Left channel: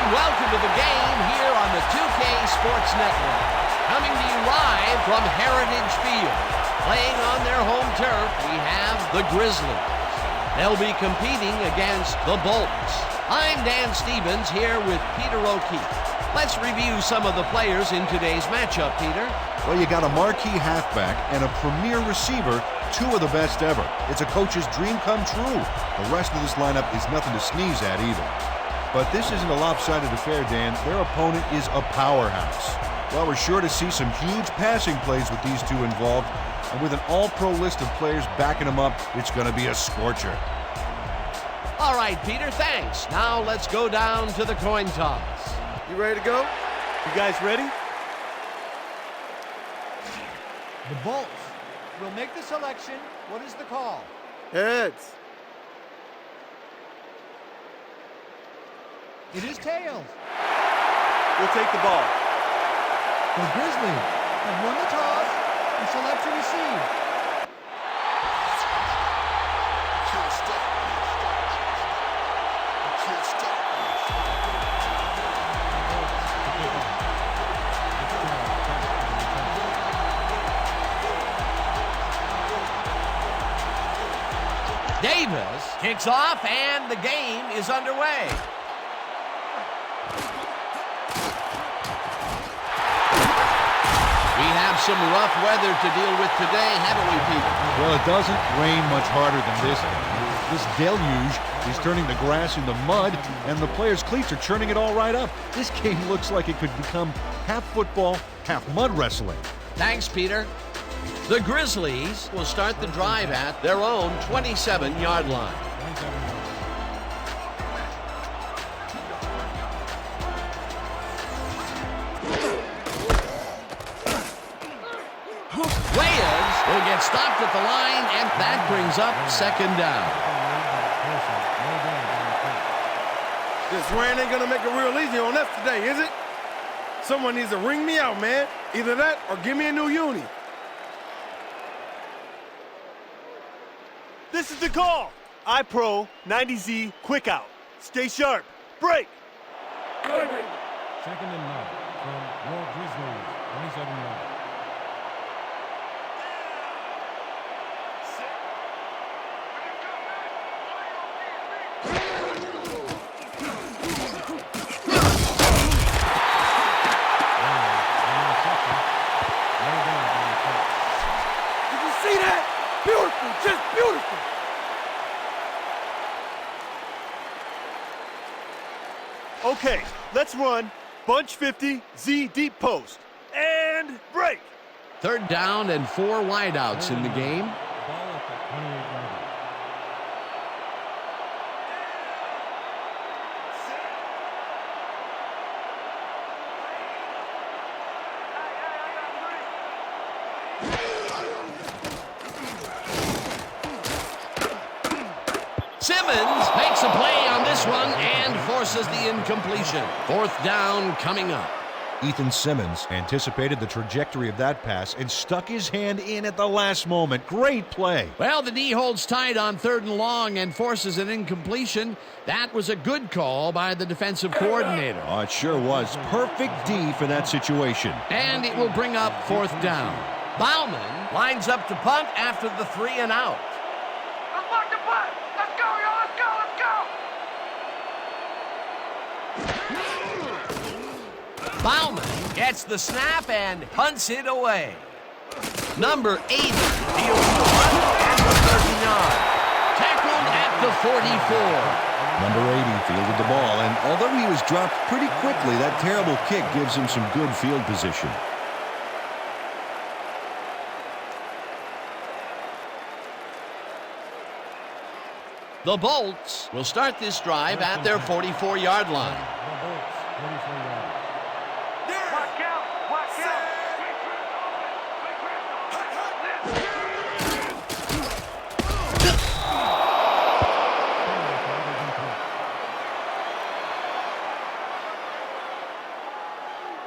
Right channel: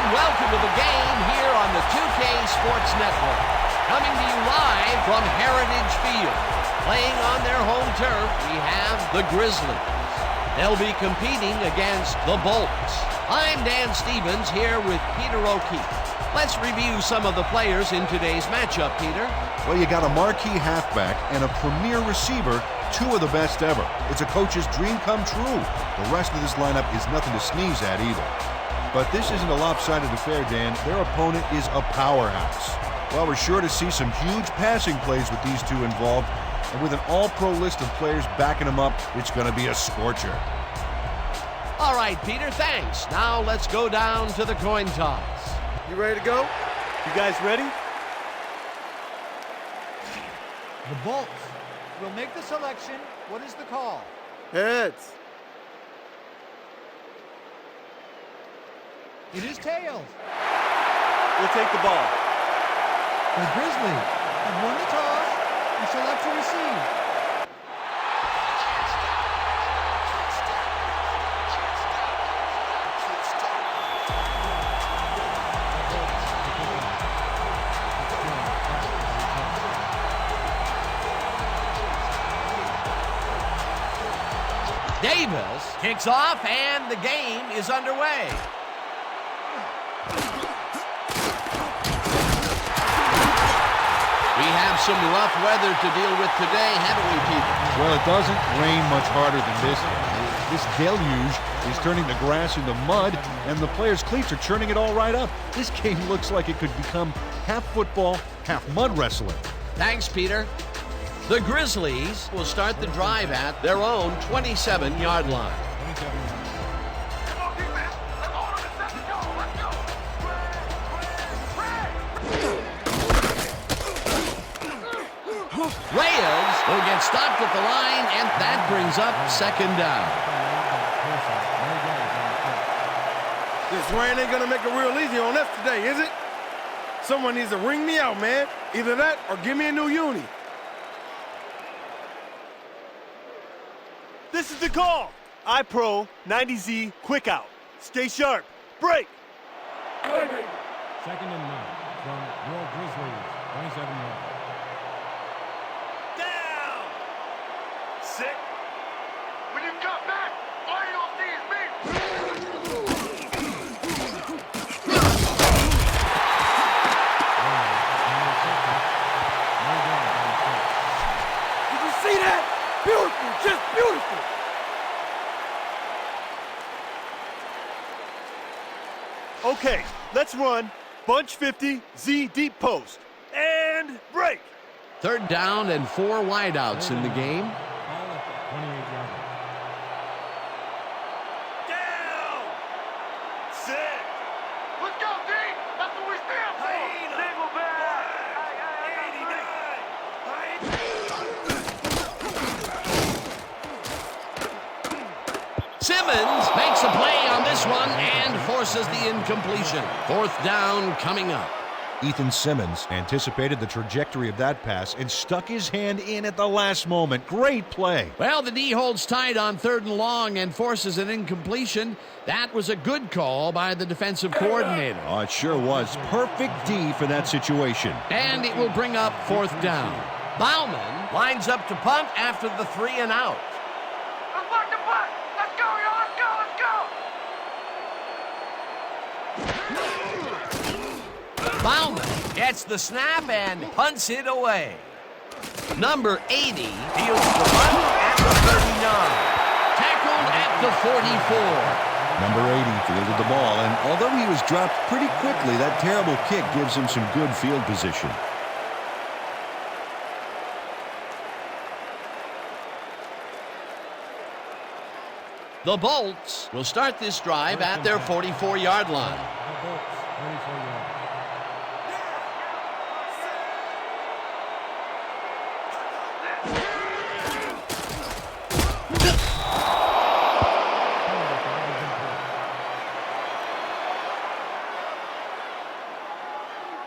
everyone. Welcome to the game here on the 2K Sports Network. Coming to you live from Heritage Field. Playing on their home turf, we have the Grizzlies. They'll be competing against the Bolts. I'm Dan Stevens here with Peter O'Keefe. Let's review some of the players in today's matchup, Peter. Well, you got a marquee halfback and a premier receiver, two of the best ever. It's a coach's dream come true. The rest of this lineup is nothing to sneeze at either. But this isn't a lopsided affair, Dan. Their opponent is a powerhouse. Well, we're sure to see some huge passing plays with these two involved, and with an all-pro list of players backing them up, it's going to be a scorcher. All right, Peter, thanks. Now let's go down to the coin toss. You ready to go? You guys ready? The Bolts will make the selection. What is the call? Heads. It is tails. We'll take the ball. The Grizzlies have won the toss and select to receive. The Bolts to kick off. Fitzgerald back for the return. Davis kicks off, and the game is underway. We have some rough weather to deal with today, haven't we, Peter? Well, it doesn't rain much harder than this. This deluge is turning the grass into mud, and the players' cleats are churning it all right up. This game looks like it could become half football, half mud wrestling. Thanks, Peter. The Grizzlies will start the drive at their own 27-yard line. 27 yards. Reyes will get stopped at the line, and that brings up second down. This rain ain't gonna make it real easy on us today, is it? Someone needs to ring me out, man. Either that or give me a new uni. This is the call. iPro 90Z quick out. Stay sharp. Break. Second and 9 from your Grizzlies, 27 yards. Down. Sit. When you come back, all you'll see is me. Did you see that? Beautiful, just beautiful. Okay, let's run. Bunch 50, Z deep post. And break. Third down and 4 wideouts in the game. Ball at the 28-yard line. Down. Sit. Let's go, D. That's what we stand for. Single back. Hey, I got 3. Simmons makes a play on this one and forces the incompletion. Fourth down coming up. Ethan Simmons anticipated the trajectory of that pass and stuck his hand in at the last moment. Great play. Well, the D holds tight on 3rd and long and forces an incompletion. That was a good call by the defensive coordinator. Oh, it sure was. Perfect D for that situation. And it will bring up 4th down. Bauman lines up to punt after the 3 and out. Let's block the punt. Let's go, y'all. Let's go. Let's go. Bauman gets the snap and punts it away. Number 80 deals the punt at the 39. Tackled at the 44. Number 80 fielded the ball, and although he was dropped pretty quickly, that terrible kick gives him some good field position. The Bolts will start this drive at their 44-yard line. The Bolts, 44 yards. Watch out. Watch out. Penalty flag is in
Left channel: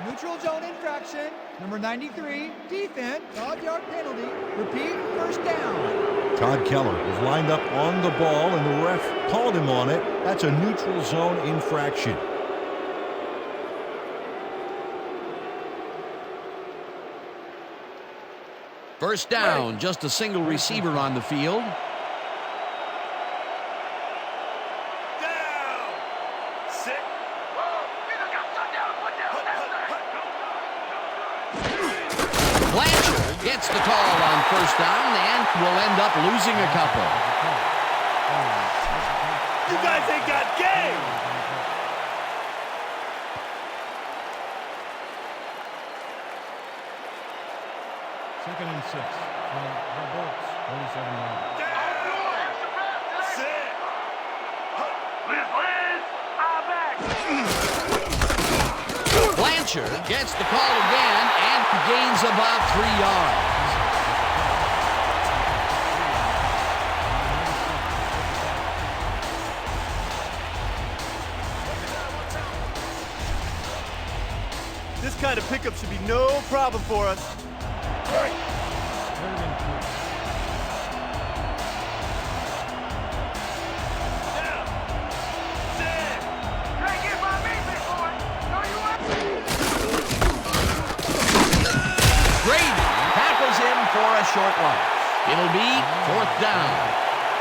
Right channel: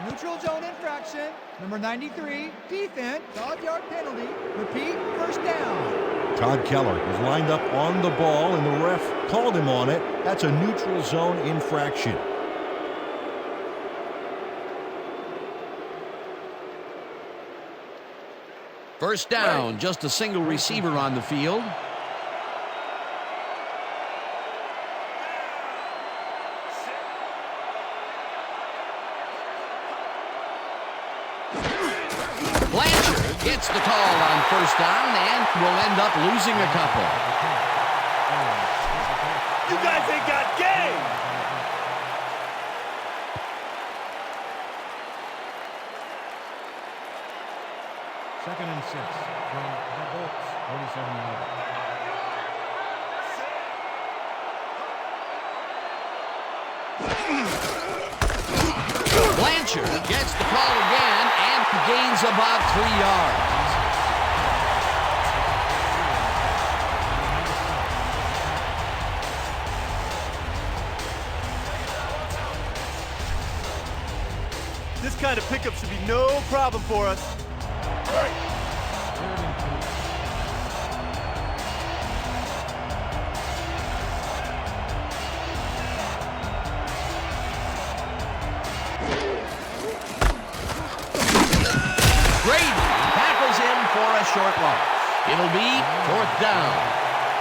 play. Neutral zone infraction. Number 93, defense, 5-yard penalty. Repeat, first down. Todd Keller was lined up on the ball, and the ref called him on it. That's a neutral zone infraction. First down, just a single receiver on the field. Blanchard gets the call on first down and will end up losing a couple. You guys ain't got game! Second and 6 from the Bolts, 47-yard line. Blanchard gets the call again and gains about 3 yards. This kind of pickup should be no problem for us. Third and 3. Grady tackles him for a short loss. It'll be fourth down.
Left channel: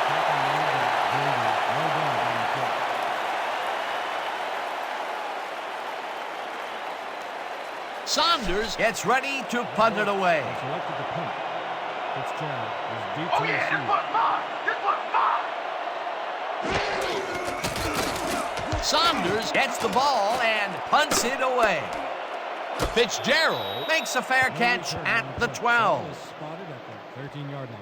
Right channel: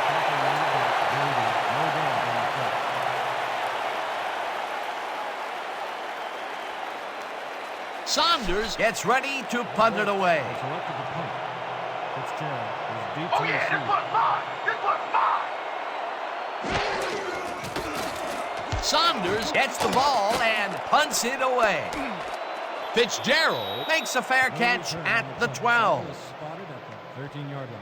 Tackle made by Grady. No gain on the play. Saunders gets ready to punt it away. Selected to punt. Fitzgerald is deep to Oh yeah, this receive. one's mine. This one's mine. Saunders gets the ball and punts it away. Fitzgerald makes a fair No catch return at on the play. 12. Ball is spotted at the 13-yard line.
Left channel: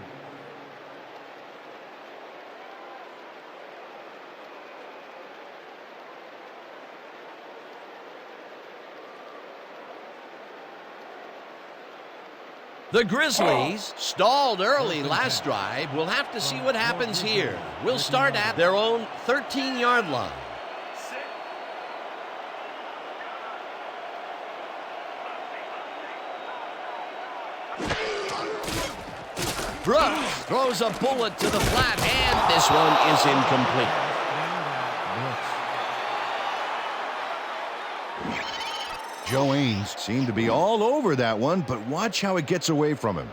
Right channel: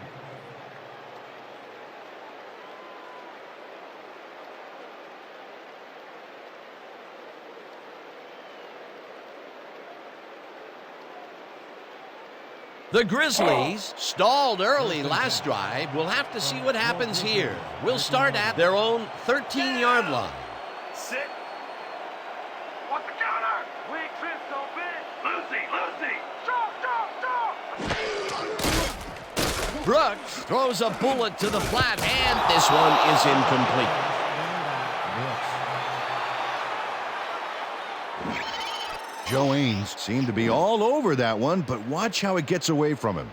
The Grizzlies stalled early last drive. We'll have to see what happens here. We'll start at their own 13-yard line. What's the counter? Weak trips don't fit. Lucy. Brooks throws a bullet to the flat, and this one is incomplete. Run by Brooks. Joe Ains seemed to be all over that one, but watch how it gets away from him.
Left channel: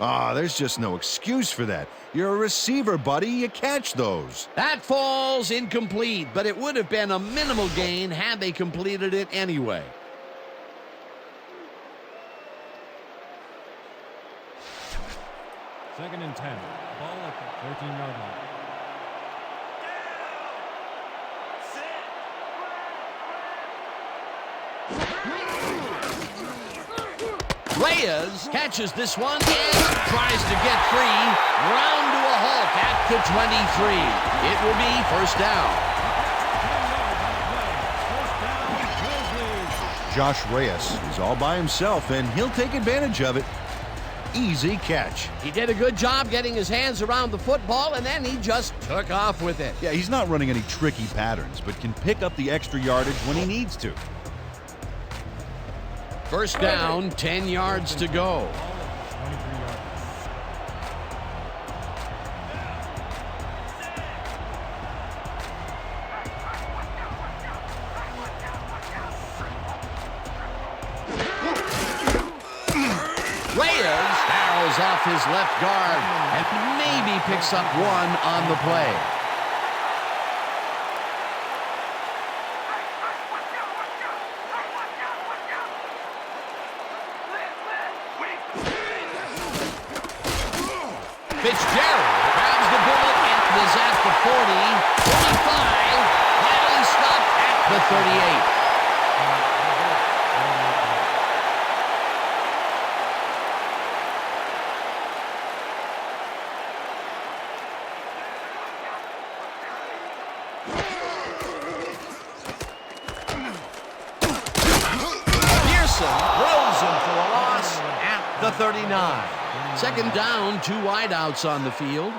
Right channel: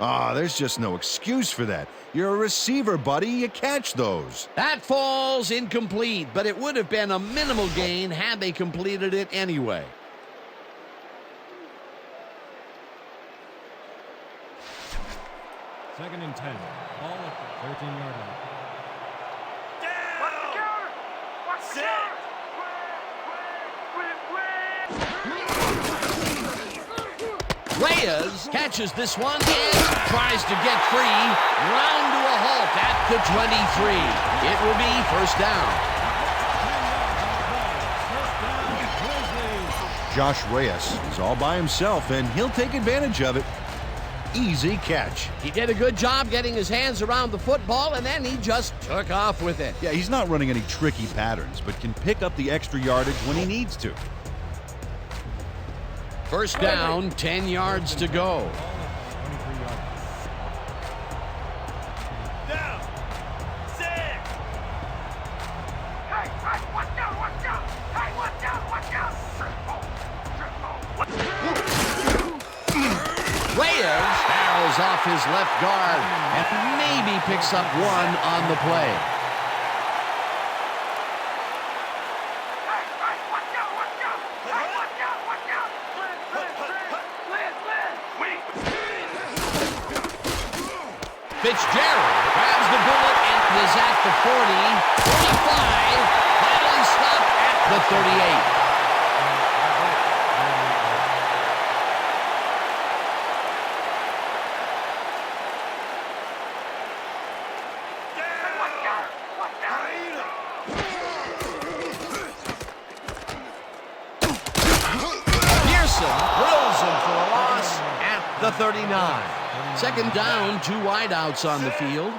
There's just no excuse for that. You're a receiver, buddy. You catch those. That falls incomplete, but it would have been a minimal gain had they completed it anyway. Second and 10. Ball at the 13-yard line. What's the counter? What's the counter? Reyes catches this one and tries to get free. Round to a halt at the 23. It will be first down. 10 yards on the play. First down, Grizzlies. Josh Reyes is all by himself, and he'll take advantage of it. Easy catch. He did a good job getting his hands around the football, and then he just took off with it. Yeah, he's not running any tricky patterns, but can pick up the extra yardage when he needs to. First down, 10 yards to go. Ball at the 23-yard line. Hey, watch out, watch out. Hey, watch out, watch out. Reyes barrels off his left guard and maybe picks up one on the play. Hey, watch out, watch out. Hey, watch out, watch out. Liz. Fitzgerald grabs the bullet and is at the 40, 45, finally stopped at the 38. Pearson drills him for a loss at the 39. Second down, 2 wideouts on the field.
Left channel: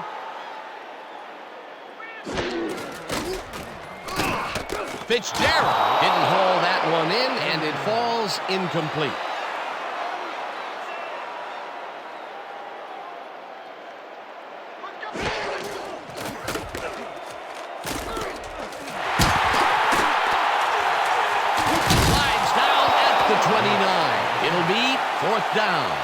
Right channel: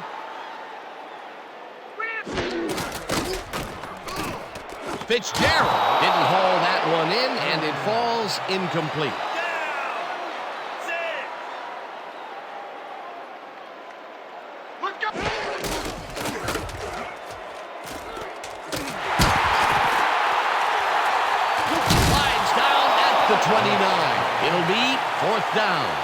Fitzgerald didn't haul that one in, and it falls incomplete. Let's go. Slides down at the 29. It'll be fourth down.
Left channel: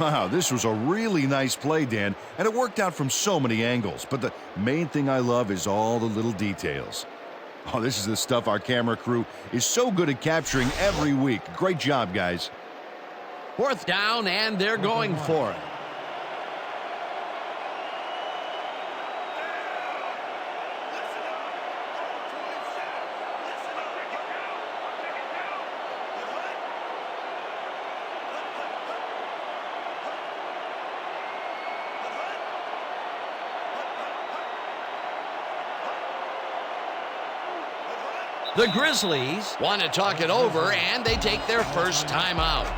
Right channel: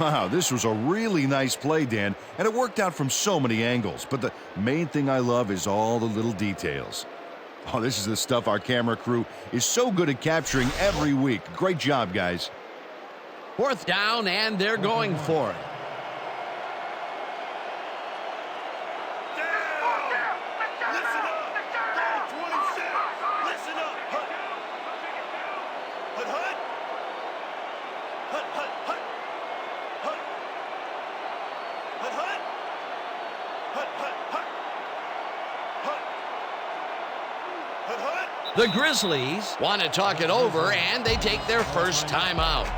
Wow, this was a really nice play, Dan, and it worked out from so many angles. But the main thing I love is all the little details. Oh, this is the stuff our camera crew is so good at capturing every week. Great job, guys. 4th down, and they're going for it. The Grizzlies want to talk it over, and they take their first time out.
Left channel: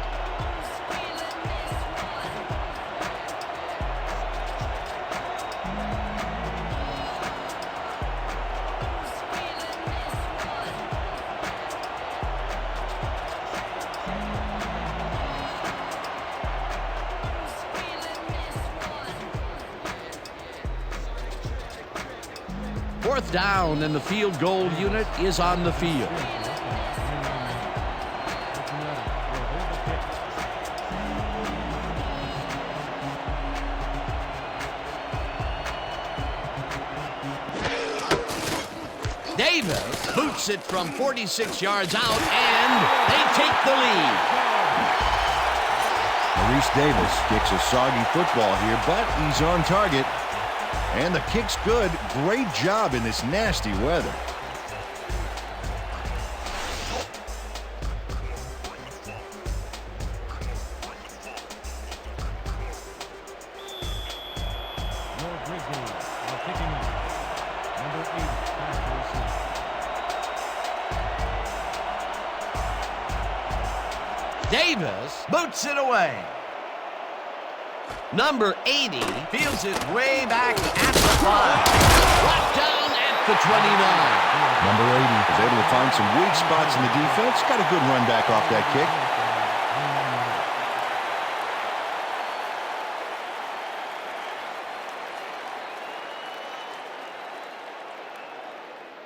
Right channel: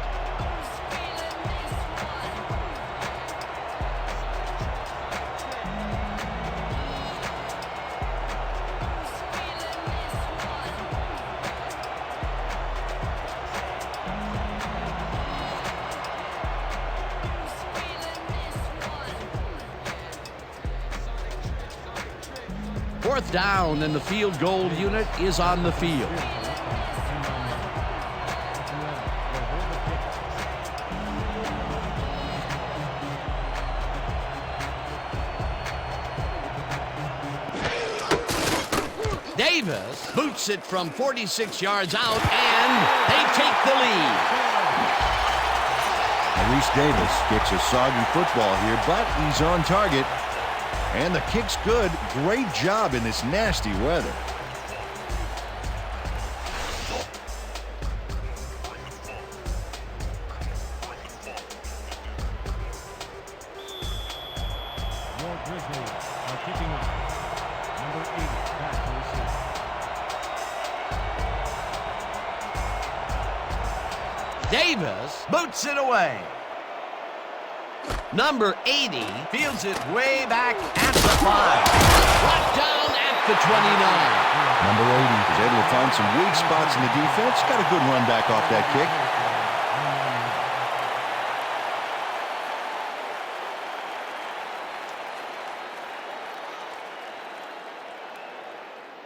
Fourth down, and the field goal unit is on the field. Davis boots it from 46 yards out, and they take the lead. Maurice Davis kicks a soggy football here, but he's on target. And the kick's good. Great job in this nasty weather. Your Grizzlies are kicking off. Number 80 back to receive. Davis boots it away. Number 80 fields it way back at the 5. Brought down at the 29. Number 80 was able to find some weak spots in the defense. Got a good run back off that kick.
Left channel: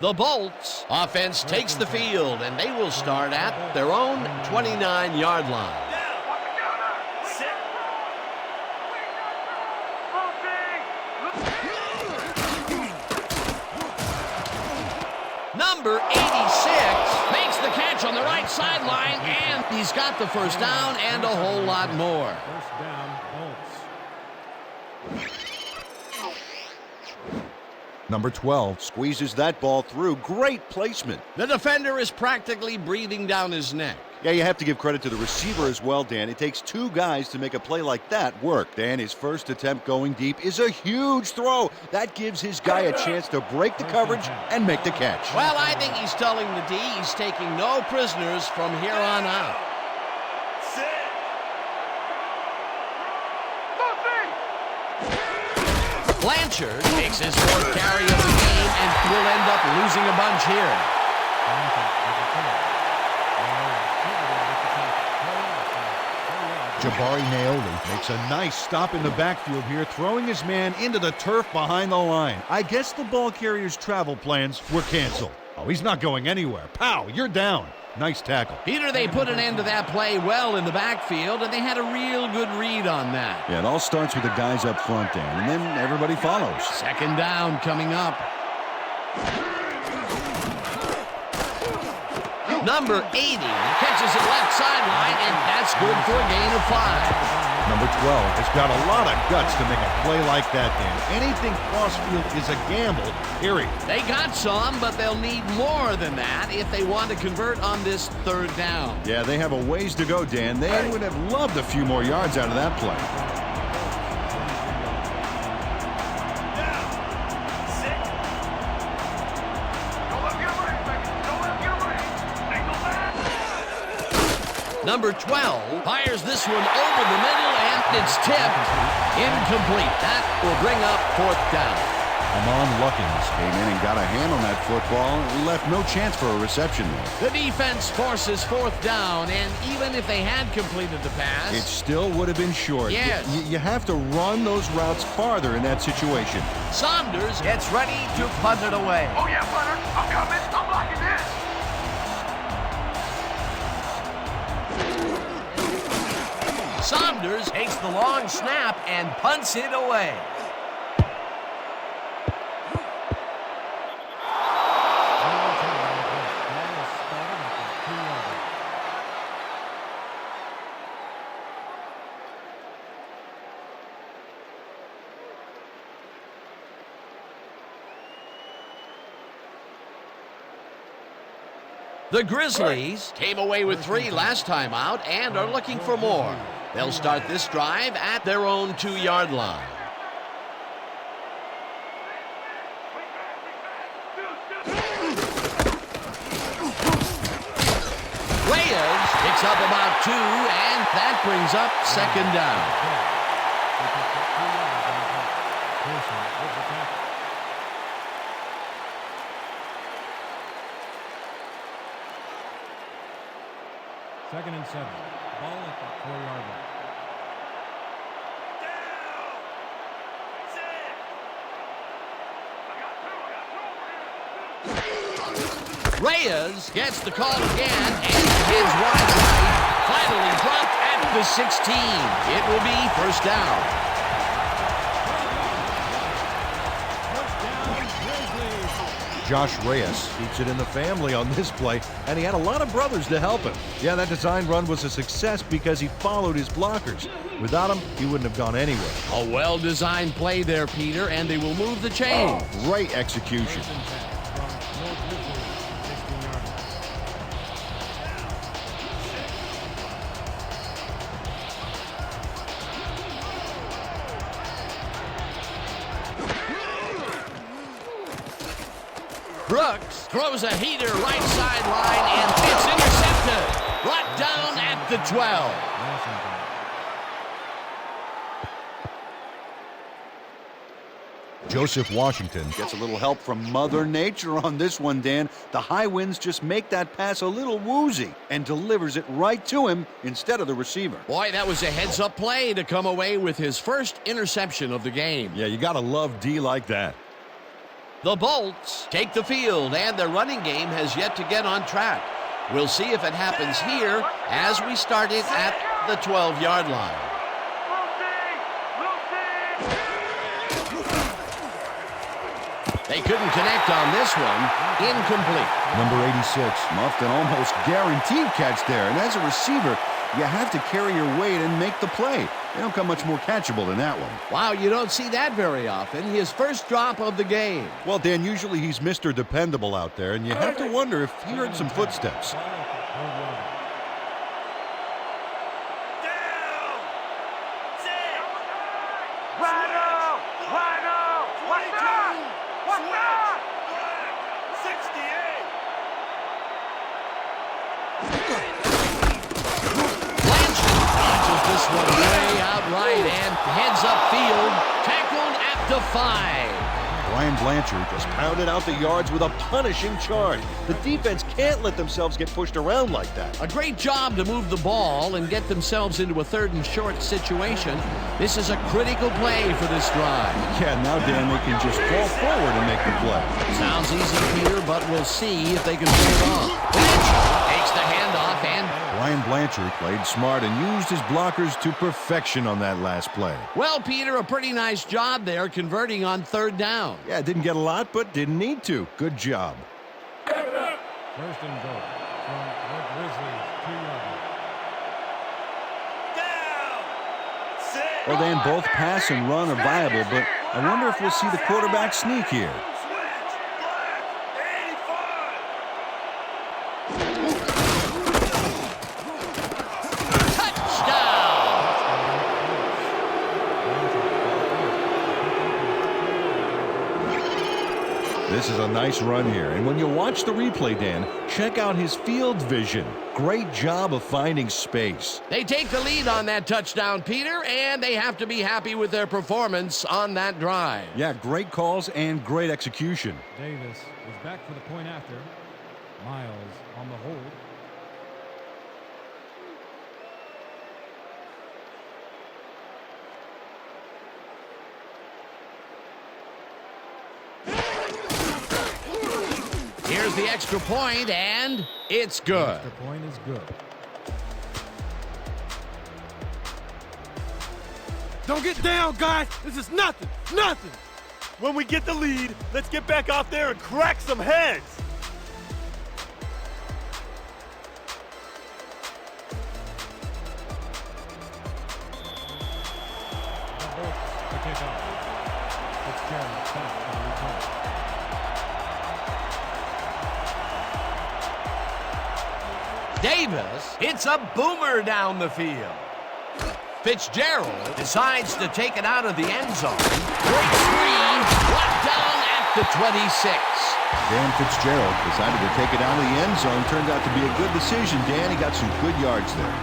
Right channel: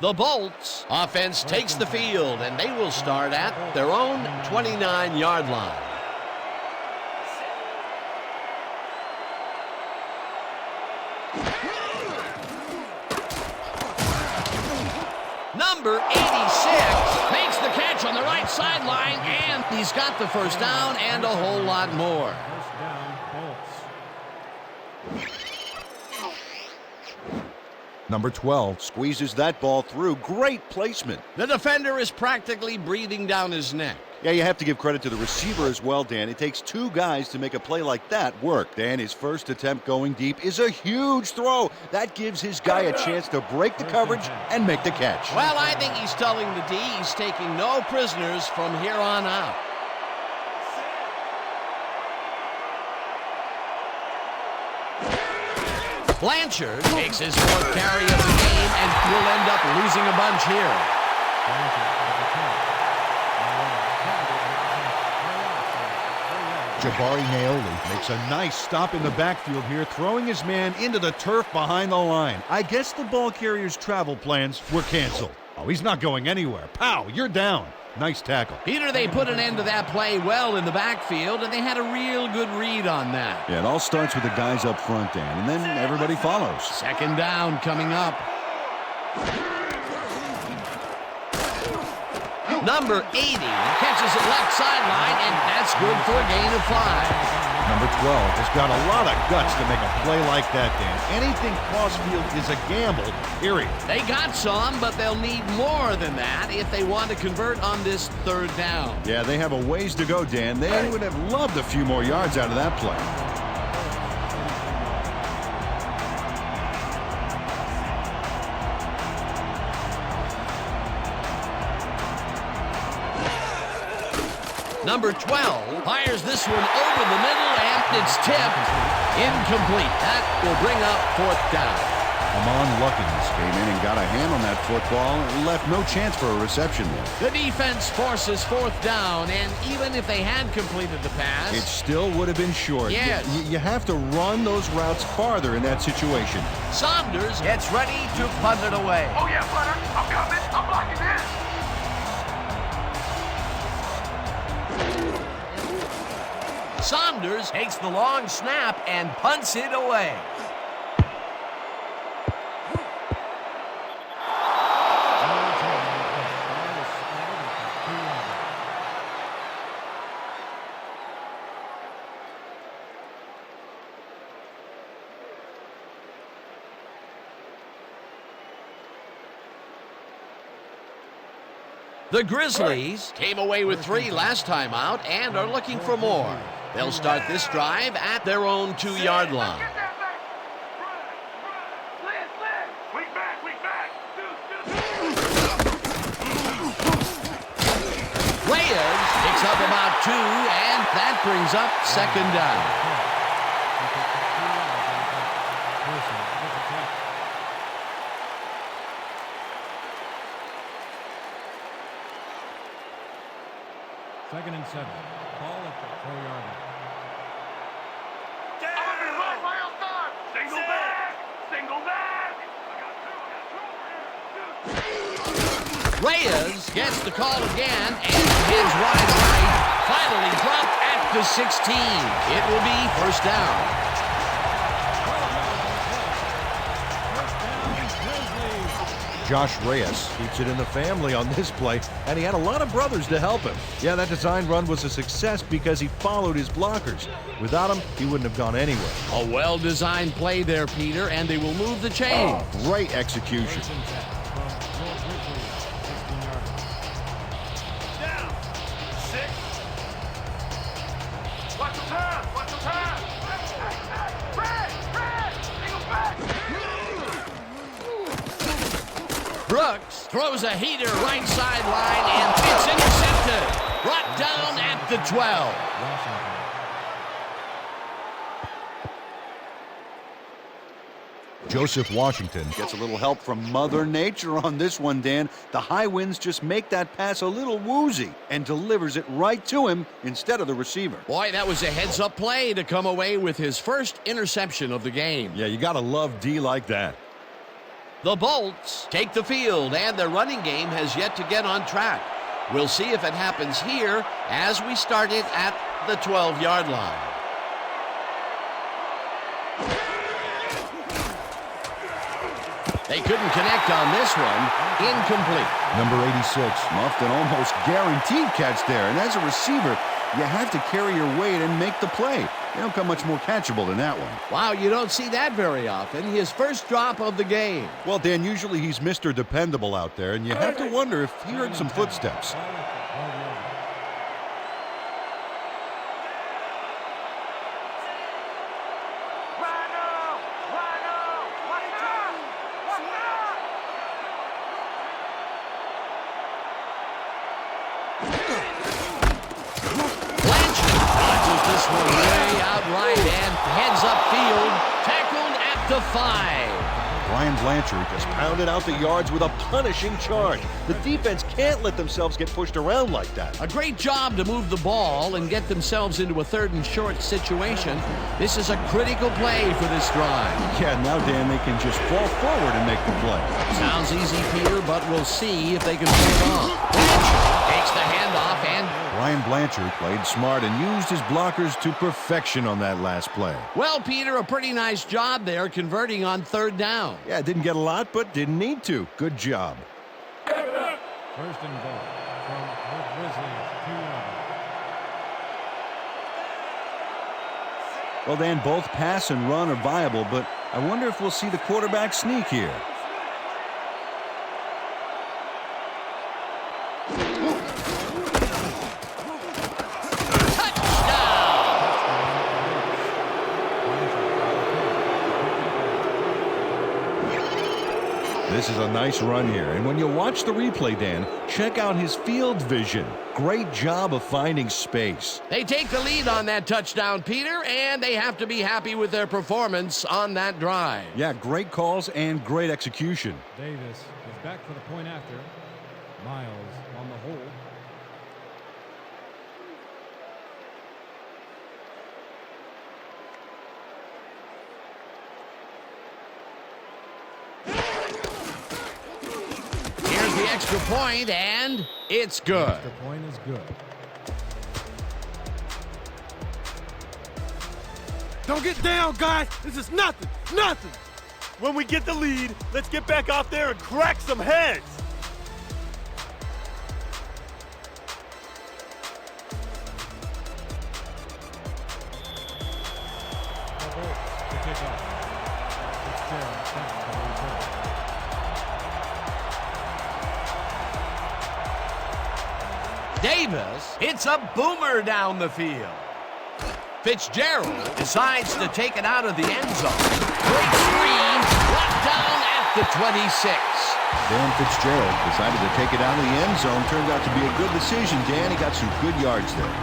The Bolts offense takes the field, and they will start at their own 29-yard line. Number 86 makes the catch on the right sideline, and he's got the first down and a whole lot more. First down, Bolts. Number 12 squeezes that ball through. Great placement. The defender is practically breathing down his neck. Yeah, you have to give credit to the receiver as well, Dan. It takes two guys to make a play like that work. Dan, his first attempt going deep is a huge throw. That gives his guy a chance to break the coverage and make the catch. Well, I think he's telling the D he's taking no prisoners from here on out. Blanchard takes his 4th carry of the game and will end up losing a bunch here. Jabari Naoli makes a nice stop in the backfield here, throwing his man into the turf behind the line. I guess the ball carrier's travel plans were canceled. Oh, he's not going anywhere. Pow, you're down. Nice tackle. Peter, they put an end to that play well in the backfield, and they had a real good read on that. Yeah, it all starts with the guys up front, Dan, and then everybody follows. 2nd down coming up. Number 80 catches it left sideline, and that's good for a gain of 5. Number 12 has got a lot of guts to make a play like that, Dan. Anything cross-field is a gamble, period. They got some, but they'll need more than that if they want to convert on this 3rd down. Yeah, they have a ways to go, Dan. They would have loved a few more yards out of that play. Number 12 fires this one over the middle, and it's tipped. Incomplete. That will bring up 4th down. Amon Luckins came in and got a hand on that football and left no chance for a reception there. The defense forces 4th down, and even if they had completed the pass, it still would have been short. Yes. You have to run those routes farther in that situation. Saunders gets ready to punt it away. Oh yeah, punter, I'm coming. I'm blocking this. Saunders takes the long snap and punts it away. Ball is spotted at the 2-yard line. The Grizzlies came away with 3 last time out and are looking for more. They'll start this drive at their own 2-yard line. Reyes picks up about 2, and that brings up second down. He picked up 2 yards on the play. Pearson with the tackle. Second and 7. Ball at the 4-yard line. Reyes gets the call again and heads wide right. Finally dropped at the 16. It will be first down. 12 yards on the play. First down, Grizzlies. Josh Reyes keeps it in the family on this play, and he had a lot of brothers to help him. Yeah, that design run was a success because he followed his blockers. Without him, he wouldn't have gone anywhere. A well-designed play there, Peter, and they will move the chain. Great execution. First and 10 from North Grizzlies, 16-yard line. Brooks throws a heater right sideline, and it's intercepted. Brought down at the 12. Washington. Joseph Washington gets a little help from Mother Nature on this one, Dan. The high winds just make that pass a little woozy and delivers it right to him instead of the receiver. Boy, that was a heads-up play to come away with his first interception of the game. Yeah, you got to love D like that. The Bolts take the field, and their running game has yet to get on track. We'll see if it happens here as we start it at the 12-yard line. They couldn't connect on this one. Incomplete. Number 86 muffed an almost guaranteed catch there, and as a receiver, you have to carry your weight and make the play. They don't come much more catchable than that one. Wow, you don't see that very often. His first drop of the game. Well, Dan, usually he's Mr. Dependable out there, and you have to wonder if he heard some footsteps. Ball at the 12-yard line. Rhino! Rhino! What's that? What's that? Blanchard dodges this one way outright and heads upfield, tackled at the 5. Brian Blanchard just pounded out the yards with a punishing charge. The defense can't let themselves get pushed around like that. A great job to move the ball and get themselves into a 3rd and short situation. This is a critical play for this drive. Yeah, now, Dan, they can just fall forward and make the play. Sounds easy, Peter, but we'll see if they can pull it off. Blanchard takes the handoff and... Brian Blanchard played smart and used his blockers to perfection on that last play. Well, Peter, a pretty nice job there converting on 3rd down. Yeah, didn't get a lot, but didn't need to. Good job. First and goal from the Grizzlies, 2-yard line. Well, Dan, both pass and run are viable, but I wonder if we'll see the quarterback sneak here. This is a nice run here, and when you watch the replay, Dan, check out his field vision. Great job of finding space. They take the lead on that touchdown, Peter, and they have to be happy with their performance on that drive. Yeah, great calls and great execution. Davis is back for the point after. Miles on the hold. Here's the extra point, and it's good. Extra point is good. Don't get down, guys. This is nothing. Nothing. When we get the lead, let's get back out there and crack some heads. The Bolts to kick off. Fitzgerald back for the return. Davis hits a boomer down the field. Fitzgerald decides to take it out of the end zone. Breaks free, brought down at the 26. Dan Fitzgerald decided to take it out of the end zone. Turned out to be a good decision, Dan. He got some good yards there.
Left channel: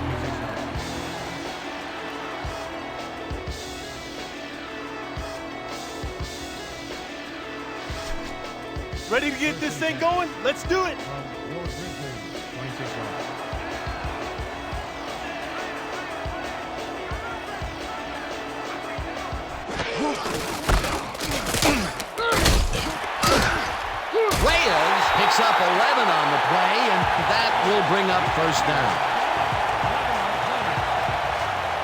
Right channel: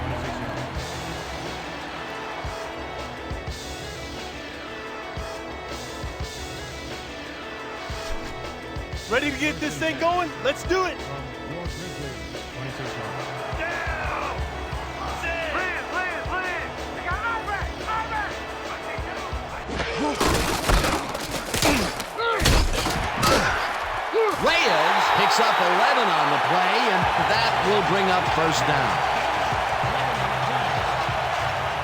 26 yards. Ready to get this thing going? Let's do it. From your Grizzlies, 26 yards. Reyes picks up 11 on the play, and that will bring up first down. 11 on the play.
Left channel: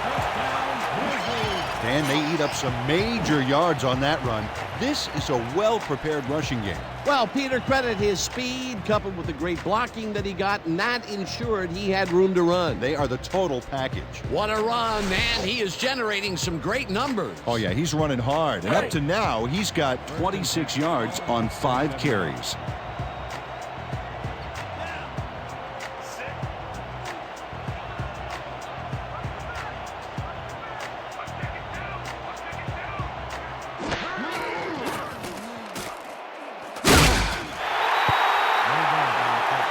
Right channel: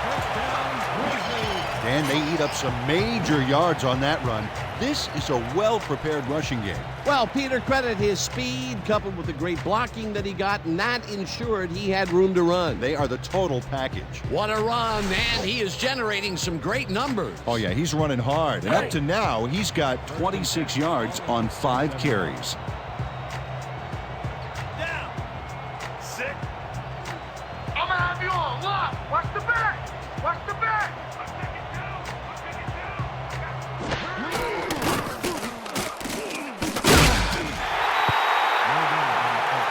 First down, Grizzlies. Dan, they eat up some major yards on that run. This is a well-prepared rushing game. Well, Peter, credit his speed coupled with the great blocking that he got, and that ensured he had room to run. They are the total package. What a run, and he is generating some great numbers. Oh, yeah, he's running hard. And up to now, he's got 26 yards on 5 carries. I'm gonna have you on. Look, watch the back. Watch the back. I'm taking two. I'm taking two. No gain on the play.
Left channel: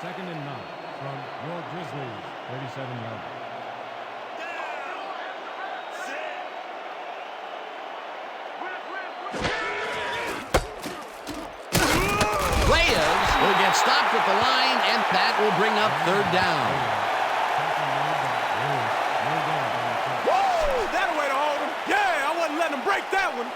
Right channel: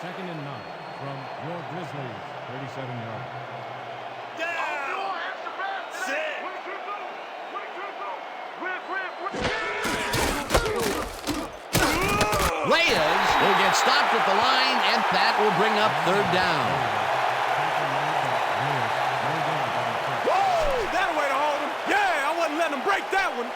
Second and 9 from your Grizzlies, 37 yards. Oh, you want extra pass today? What you do? What you do? Rip. Reyes will get stopped at the line, and that will bring up third down. Tackle made by Lewis. No gain on the play. Woo! That'll way to hold him. Yeah, I wasn't letting him break that one.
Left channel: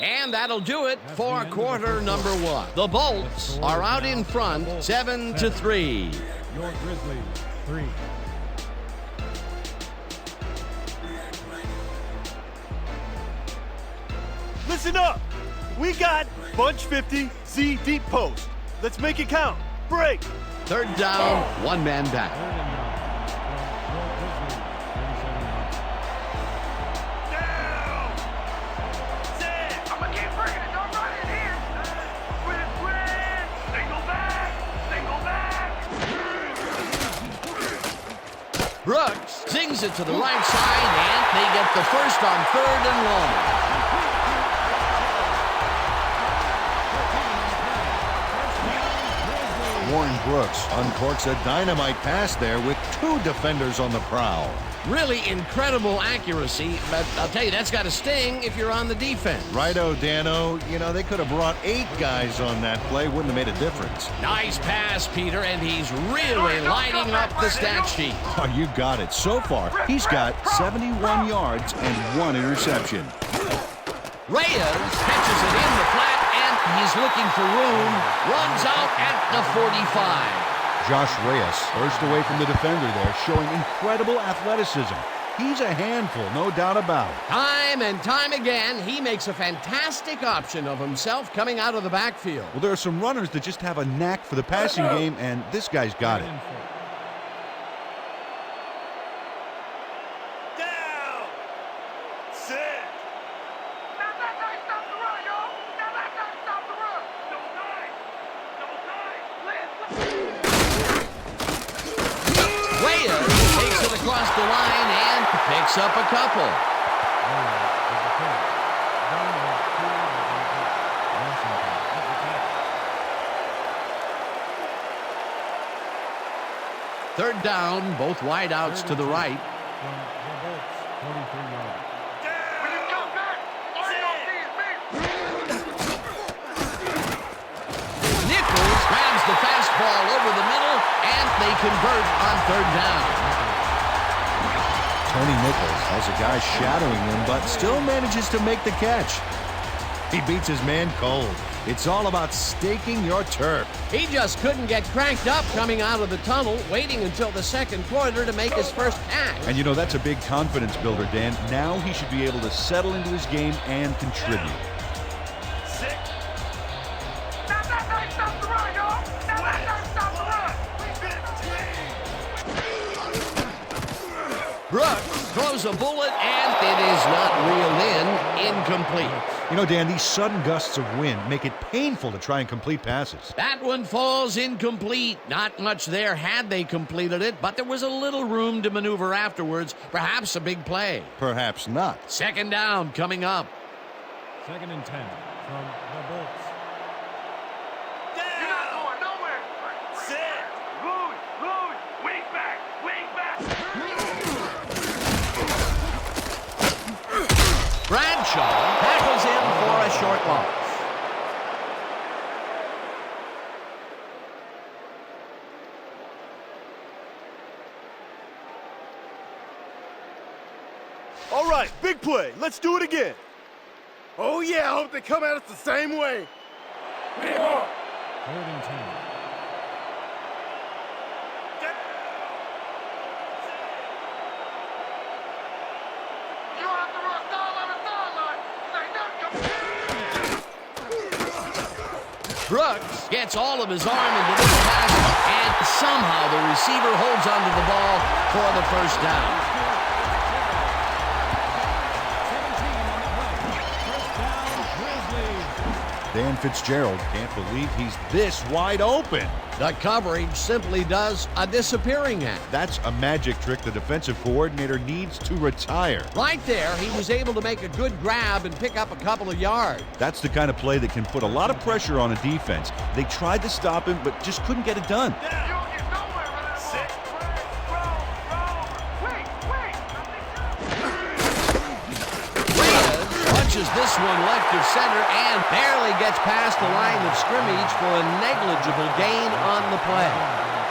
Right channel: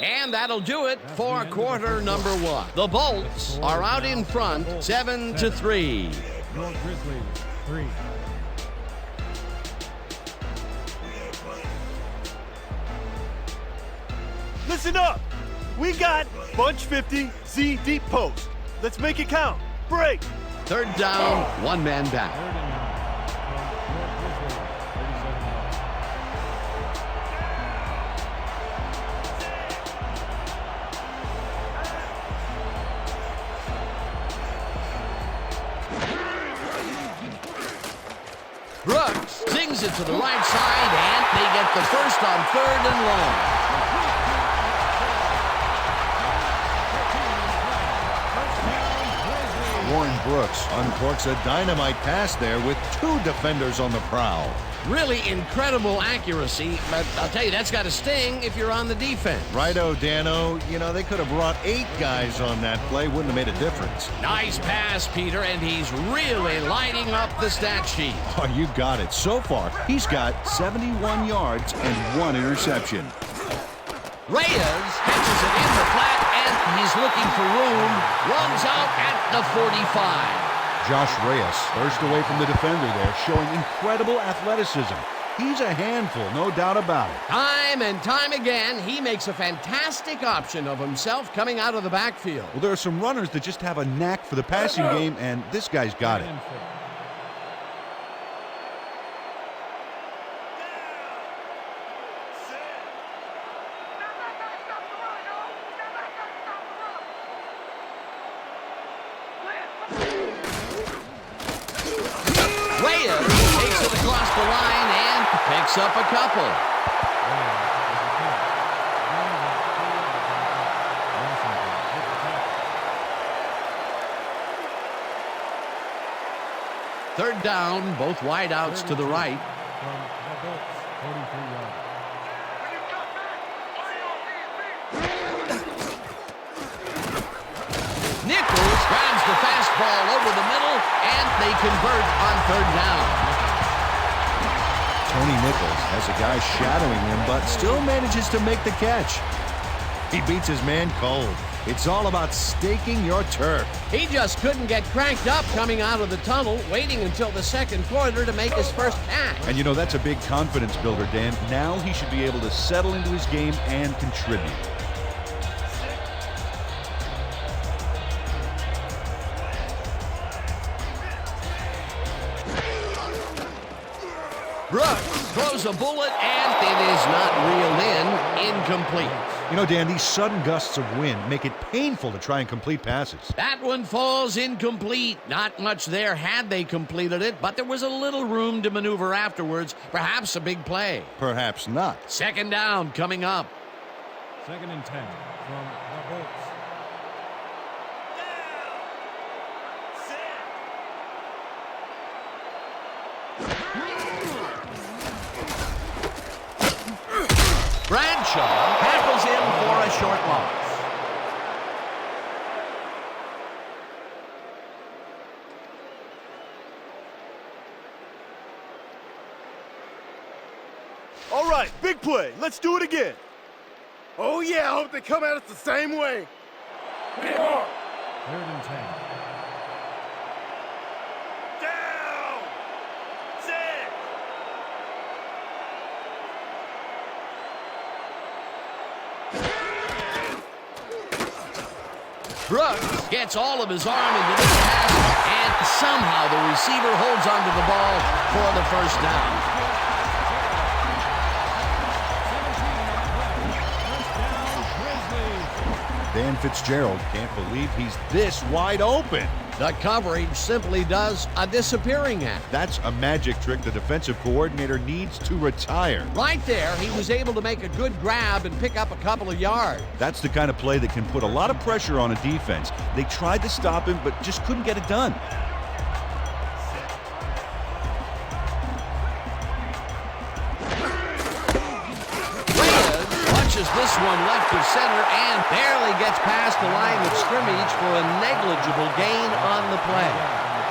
And that'll do it for quarter number 1. The Bolts are out in front, 7-3. Your Grizzlies, 3. Listen up. We got bunch 50, Z deep post. Let's make it count. Break. Third down, one man back. Third and 9 from your Grizzlies, 37 yards. I'm gonna keep bringing it. Don't run it here. Twin. Single back. Brooks sings it to the right side, and they get the first on third and long. Complete to Fitzgerald. Gain of 13 on the play. First down, Grizzlies. Warren Brooks uncorks a dynamite pass there with 2 defenders on the prowl. Really incredible accuracy, but I'll tell you, that's got to sting if you're on the defense. Righto, Dano. You know, they could have brought 8 guys on that play. Wouldn't have made a difference. Nice pass, Peter, and he's really lighting up the stat sheet. Oh, you got it. So far, he's got 71 yards and 1 interception. Reyes catches it in the flat, and he's looking for room. Runs out at the 45. Josh Reyes burst away from the defender there, showing incredible athleticism. He's a handful, no doubt about it. Time and time again, he makes a fantastic option of himself coming out of the backfield. Well, there are some runners that just have a knack for the passing game, and this guy's got it. Third and 4. Now that's how you stop the run, y'all. Now that's how you stop the run. Don't die. Reyes takes it across the line and picks up a couple. Reyes with the catch. Gain of 2 yards on the play. Washington with the tackle. Third down, both wideouts to the right. From the Bolts, 43 yards. When you come back, all you gonna see is me. Nichols grabs the fastball over the middle, and they convert on third down. Tony Nichols has a guy shadowing him, but still manages to make the catch. He beats his man cold. It's all about staking your turf. He just couldn't get cranked up coming out of the tunnel, waiting until the second quarter to make his first catch. And you know, that's a big confidence builder, Dan. Now he should be able to settle into his game and contribute. Stop the run, y'all. Stop the run. Brooks throws a bullet, and it is not reeled in. Incomplete. You know, Dan, these sudden gusts of wind make it painful to try and complete passes. That one falls incomplete. Not much there had they completed it, but there was a little room to maneuver afterwards. Perhaps a big play. Perhaps not. Second down coming up. 2nd and 10 from the Bolts. You're not going nowhere. Loose. Wing back. Bradshaw tackles him for a short loss. All right, big play. Let's do it again. Oh, yeah, I hope they come at us the same way. 3rd and 10. You don't have to run sideline to sideline. Brooks gets all of his arm into this pass, and somehow the receiver holds onto the ball for the first down. 17 on the play. First down, Grizzlies. Dan Fitzgerald can't believe he's this wide open. The coverage simply does a disappearing act. That's a magic trick the defensive coordinator needs to retire. Right there, he was able to make a good grab and pick up a couple of yards. That's the kind of play that can put a lot of pressure on a defense. They tried to stop him, but just couldn't get it done. You don't get nowhere running the ball. Wait. Reyes punches this one left of center and barely gets past the line of scrimmage for a negligible gain on the play.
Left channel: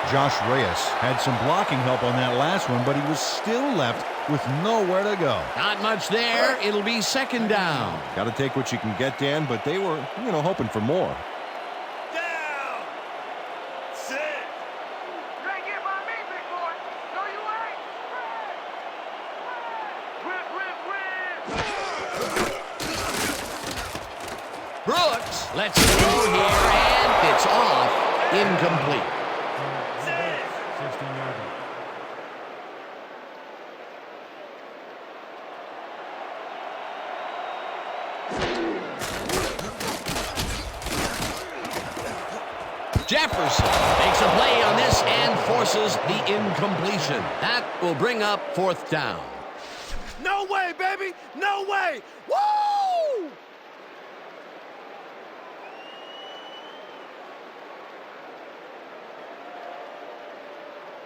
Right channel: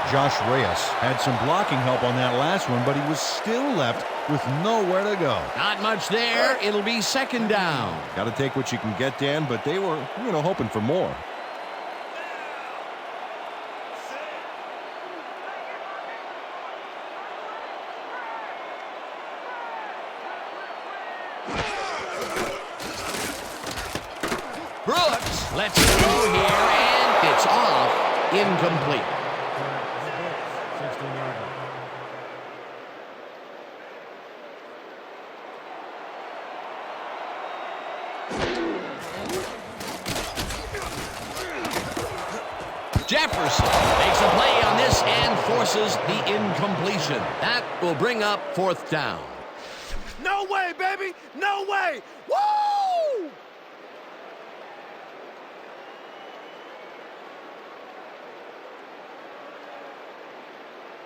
Josh Reyes had some blocking help on that last one, but he was still left with nowhere to go. Not much there. It'll be second down. Got to take what you can get, Dan, but they were, hoping for more. You ain't getting by me, big boy. No, you ain't. Red. Brooks lets it go here, and it's off. Incomplete. From the Bolts, 16-yarder. Jefferson makes a play on this and forces the incompletion. That will bring up fourth down. No way, baby. No way. Woo!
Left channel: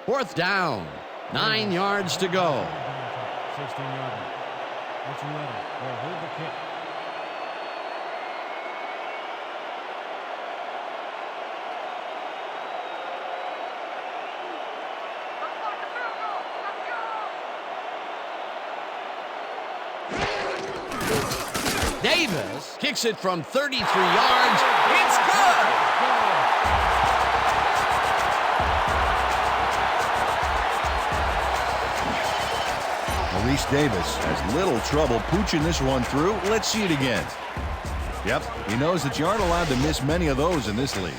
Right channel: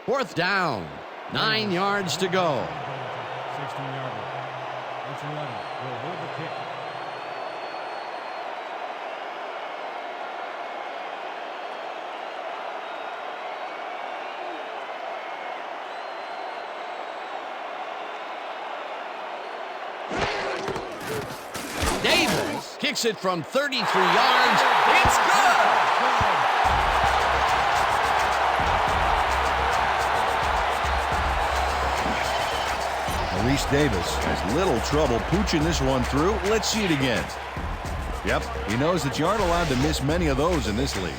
Fourth down. 9 yards to go. 16-yarder. Archuleta will hold the kick. Davis kicks it from 33 yards. It's good. Maurice Davis has little trouble pooching this one through. Let's see it again. Yep, he knows that you aren't allowed to miss many of those in this league.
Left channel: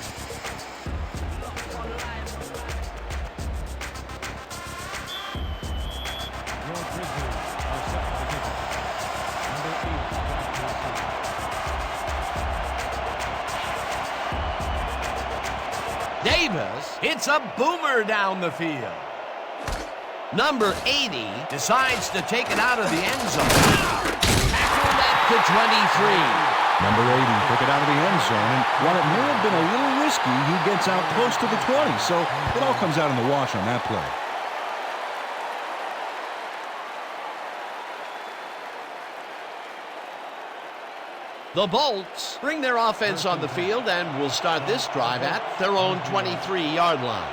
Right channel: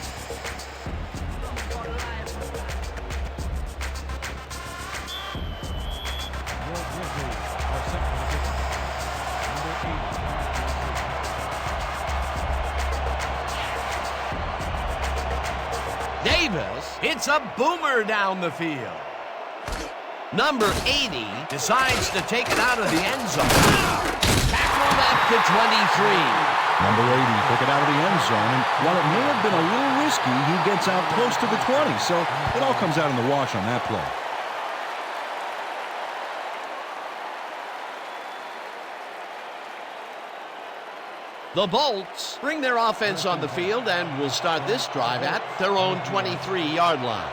Your Grizzlies are set for the kickoff. Number 80, back to receive. Davis hits a boomer down the field. Number 80 decides to take it out of the end zone. Tackled at the 23. Number 80 took it out of the end zone, and while it may have been a little risky, he gets out close to the 20, so it all comes out in the wash on that play. The Bolts bring their offense on the field and will start this drive at their own 23-yard line.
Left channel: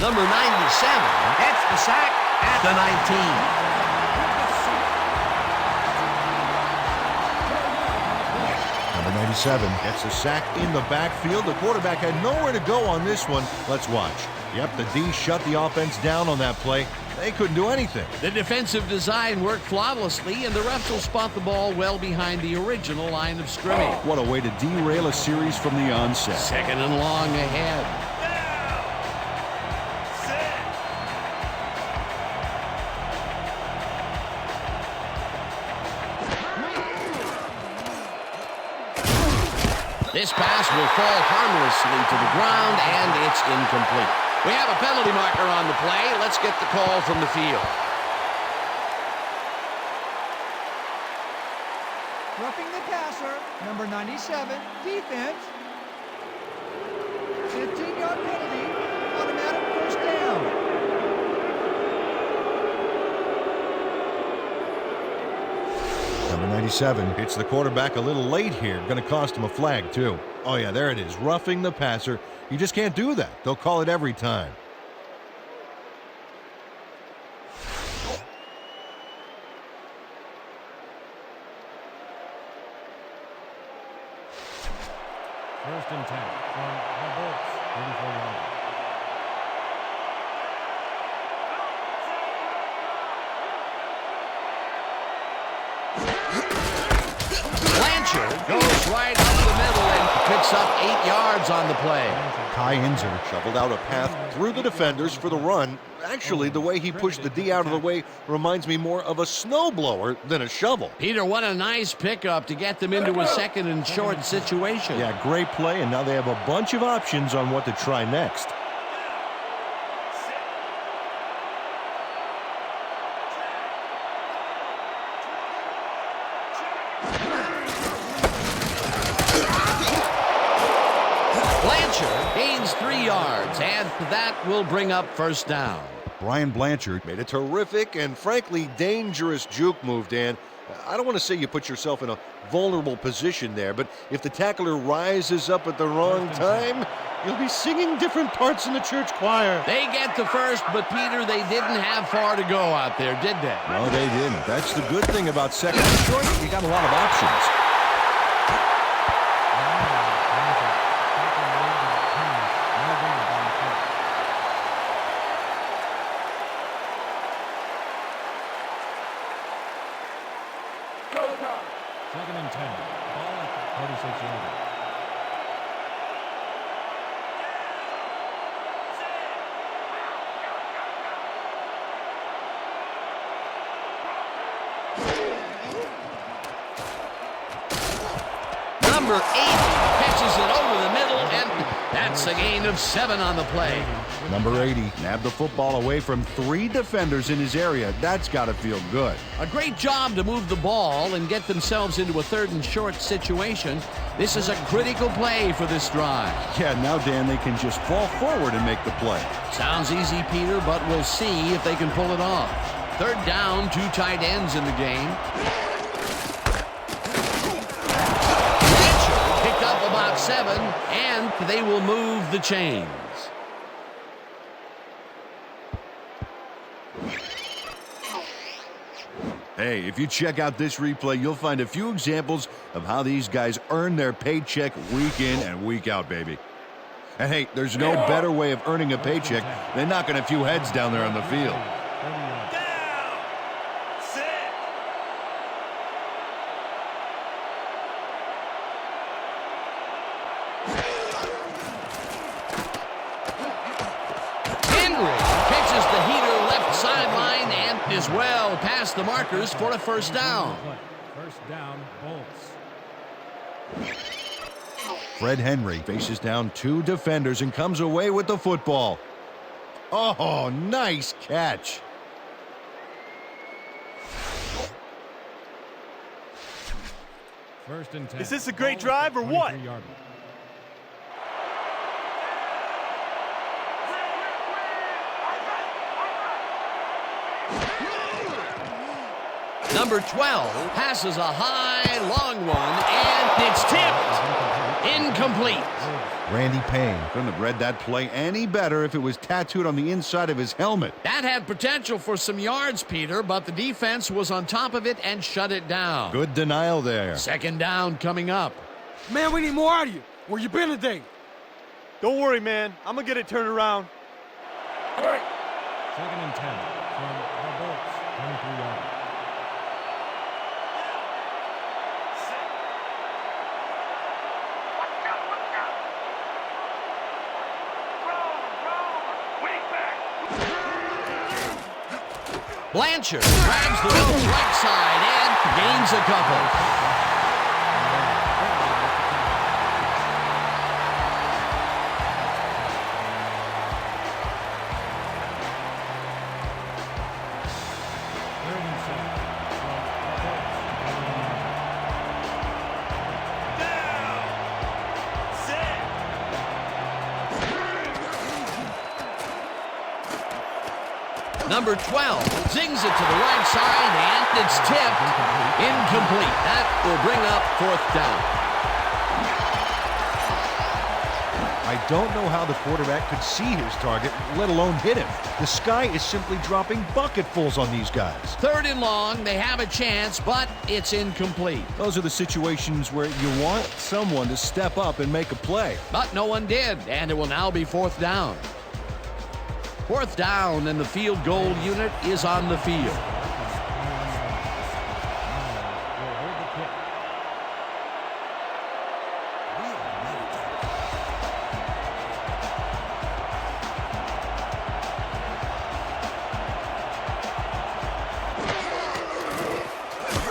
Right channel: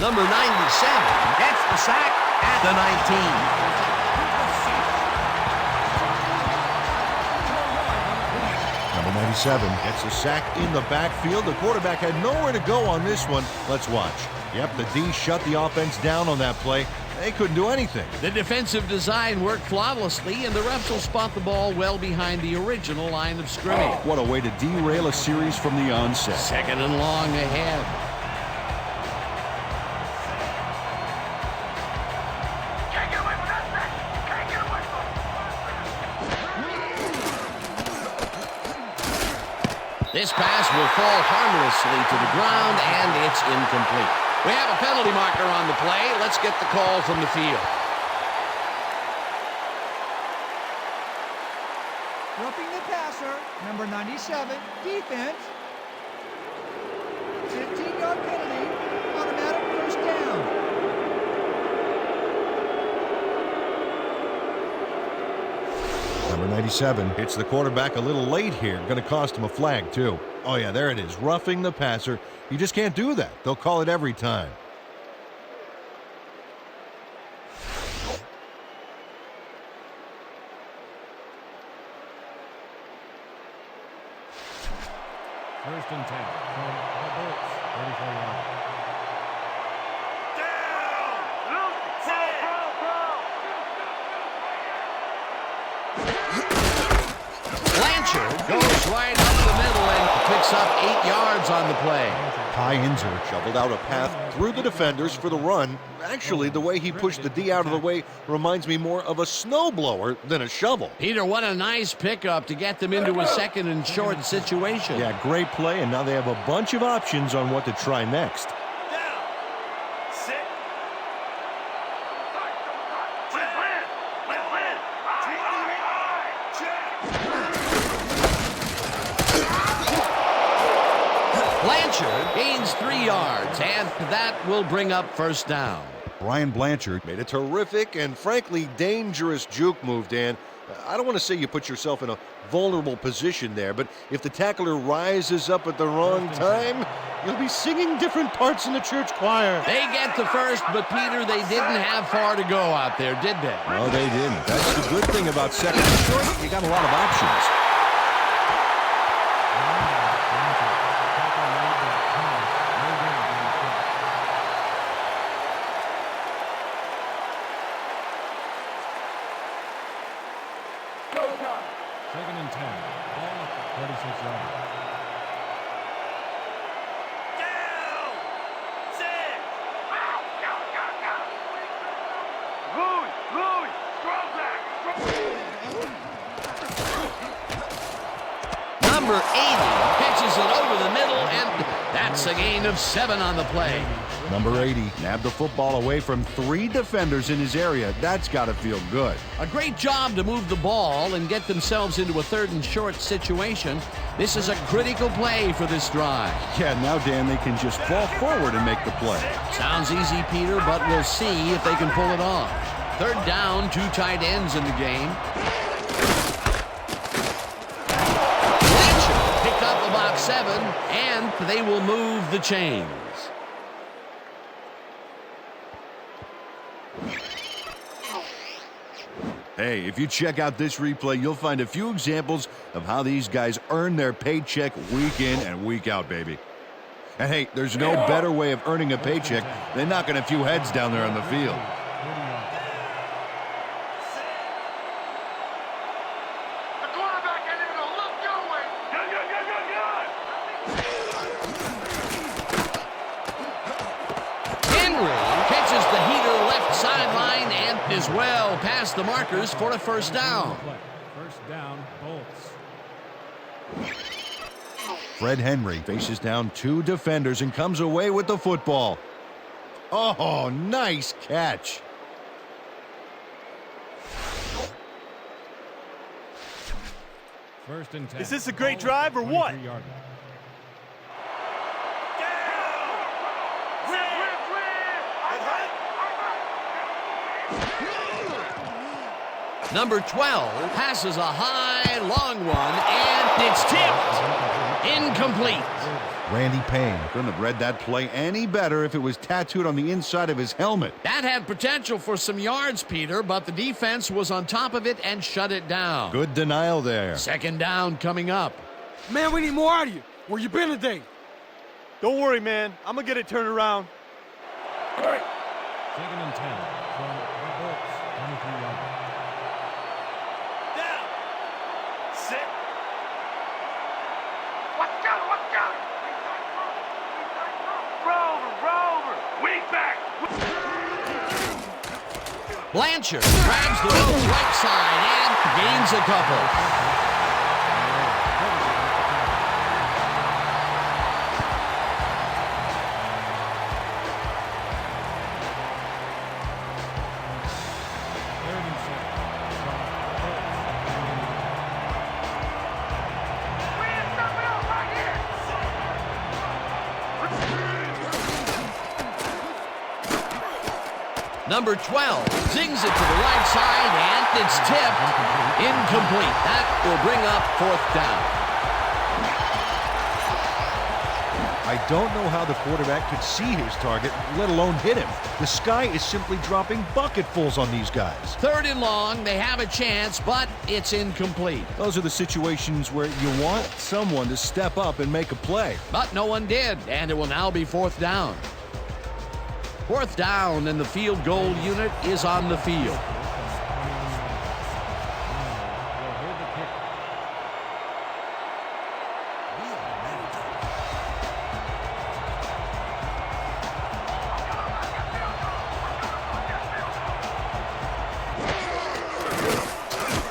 Number 97 gets the sack at the 19. Number 97 gets a sack in the backfield. The quarterback had nowhere to go on this one. Let's watch. Yep, the D shut the offense down on that play. They couldn't do anything. The defensive design worked flawlessly, and the refs will spot the ball well behind the original line of scrimmage. What a way to derail a series from the onset. Second and long ahead. This pass will fall harmlessly to the ground, and it's incomplete. We have a penalty marker on the play. Let's get the call from the field. Roughing the passer, number 97, defense. 15-yard penalty, automatic first down. Number 97 hits the quarterback a little late here. Going to cost him a flag, too. Oh, yeah, there it is. Roughing the passer. You just can't do that. They'll call it every time. First and 10 from the Bolts, 34-yard. Blanchard goes right up the middle and picks up 8 yards on the play. Kai Inzer shoveled out a path through the defenders for the run. Actually, the way he pushed the D out of the way reminds me more of a snowblower than a shovel. Peter, what a nice pickup to get them into a second and short situation. Yeah, great play, and now they have a bunch of options on what to try next. Blanchard gains 3 yards, and that will bring up first down. Brian Blanchard made a terrific and frankly dangerous juke move, Dan. I don't want to say you put yourself in a vulnerable position there, but if the tackler rises up at the wrong time, you'll be singing different parts in the church choir. They get the first, but Peter, they didn't have far to go out there, did they? No, they didn't. That's the good thing about second and short. You got a lot of options. Second and 10. Ball at the 46-yard line. Number 80 catches it over the middle, and that's a gain of 7 on the play. Number 80 nabbed the football away from 3 defenders in his area. That's got to feel good. A great job to move the ball and get themselves into a third and short situation. This is a critical play for this drive. Yeah, now, Dan, they can just fall forward and make the play. Sounds easy, Peter, but we'll see if they can pull it off. Third down, 2 tight ends in the game. Blanchard picked up about 7, and they will move the chains. Hey, if you check out this replay, you'll find a few examples of how these guys earn their paycheck week in and week out, baby. And hey, there's no better way of earning a paycheck than knocking a few heads down there on the field. 40 yards. Catches the heater left sideline and is well past the markers for a first down. First down, Bolts. Fred Henry faces down 2 defenders and comes away with the football. Oh, nice catch. First and 10. Is this a great drive or what? 23-yard line. Number 12 passes a high, long one, and it's tipped. Incomplete. Randy Payne couldn't have read that play any better if it was tattooed on the inside of his helmet. That had potential for some yards, Peter, but the defense was on top of it and shut it down. Good denial there. Second down coming up. Man, we need more out of you. Where you been today? Don't worry, man. I'm going to get it turned around. Second and 10 from the Bolts, 23-yard line. Blanchard grabs the ropes right side and gains a couple. Third and 7 from the Bolts, 21-yard line. Number 12 zings it to the right side, and it's tipped. Incomplete. That will bring up fourth down. I don't know how the quarterback could see his target, let alone hit him. The sky is simply dropping bucketfuls on these guys. Third and long, they have a chance, but it's incomplete. Those are the situations where you want someone to step up and make a play. But no one did, and it will now be fourth down. Fourth down, and the field goal unit is on the field. From the 21-yard line. Miles will hold the kick.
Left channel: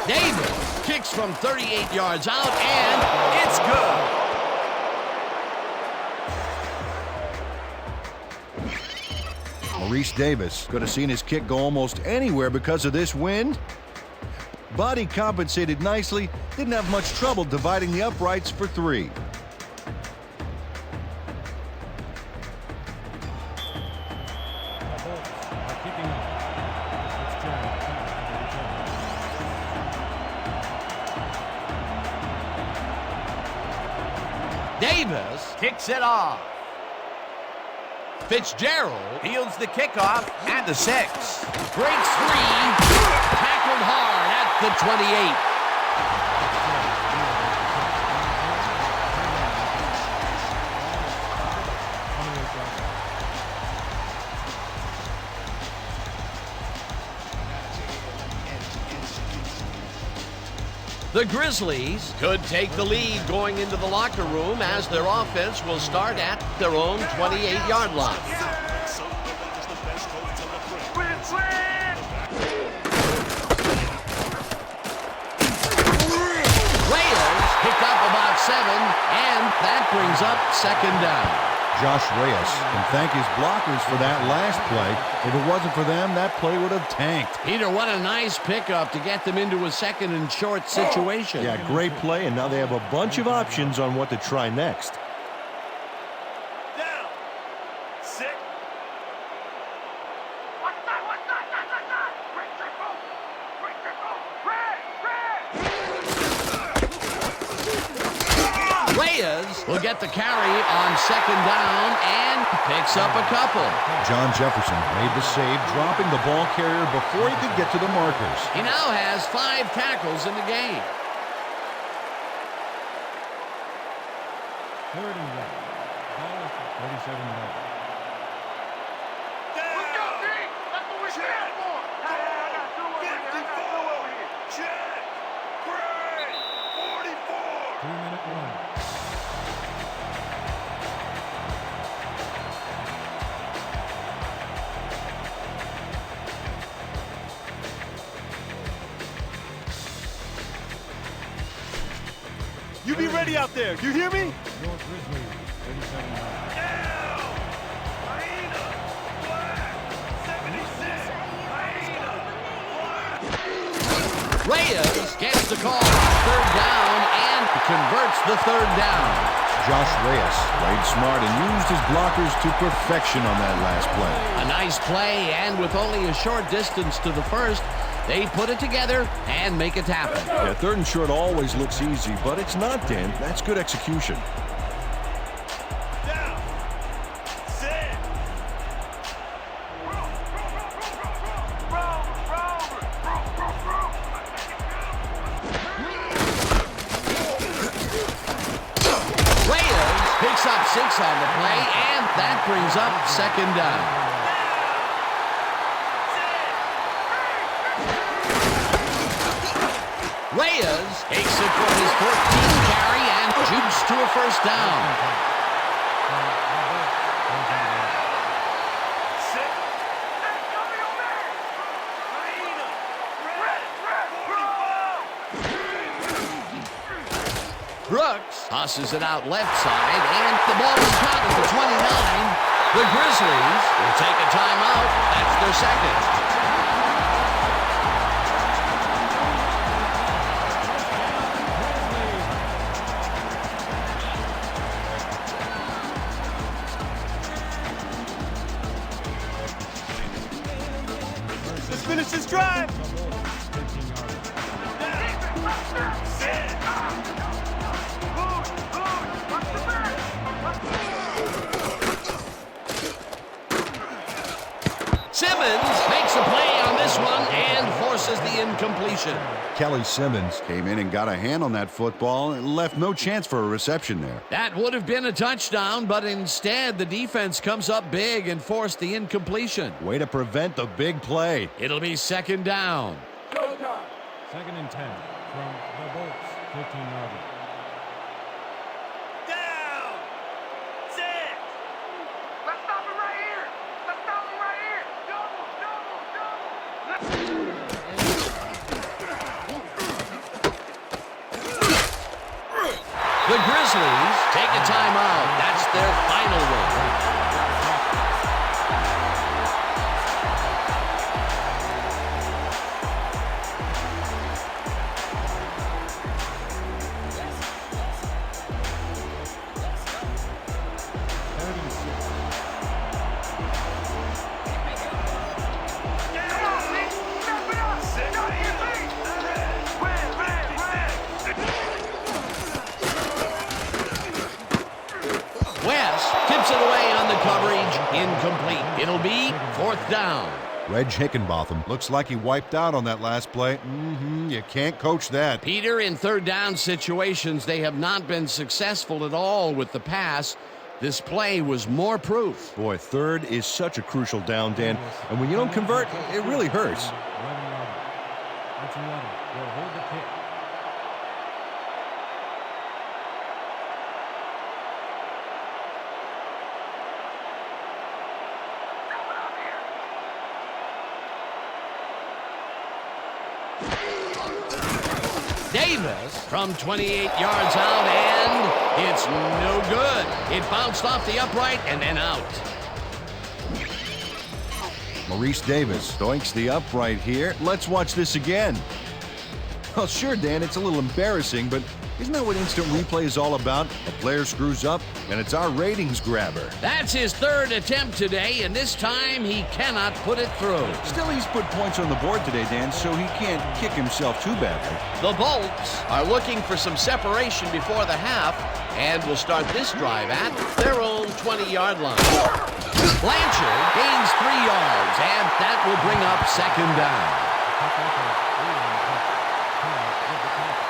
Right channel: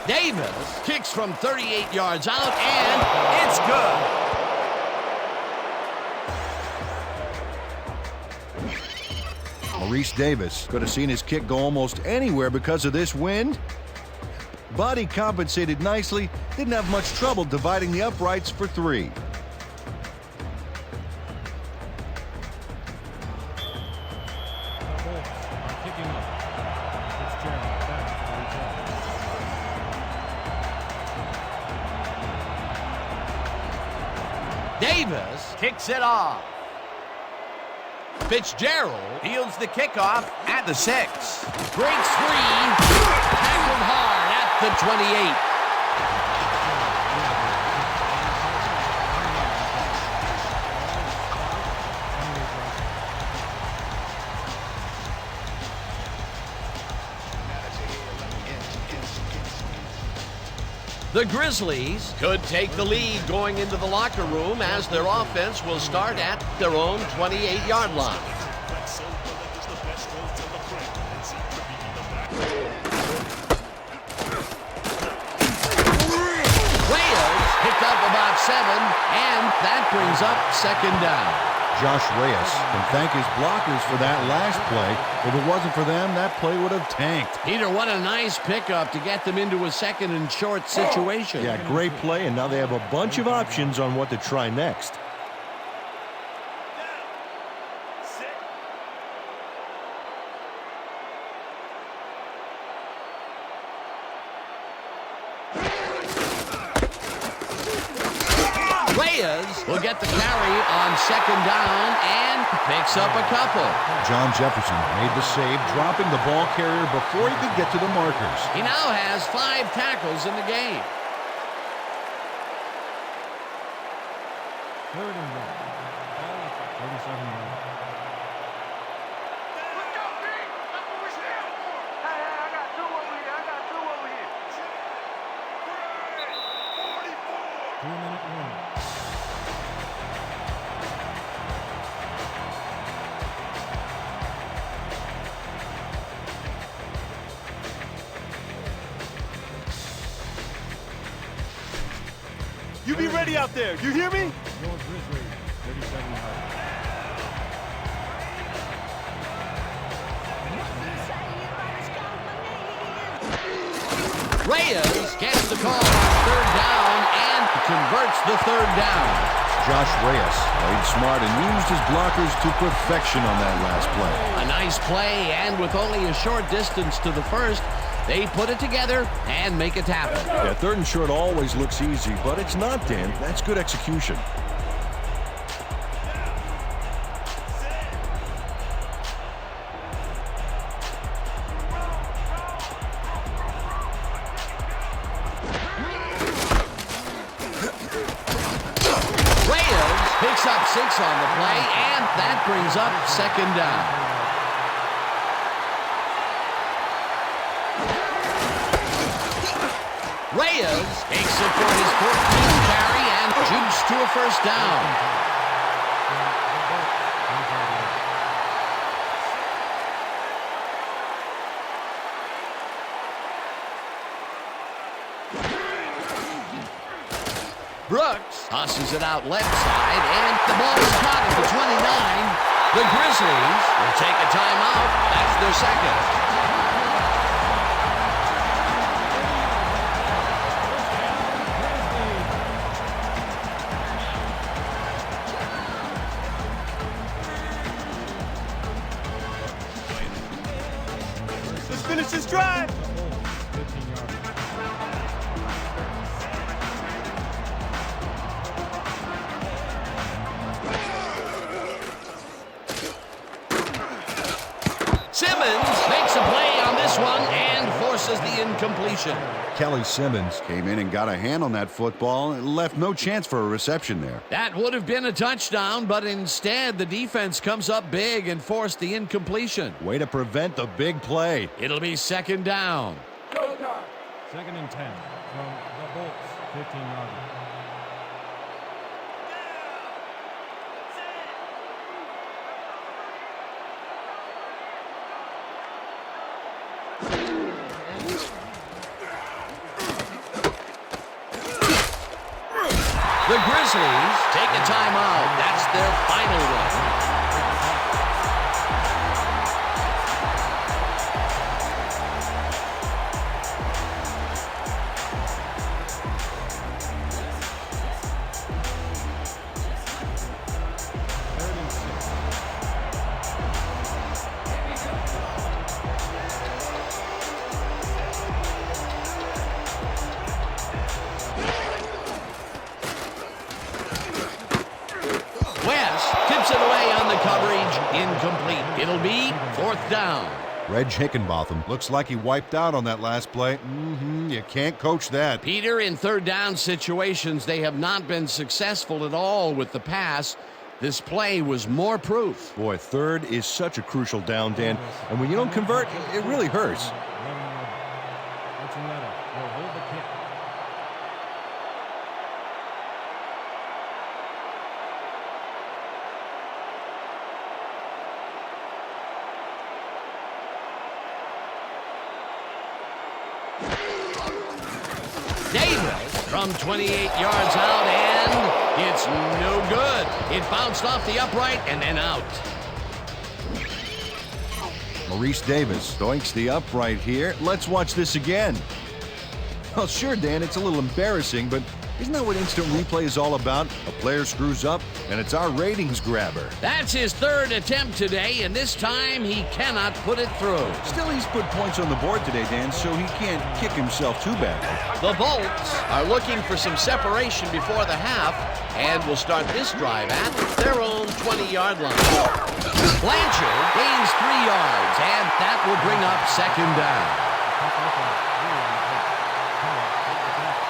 Davis kicks from 38 yards out, and it's good. Maurice Davis could have seen his kick go almost anywhere because of this wind. But he compensated nicely, didn't have much trouble dividing the uprights for 3. The Bolts are kicking off. Fitzgerald back for the return. Davis kicks it off. Fitzgerald fields the kickoff at the 6. Breaks free. Tackled hard at the 28. The Grizzlies could take the lead going into the locker room as their offense will start at their own 28-yard line. Reyes picked up about 7, and that brings up second down. Josh Reyes can thank his blockers for that last play. If it wasn't for them, that play would have tanked. Peter, what a nice pickup to get them into a second and short situation. Yeah, great play, and now they have a bunch of options on what to try next. Reyes will get the carry on second down and picks up a couple. John Jefferson made the save, dropping the ball carrier before he could get to the markers. He now has 5 tackles in the game. Third and 1. Ball at the 37-yard line. Let's go, D! That's what we stand for! Hey, I got 2 over here. 2-minute warning. You be ready out there. You hear me? Your Grizzlies, 37 yards. What you say about his company? Reyes gets the call on third down and converts the third down. Josh Reyes played smart and used his blockers to perfection on that last play. A nice play, and with only a short distance to the first, they put it together and make it happen. Yeah, third and short always looks easy, but it's not, Dan. That's good execution. Reyes picks up 6 on the play, and that brings up second down. Reyes takes it for his 14th carry and jukes to a first down. Brooks tosses it out left side, and the ball is caught at the 29. The Grizzlies will take a timeout. That's their second. Let's finish this drive. 15-yard. Simmons makes a play on this one and forces the incompletion. Kelly Simmons came in and got a hand on that football and left no chance for a reception there. That would have been a touchdown, but instead the defense comes up big and forced the incompletion. Way to prevent the big play. It'll be second down. Second and 10 from the Bolts, 15-yard line. Let's stop it right here. Let's stop it right here. Double, double, double. The Grizzlies take a timeout. That's their final one. Third and 6. West tips it away on the coverage. Incomplete. It'll be fourth down. Reg Hickenbotham looks like he wiped out on that last play. You can't coach that. Peter, in third down situations, they have not been successful at all with the pass. This play was more proof. Boy, third is such a crucial down, Dan. And when you don't convert, it really hurts. 11-yard line. Archuleta will hold the kick. Davis from 28 yards out, and it's no good. It bounced off the upright and then out. Maurice Davis doinks the upright here. Let's watch this again. Well, sure, Dan, it's a little embarrassing, but isn't that what instant replay is all about? A player screws up, and it's our ratings grabber. That's his third attempt today, and this time he cannot put it through. Still, he's put points on the board today, Dan, so he can't kick himself too badly. The Bolts are looking for some separation before the half and will start this drive at their own 20-yard line. Blanchard gains 3 yards, and that will bring up second down. Pick up a 3 on the play. Keller with the tackle.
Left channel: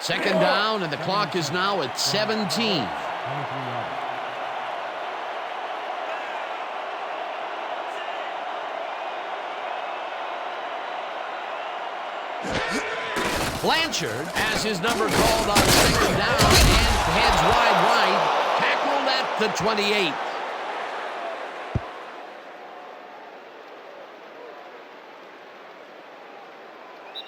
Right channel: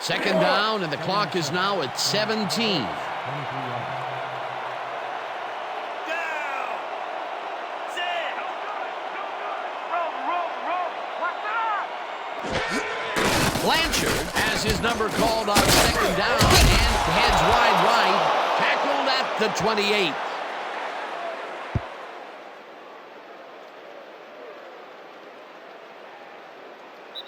Second down, and the clock is now at 17. 23 yards. Blanchard has his number called on second down and heads wide right, tackled at the 28.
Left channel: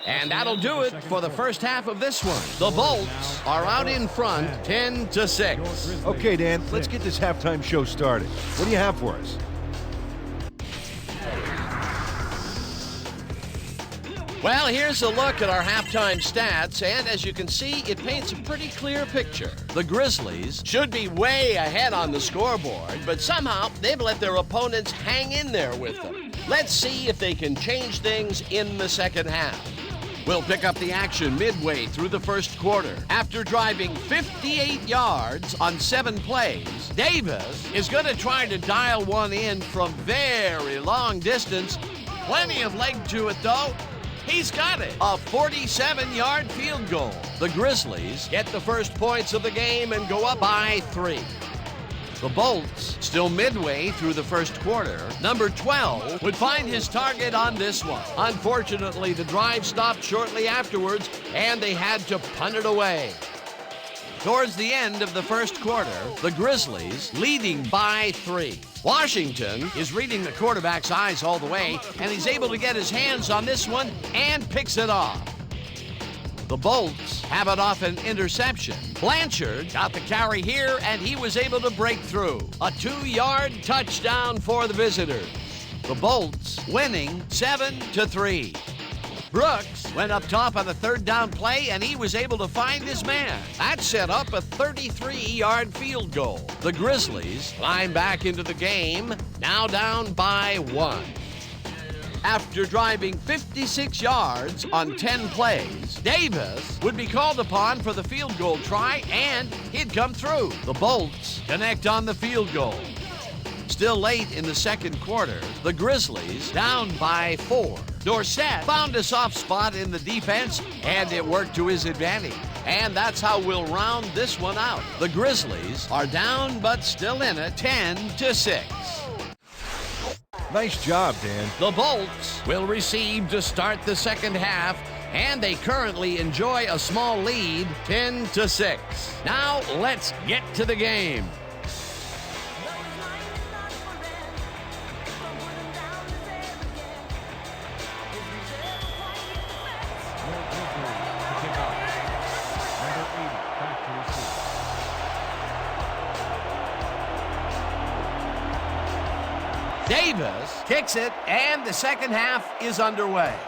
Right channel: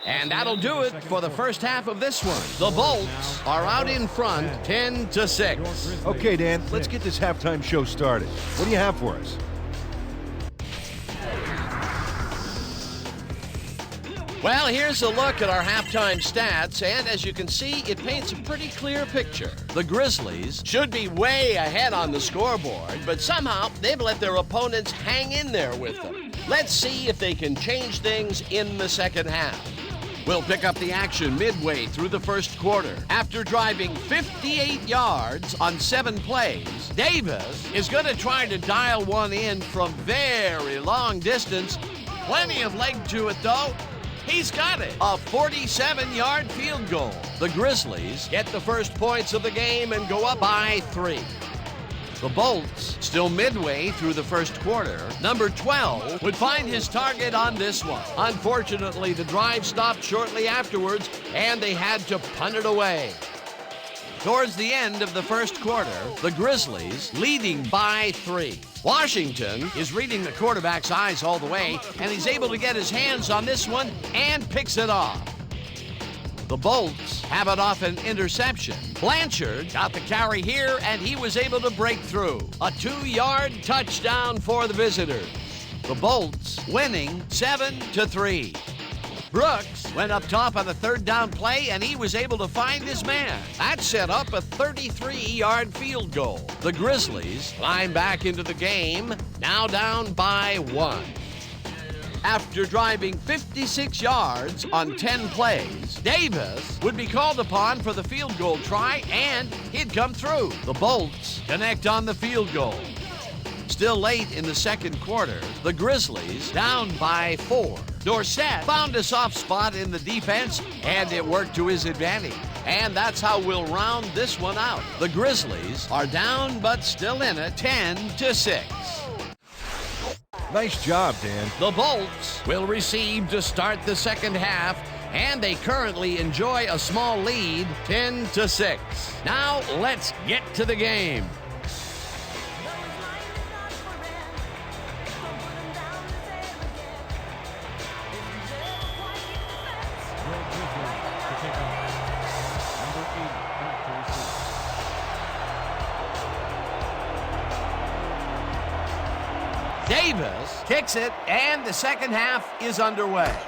And that'll do it for the first half of this one. The Bolts are out in front, 10-6. Okay, Dan, let's get this halftime show started. What do you have for us? Well, here's a look at our halftime stats, and as you can see, it paints a pretty clear picture. The Grizzlies should be way ahead on the scoreboard, but somehow they've let their opponents hang in there with them. Let's see if they can change things in the second half. We'll pick up the action midway through the first quarter. After driving 58 yards on 7 plays, Davis is going to try to dial one in from very long distance. Plenty of leg to it, though. He's got it. A 47-yard field goal. The Grizzlies get the first points of the game and go up by 3. The Bolts, still midway through the first quarter, number 12 would find his target on this one. Unfortunately, the drive stopped shortly afterwards, and they had to punt it away. Towards the end of the first quarter, the Grizzlies leading by 3. Washington is reading the quarterback's eyes all the way, and he's able to get his hands on this one and picks it off. The Bolts have it off an interception. Blanchard got the carry here, and he was able to break through. A 2-yard touchdown for the visitors. The Bolts winning 7-3. Brooks went up top on the third down play, and he was able to find his man. That set up a 33-yard field goal. The Grizzlies climb back into the game, now down by 1. After driving 56 yards on 10 plays, Davis would be called upon for the field goal try, and he'd come through. The Bolts connect on the field goal. Still late in the second quarter, the Grizzlies down by 4. Dorsett found a soft spot in the defense, and it worked to his advantage. And that's how we'll round this one out. The Grizzlies are down, but still in it, 10-6. Nice job, Dan. The Bolts will receive to start the second half, and they currently enjoy a small lead, 10-6. Now let's get to the game. Your Grizzlies to kick off. Number 80 back to receive. Davis kicks it, and the second half is underway.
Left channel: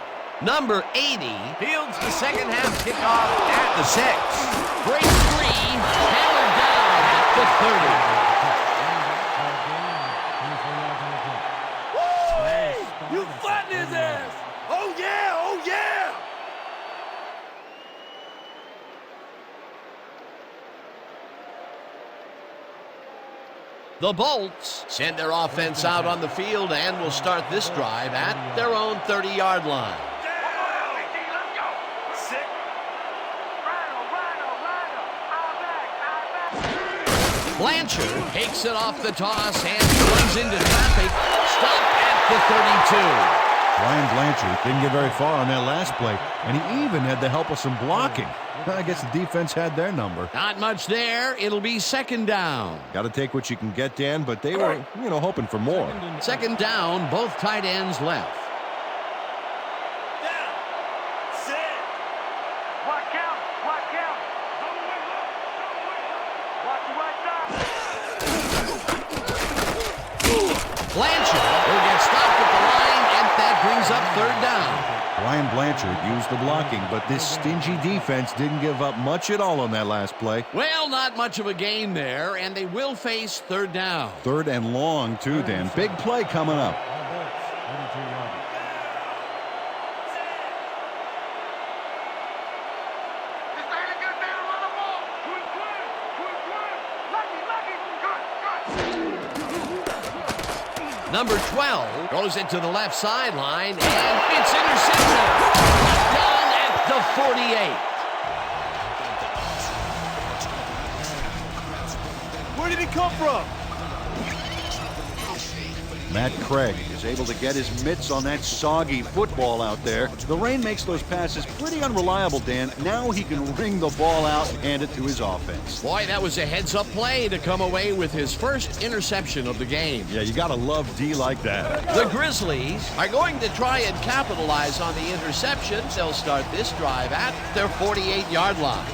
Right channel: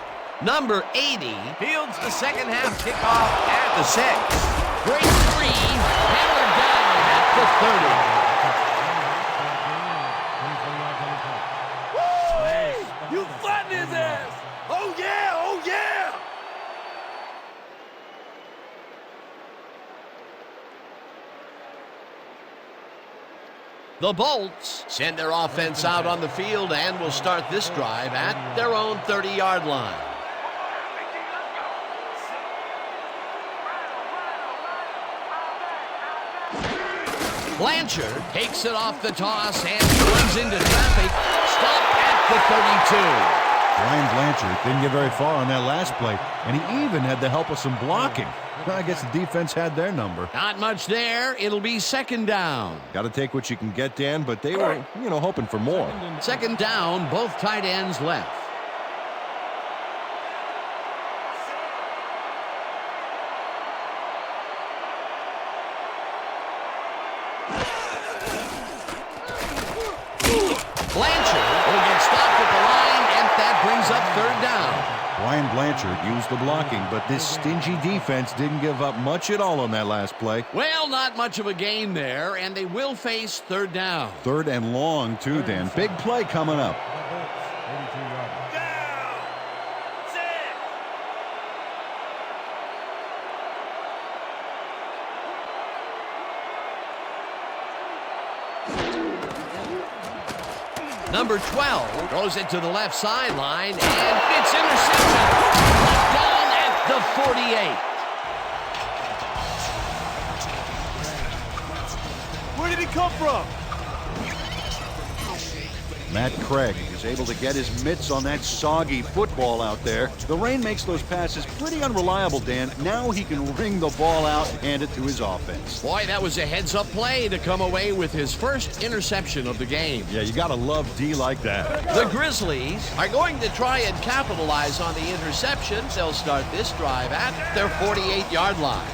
Number 80 fields the second half kickoff at the 6. Break free, hammered down at the 30. Running back for a gain of 24 yards on the play. Woo! You flatten his ass! Oh yeah! Oh yeah! The Bolts send their offense out on the field and will start this drive at their own 30-yard line. One more out, Big D. Let's go. Sit. Rhino. Eye back. Blanchard takes it off the toss and runs into traffic. Stopped at the 32. Brian Blanchard didn't get very far on that last play, and he even had the help of some blocking. I guess the defense had their number. Not much there. It'll be second down. Got to take what you can get, Dan, but they were, hoping for more. Second down, both tight ends left. Watch out. Watch out. Go away. Watch the right side. Blanchard will get stopped at the line, and that brings up third down. Brian Blanchard used the blocking, but this stingy defense didn't give up much at all on that last play. Well, not much of a gain there, and they will face third down. Third and long, too, Dan. Big play coming up. The Bolts, 32-yarder. Just ain't a good man to run the ball. Quick. Lucky. Number 12 throws it to the left sideline, and it's intercepted. Brought down at the 48. Where did he come from? Matt Craig is able to get his mitts on that soggy football out there. The rain makes those passes pretty unreliable, Dan. Now he can ring the ball out and hand it to his offense. Boy, that was a heads-up play to come away with his first interception of the game. Yeah, you gotta love D like that. The Grizzlies are going to try and capitalize on the interception. They'll start this drive at their 48-yard line.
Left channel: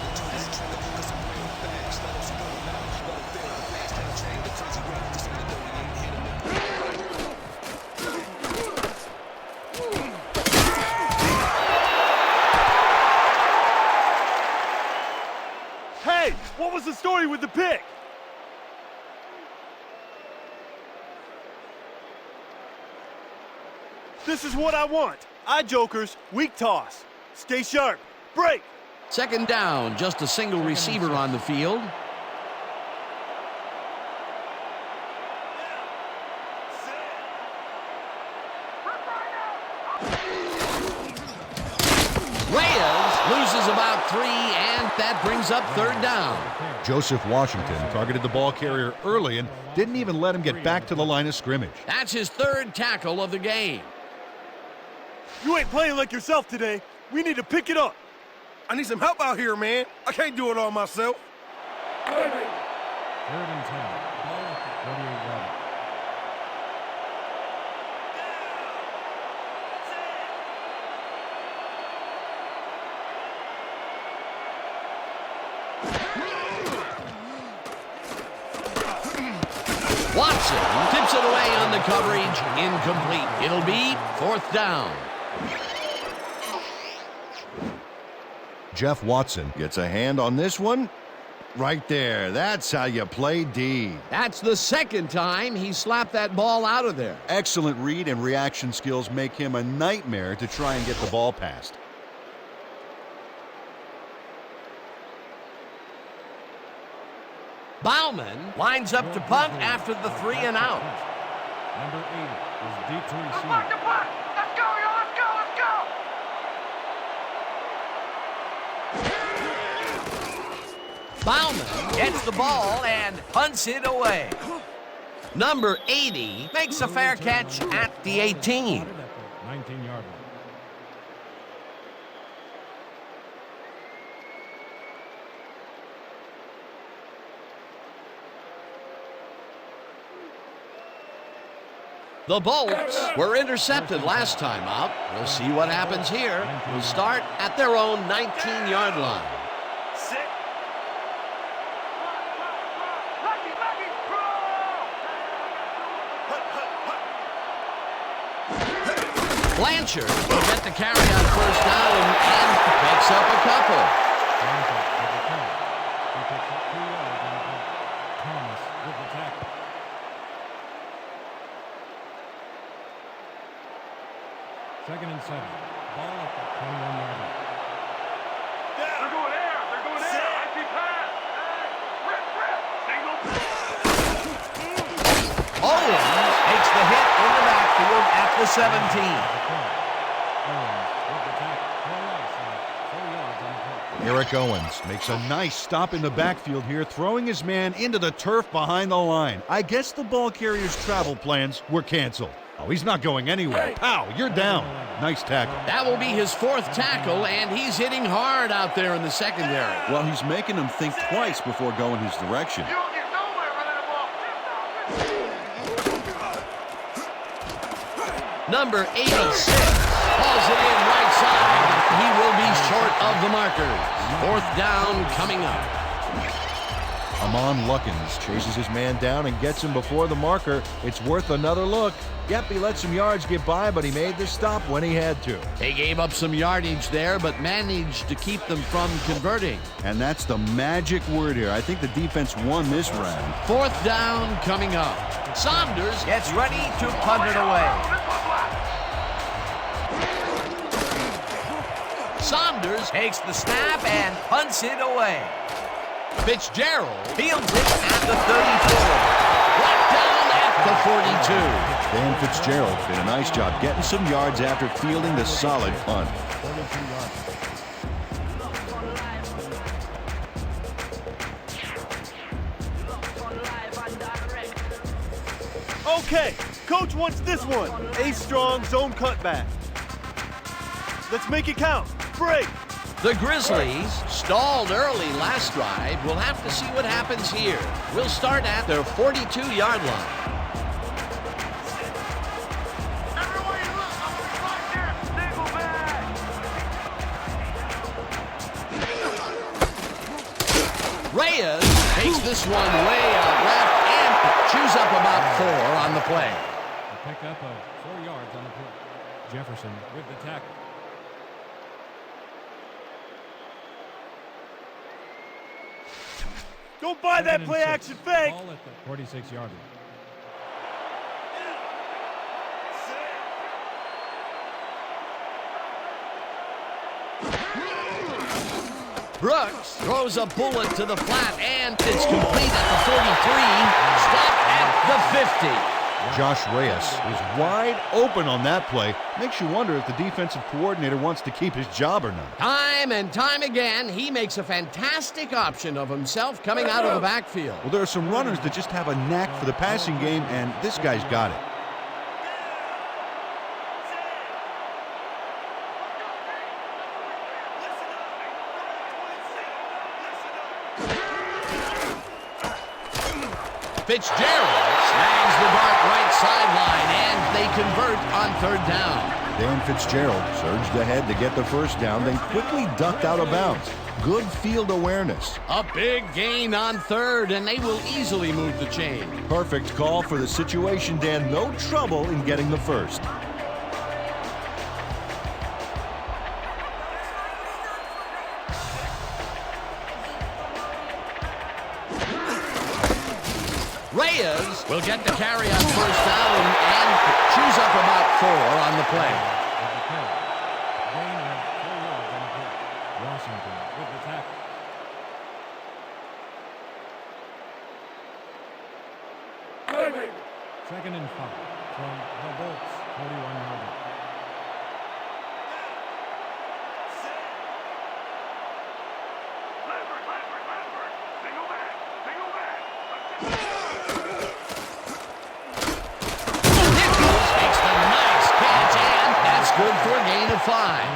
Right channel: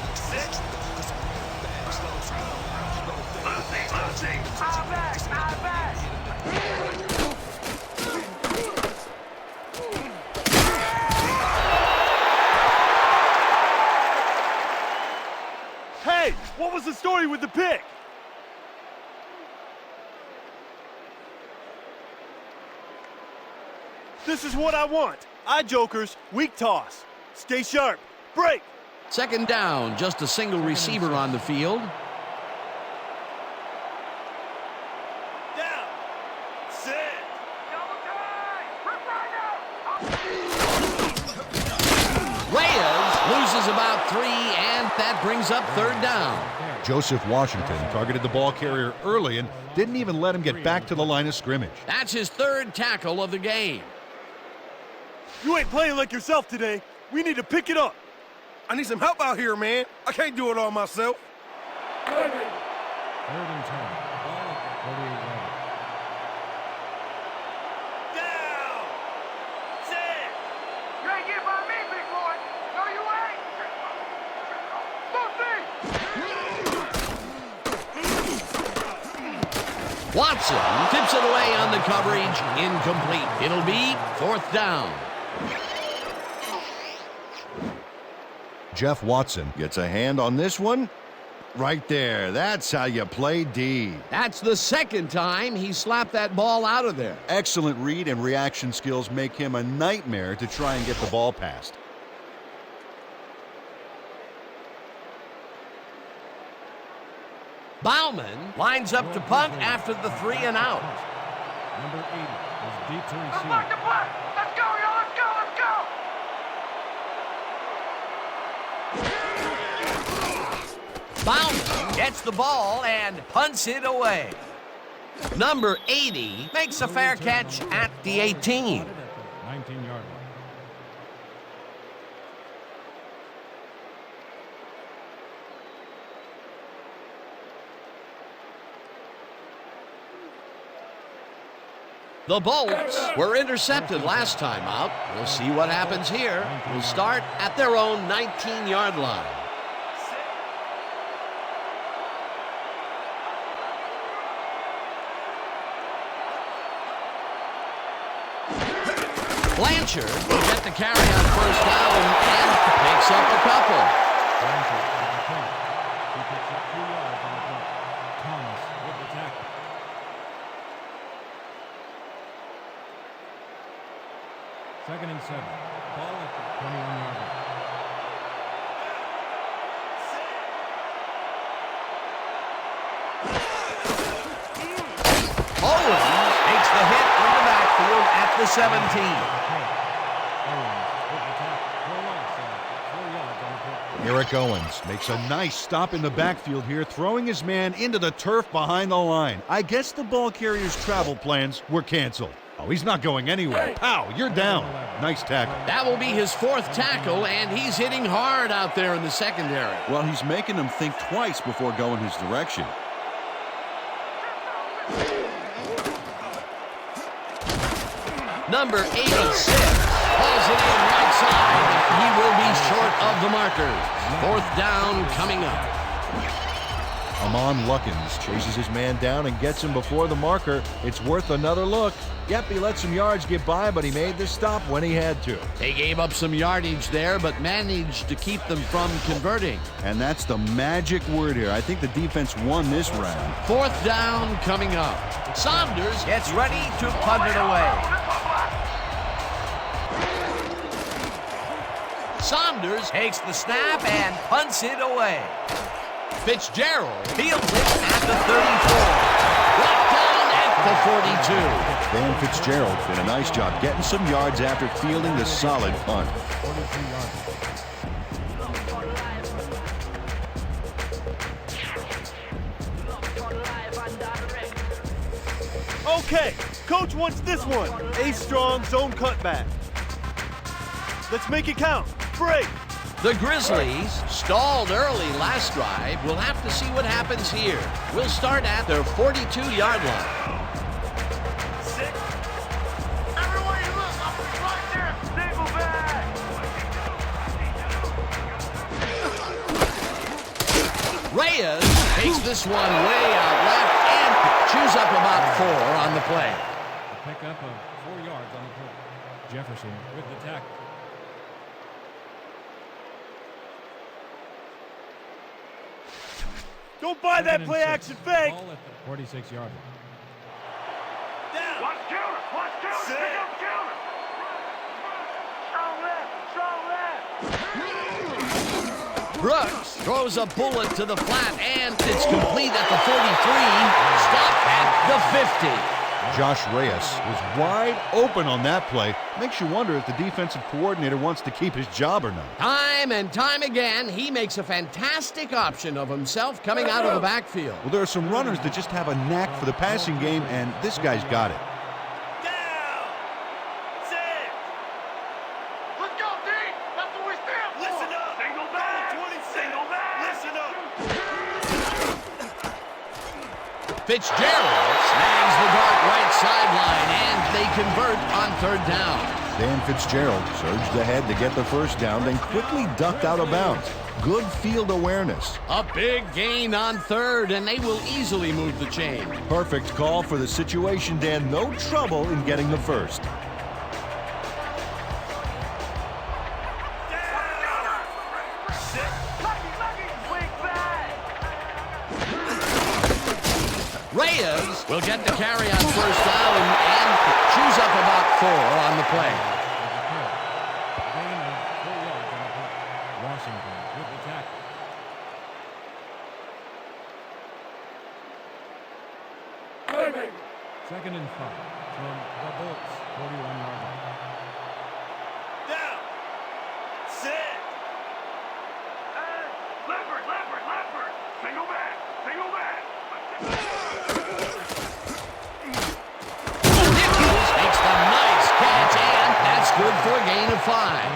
was the story with the pick? This is what I want. Eye jokers, weak toss. Stay sharp. Break. Second down, just a single receiver on the field. Reyes loses about 3, and that brings up third down. Joseph Washington targeted the ball carrier early and didn't even let him get back to the line of scrimmage. That's his third tackle of the game. You ain't playing like yourself today. We need to pick it up. I need some help out here, man. I can't do it all myself. 3rd and 10. Ball at the 48-yard line. You ain't getting by me, big boy. No, you ain't. Watson tips it away on the coverage. Incomplete. It'll be 4th down. Jeff Watson gets a hand on this one. Right there. That's how you play D. That's the second time he slapped that ball out of there. Excellent read and reaction skills make him a nightmare to try and get the ball past. Bauman lines up to punt after the 3 and out. Number 80 is deep to Let's receive. mark the punt. Let's go, yo. Let's go. Let's go. Bauman gets the ball and punts it away. Number 80 makes a fair catch at the 18. At the 19-yard line. The Bolts were intercepted last time out. We'll see what happens here. We'll start at their own 19-yard line. Blanchard will get the carry on 1st down and picks up a couple. Blanchard with the carry. He picks up 2 yards on the play. Thomas with the tackle. Second and 7. Ball at the 21-yard line. They're going air. They're going air. I see pass. Rip. Ain't no Owens takes the hit in the backfield at the 17. The carry. Owens with the tackle for a loss of 4 yards on the play. Eric Owens makes a nice stop in the backfield here, throwing his man into the turf behind the line. I guess the ball carrier's travel plans were canceled. Oh, he's not going anywhere. Pow, you're down. Nice tackle. That will be his 4th tackle, and he's hitting hard out there in the secondary. Well, he's making them think twice before going his direction. You don't get nowhere running the ball. Number 86 hauls it in right side, and he will be short of the markers. 4th down coming up. Amon Luckins chases his man down and gets him before the marker. It's worth another look. Yep, he let some yards get by, but he made the stop when he had to. They gave up some yardage there, but managed to keep them from converting. And that's the magic word here. I think the defense won this round. 4th down coming up. Saunders gets ready to punt it away. Saunders takes the snap and punts it away. Fitzgerald fields it at the 34. Brought down at the 42. Dan Fitzgerald did a nice job getting some yards after fielding the solid punt. 42-yard line. Okay, coach wants this one. A strong zone cutback. Let's make it count. Break. The Grizzlies stalled early last drive. We'll have to see what happens here. We'll start at their 42-yard line. Everywhere you look, I'm gonna be right there. Single back. Reyes takes this one way out left and chews up about 4 on the play. A pickup of 4 yards on the play. Jefferson with the tackle. Don't buy that play action fake. Ball at the 46-yard line. Watch counter. Watch counter. Pick up counter. Strong left. Strong left. Brooks throws a bullet to the flat, and it's complete at the 43. Stopped at the 50. Josh Reyes was wide open on that play. Makes you wonder if the defensive coordinator wants to keep his job or not. Time and time again, he makes a fantastic option of himself coming out of the backfield. Well, there are some runners that just have a knack for the passing game, and this guy's got it. Let's go, D. That's what we stand for. Single back. Single back. Fitzgerald snags the dart right sideline, and they convert on third down. Dan Fitzgerald surged ahead to get the first down, then quickly ducked out of bounds. Good field awareness. A big gain on third, and they will easily move the chain. Perfect call for the situation, Dan. No trouble in getting the first. Reyes will get the carry on first down and chews up about 4 on the play. With the carry. Gain of 4 yards on the play. Washington with the tackle. Second and 5 from the Bolts, 41-yard line. Leopard. Single back. Single back. Nichols makes the nice catch, and that's good for a gain of 5.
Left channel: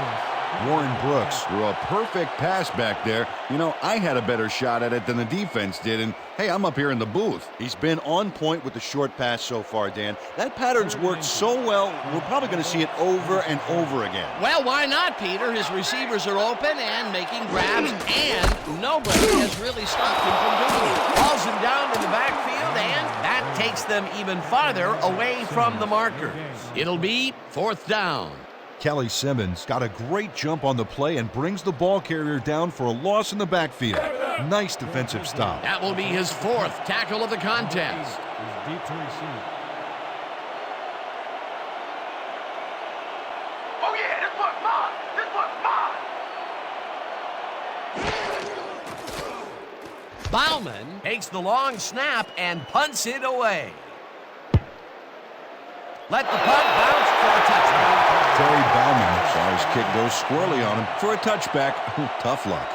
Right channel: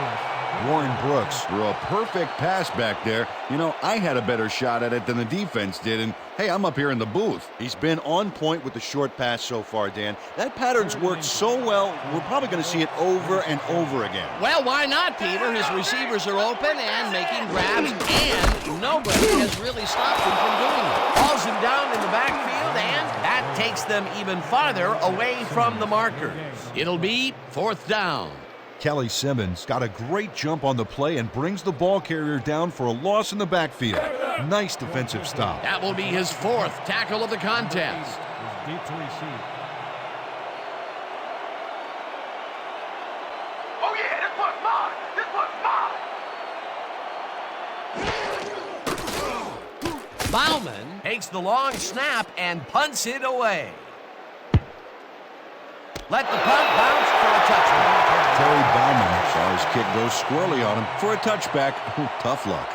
Warren Brooks threw a perfect pass back there. You know, I had a better shot at it than the defense did, and hey, I'm up here in the booth. He's been on point with the short pass so far, Dan. That pattern's worked so well, we're probably going to see it over and over again. Well, why not, Peter? His receivers are open and making grabs, and nobody has really stopped him from doing it. Hauls him down in the backfield, and that takes them even farther away from the markers. It'll be 4th down. Kelly Simmons got a great jump on the play and brings the ball carrier down for a loss in the backfield. Nice defensive stop. That will be his 4th tackle of the contest. Is deep to receive. Oh yeah, this one's mine. This one's mine. Bauman takes the long snap and punts it away. Let the punt bounce for a touchback. Terry Bauman saw his kick go squirrely on him for a touchback. Tough luck.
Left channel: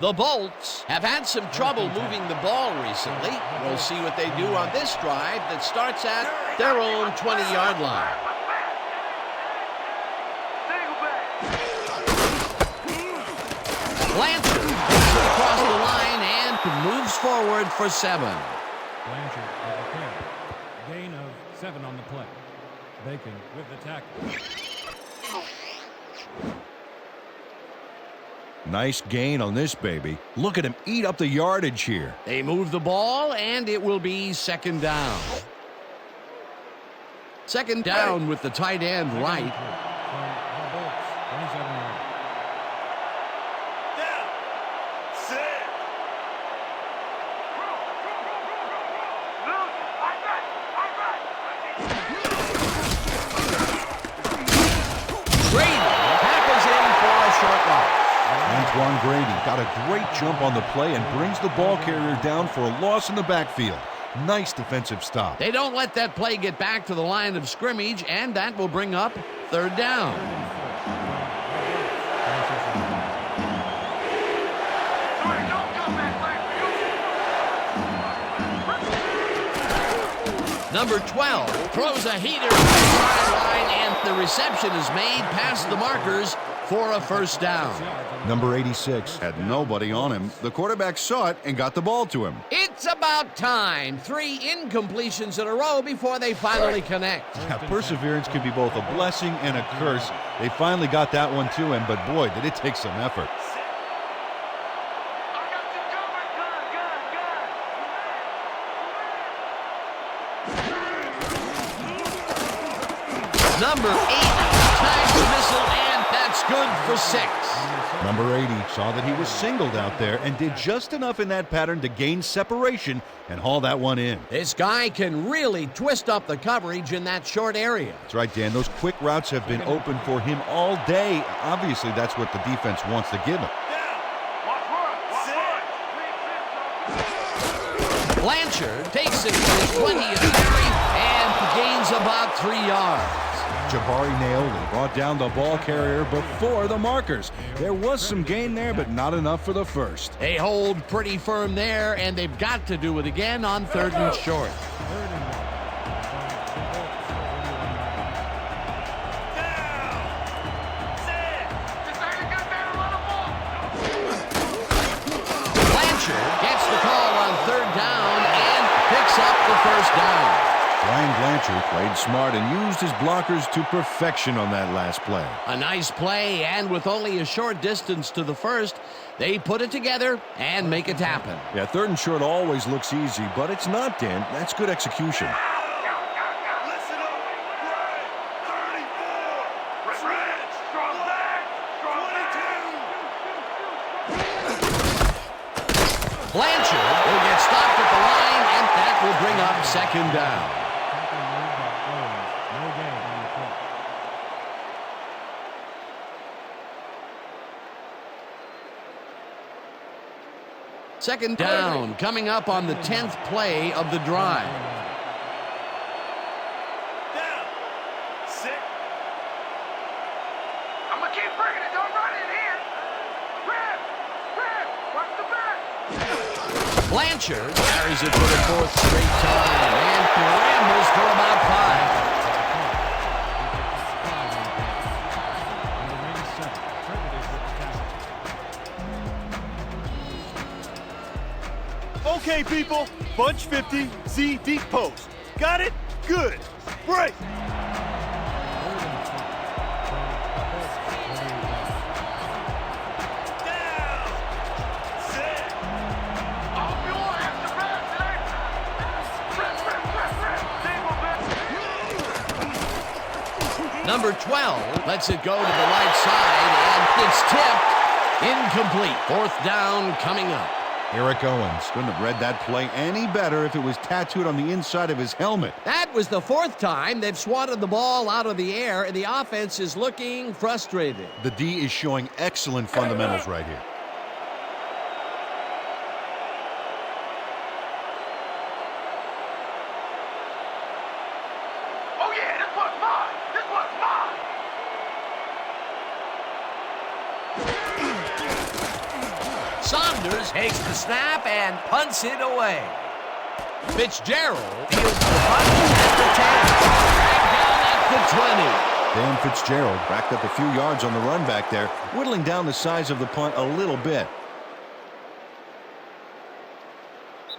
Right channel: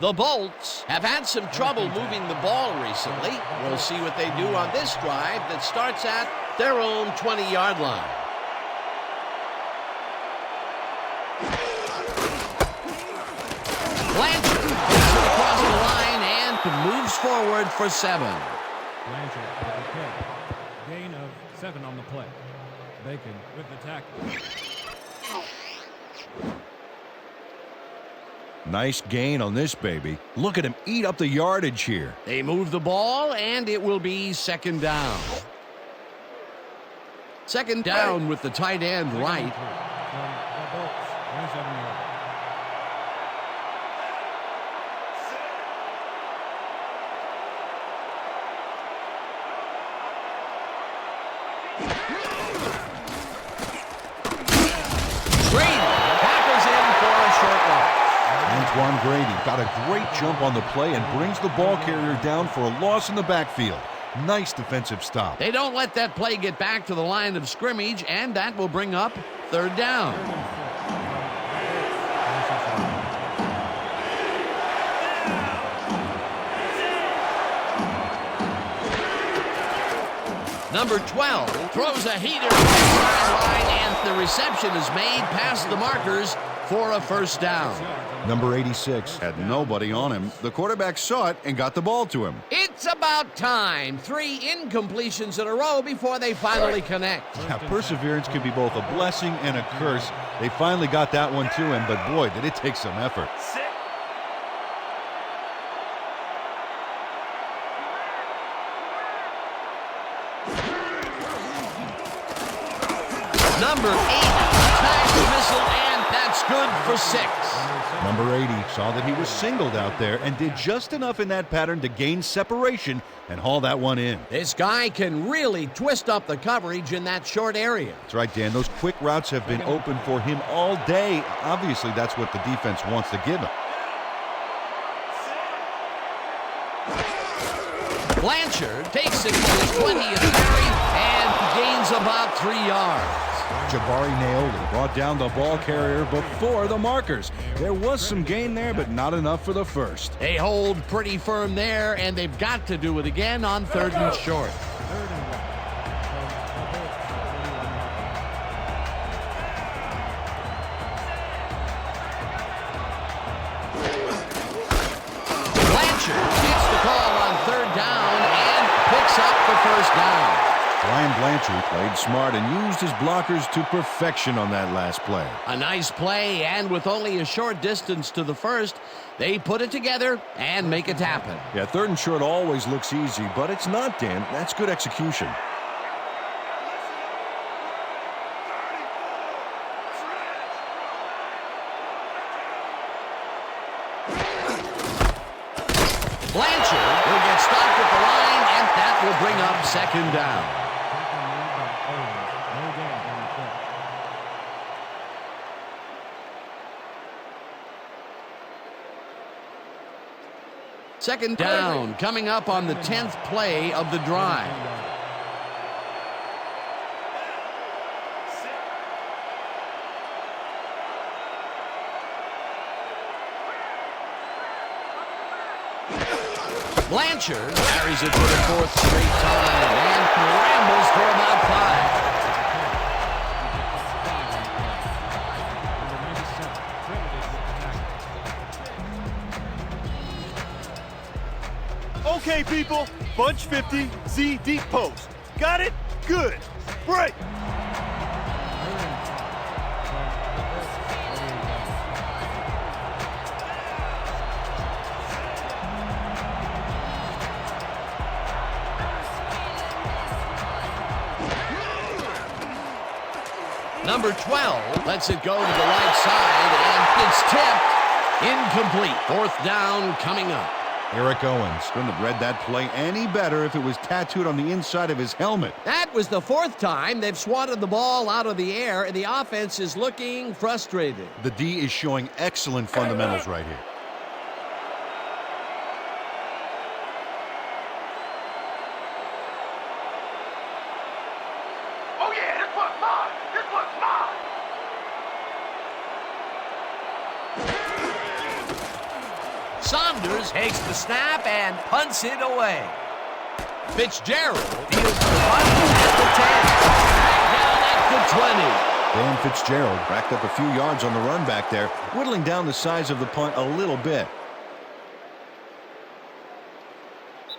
The Bolts have had some trouble moving the ball recently. We'll see what they do on this drive that starts at their own 20-yard line. Blanchard takes it across the line and moves forward for 7. Blanchard with the carry. Gain of 7 on the play. Bacon with the tackle. Nice gain on this baby. Look at him eat up the yardage here. They move the ball, and it will be 2nd down. 2nd down with the tight end right. From the Bolts, 27-yard line. Grady tackles him for a short loss. Antoine Grady got a great jump on the play and brings the ball carrier down for a loss in the backfield. Nice defensive stop. They don't let that play get back to the line of scrimmage, and that will bring up 3rd down. 3rd and 4 from the Bolts, 26-yard line. Number 12 throws a heater right sideline, and the reception is made past the markers for a 1st down. Number 86 had nobody on him. The quarterback saw it and got the ball to him. It's about time. 3 incompletions in a row before they finally connect. Yeah, perseverance can be both a blessing and a curse. They finally got that one to him, but boy, did it take some effort. Number 80 tags the missile, and that's good for 6. Number 80 saw that he was singled out there and did just enough in that pattern to gain separation and haul that one in. This guy can really twist up the coverage in that short area. That's right, Dan. Those quick routes have been open for him all day. Obviously, that's what the defense wants to give him. Blanchard takes it for his 20th carry and gains about 3 yards. Jabari Naoli brought down the ball carrier before the markers. There was some gain there, but not enough for the first. They hold pretty firm there, and they've got to do it again on 3rd and short. 3rd and 1 from the Bolts 41-yard line. Blanchard gets the call on 3rd down and picks up the first down. Brian Blanchard played smart and used his blockers to perfection on that last play. A nice play, and with only a short distance to the first, they put it together and make it happen. Yeah, 3rd and short always looks easy, but it's not, Dan. That's good execution. Blanchard will get stopped at the line, and that will bring up 2nd down. Tackle made by Owens. No gain on the play. Second down coming up on the 10th play of the drive. I'm gonna keep bringing it. Don't run it here. Rip, watch the back. Blanchard carries it for the 4th straight time and rambles for about 5. Number 97, credited with the tackle. Okay, people. Bunch 50, Z deep post. Got it? Good. Break. 3rd and 5 from the Bolts 48-yard line. Number 12 lets it go to the right side, and it's tipped. Incomplete. 4th down coming up. Eric Owens couldn't have read that play any better if it was tattooed on the inside of his helmet. That was the 4th time they've swatted the ball out of the air, and the offense is looking frustrated. The D is showing excellent fundamentals right here. Oh yeah, this one's mine. This one's mine. Saunders takes the snap and punts it away. Fitzgerald fields the punt at the 10. Dragged down at the 20. Dan Fitzgerald racked up a few yards on the run back there, whittling down the size of the punt a little bit.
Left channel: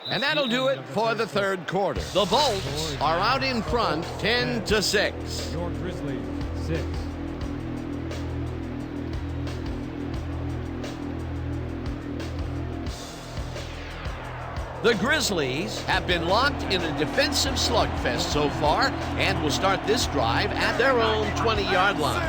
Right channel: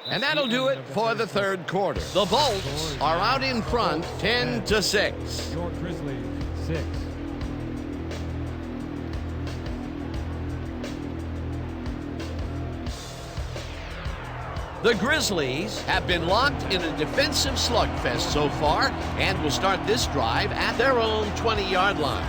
And that'll do it for the 3rd quarter. The Bolts are out in front 10-6. Your Grizzlies 6. The Grizzlies have been locked in a defensive slugfest so far and will start this drive at their own 20-yard line.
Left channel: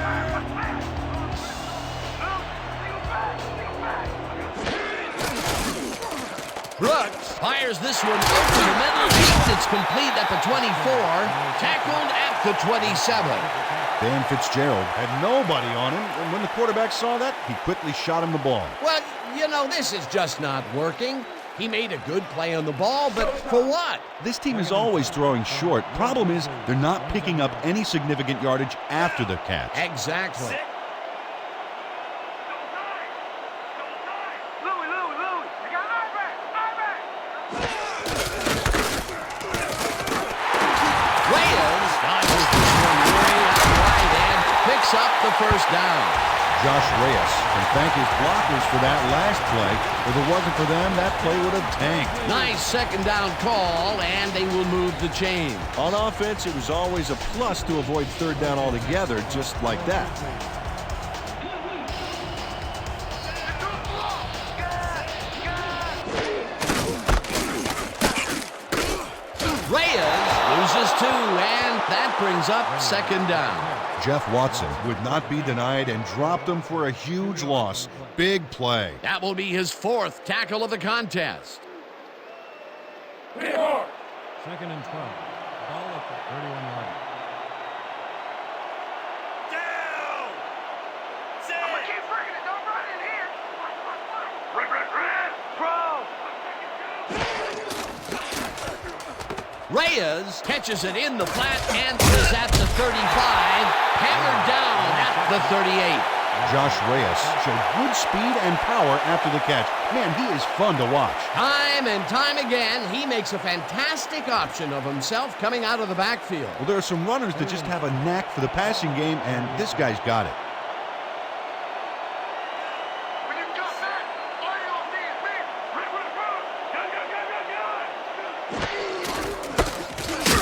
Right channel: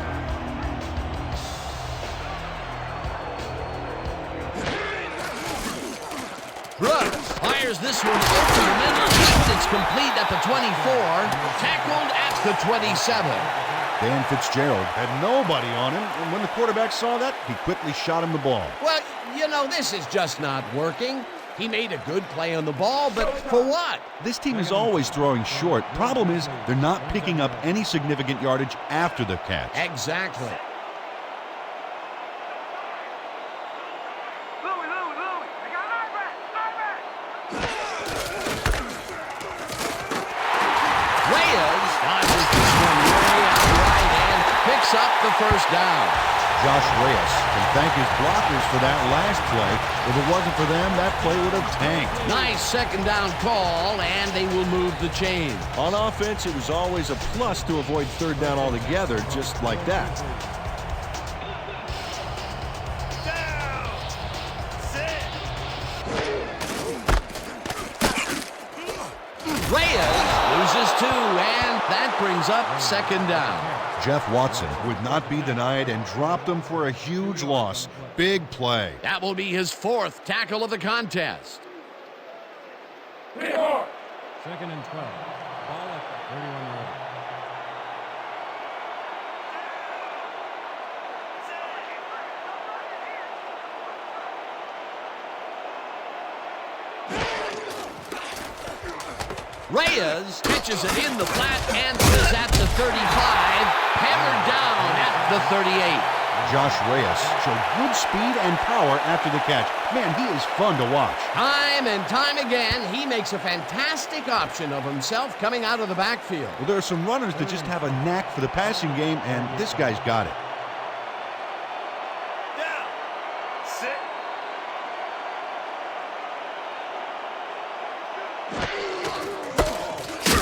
Brooks fires this one over the middle, and it's complete at the 24, tackled at the 27. Dan Fitzgerald had nobody on him, and when the quarterback saw that, he quickly shot him the ball. Well, you know, this is just not working. He made a good play on the ball, but for what? This team is always throwing short. Problem is, they're not picking up any significant yardage after the catch. Exactly. Louie. They got eye back. Reyes dodges this one way out right and picks up the 1st down. Josh Reyes can thank his blockers for that last play. If it wasn't for them, that play would have tanked. Nice 2nd down call, and they will move the chain. On offense, it was always a plus to avoid 3rd down altogether, just like that. Reyes loses 2, and that brings up second down. Jeff Watson would not be denied and dropped him for a huge loss. Big play. That will be his 4th tackle of the contest. Second and 12. Ball at the 31-yard line. I'm gonna keep bringing it. Don't run in here. Reyes catches it in the flat and is at the 35, hammered down at the 38. Josh Reyes showed good speed and power after the catch. Man, he is fun to watch. Time and time again, he makes a fantastic option of himself coming out of the backfield. Well, there are some runners that just have a knack for the passing game, and this guy's got it. When you come back, all you gonna see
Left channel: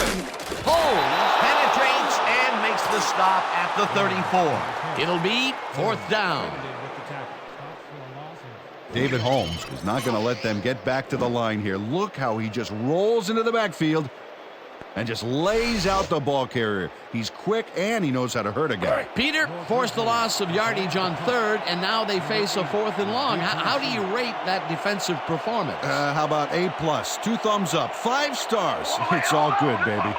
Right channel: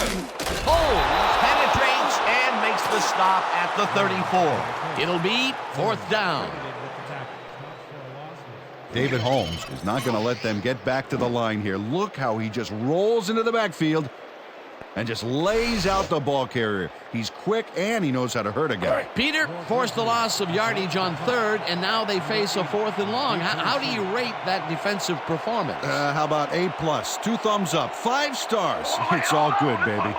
is me. Holmes penetrates and makes the stop at the 34. It'll be 4th down. Credited with the tackle. Stops for a loss of David Holmes is not going to let them get back to the line here. Look how he just rolls into the backfield and just lays out the ball carrier. He's quick and he knows how to hurt a guy. Peter forced the loss of yardage on 3rd, and now they face a 4th and long. How do you rate that defensive performance? How about A+, 2 thumbs up, 5 stars. It's all good, baby.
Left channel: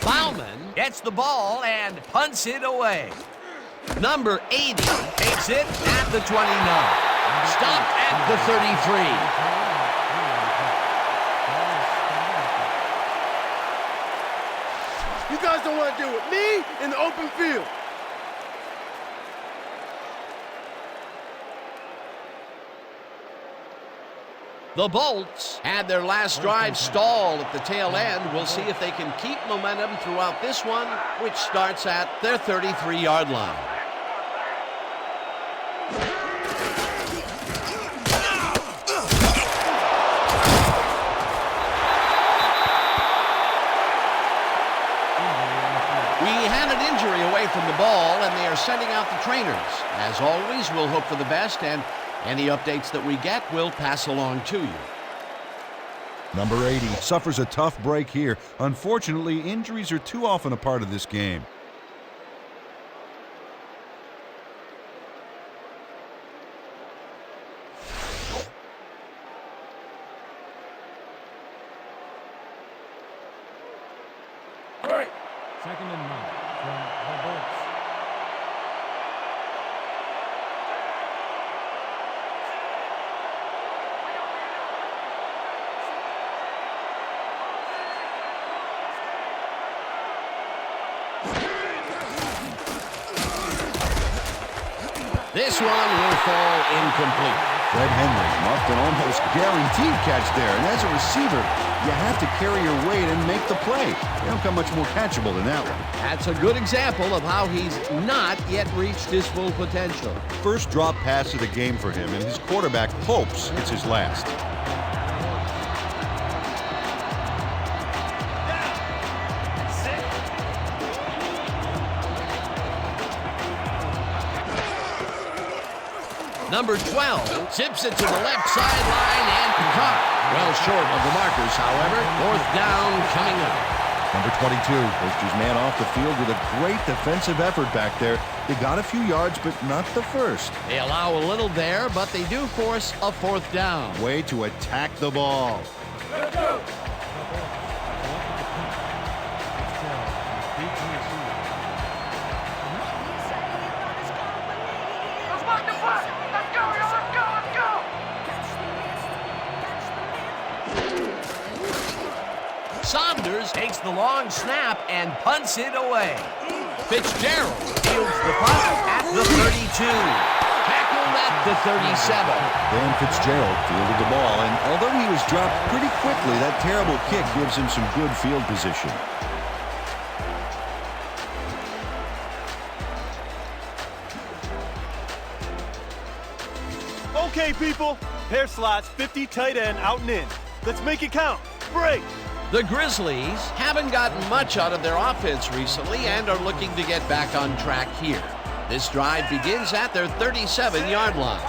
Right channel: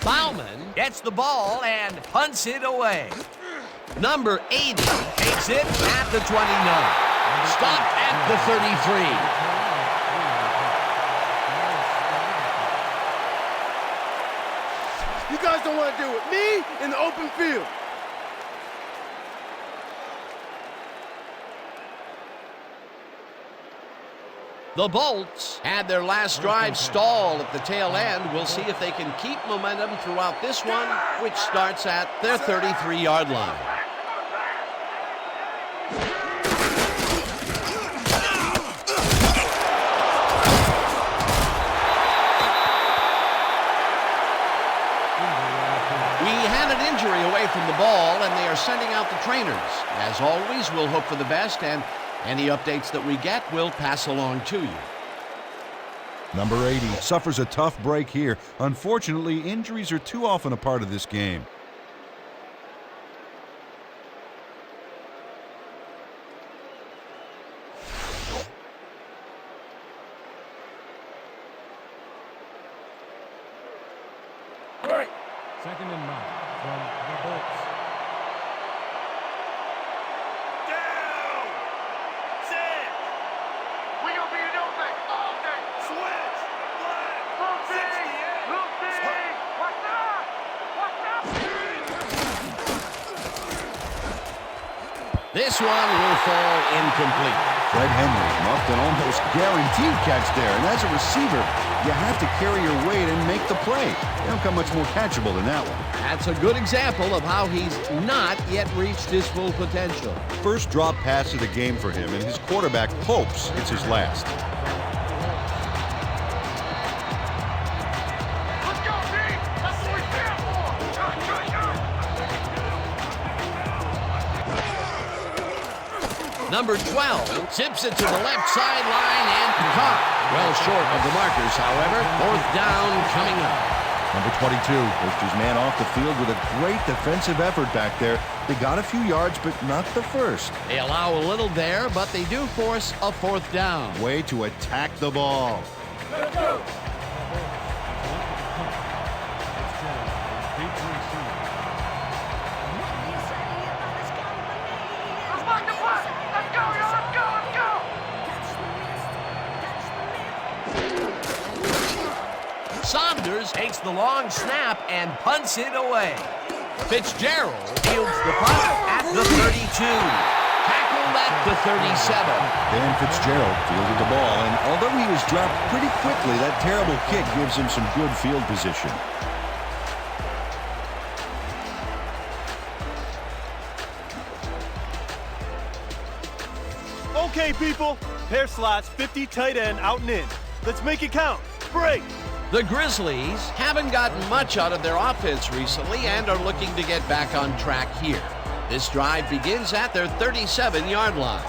Bauman gets the ball and punts it away. Number 80 takes it at the 29. Stopped at the 33. You guys don't want to deal with me in the open field. The Bolts had their last drive stall at the tail end. We'll see if they can keep momentum throughout this one, which starts at their 33-yard line. We had an injury away from the ball, and they are sending out the trainers. As always, we'll hope for the best, and any updates that we get, we'll pass along to you. Number 80 suffers a tough break here. Unfortunately, injuries are too often a part of this game. Second and 9 from the Bolts. We gonna be a new thing all day. Switch. Lucy. What's up? This one will fall incomplete. Fred Henry muffed an almost guaranteed catch there, and as a receiver, you have to carry your weight and make the play. They don't come much more catchable than that one. That's a good example of how he's not yet reached his full potential. First drop pass of the game for him, and his quarterback hopes it's his last. Number 12 zips it to the left sideline and caught. Well short of the markers, however. 4th down coming up. Number 22 pushed his man off the field with a great defensive effort back there. They got a few yards, but not the first. They allow a little there, but they do force a 4th down. Way to attack the ball. The Bolts have collected the punt. Fitzgerald is deep to receive. Let's mark the punt. Let's go, y'all. Let's go. Saunders takes the long snap and punts it away. Fitzgerald fields the punt at the 32. Tackled at the 37. Dan Fitzgerald fielded the ball, and although he was dropped pretty quickly, that terrible kick gives him some good field position. Okay, people. Pair slots, 50 tight end out and in. Let's make it count. Break. The Grizzlies haven't gotten much out of their offense recently and are looking to get back on track here. This drive begins at their 37-yard line.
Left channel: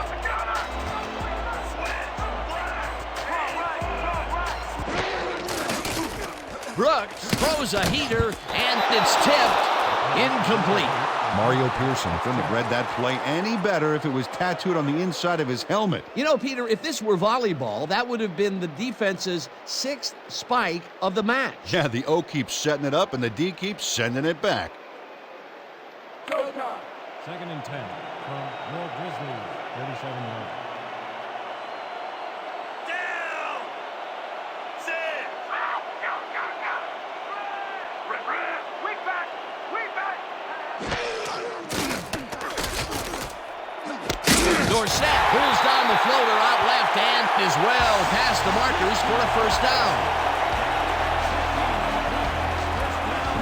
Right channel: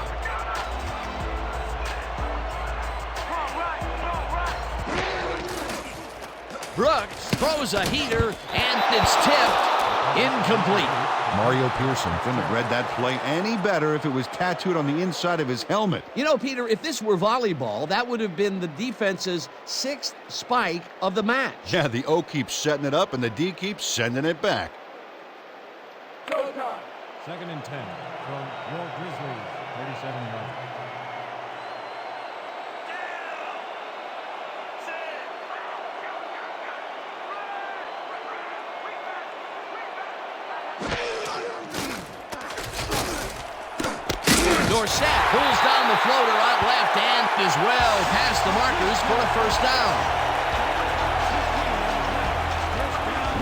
Brooks throws a heater, and it's tipped. Incomplete. Mario Pearson couldn't have read that play any better if it was tattooed on the inside of his helmet. You know, Peter, if this were volleyball, that would have been the defense's 6th spike of the match. Yeah, the O keeps setting it up, and the D keeps sending it back. Second and 10 from your Grizzlies, 37 yards. Dorsett pulls down the floater out left and is well past the markers for a first down.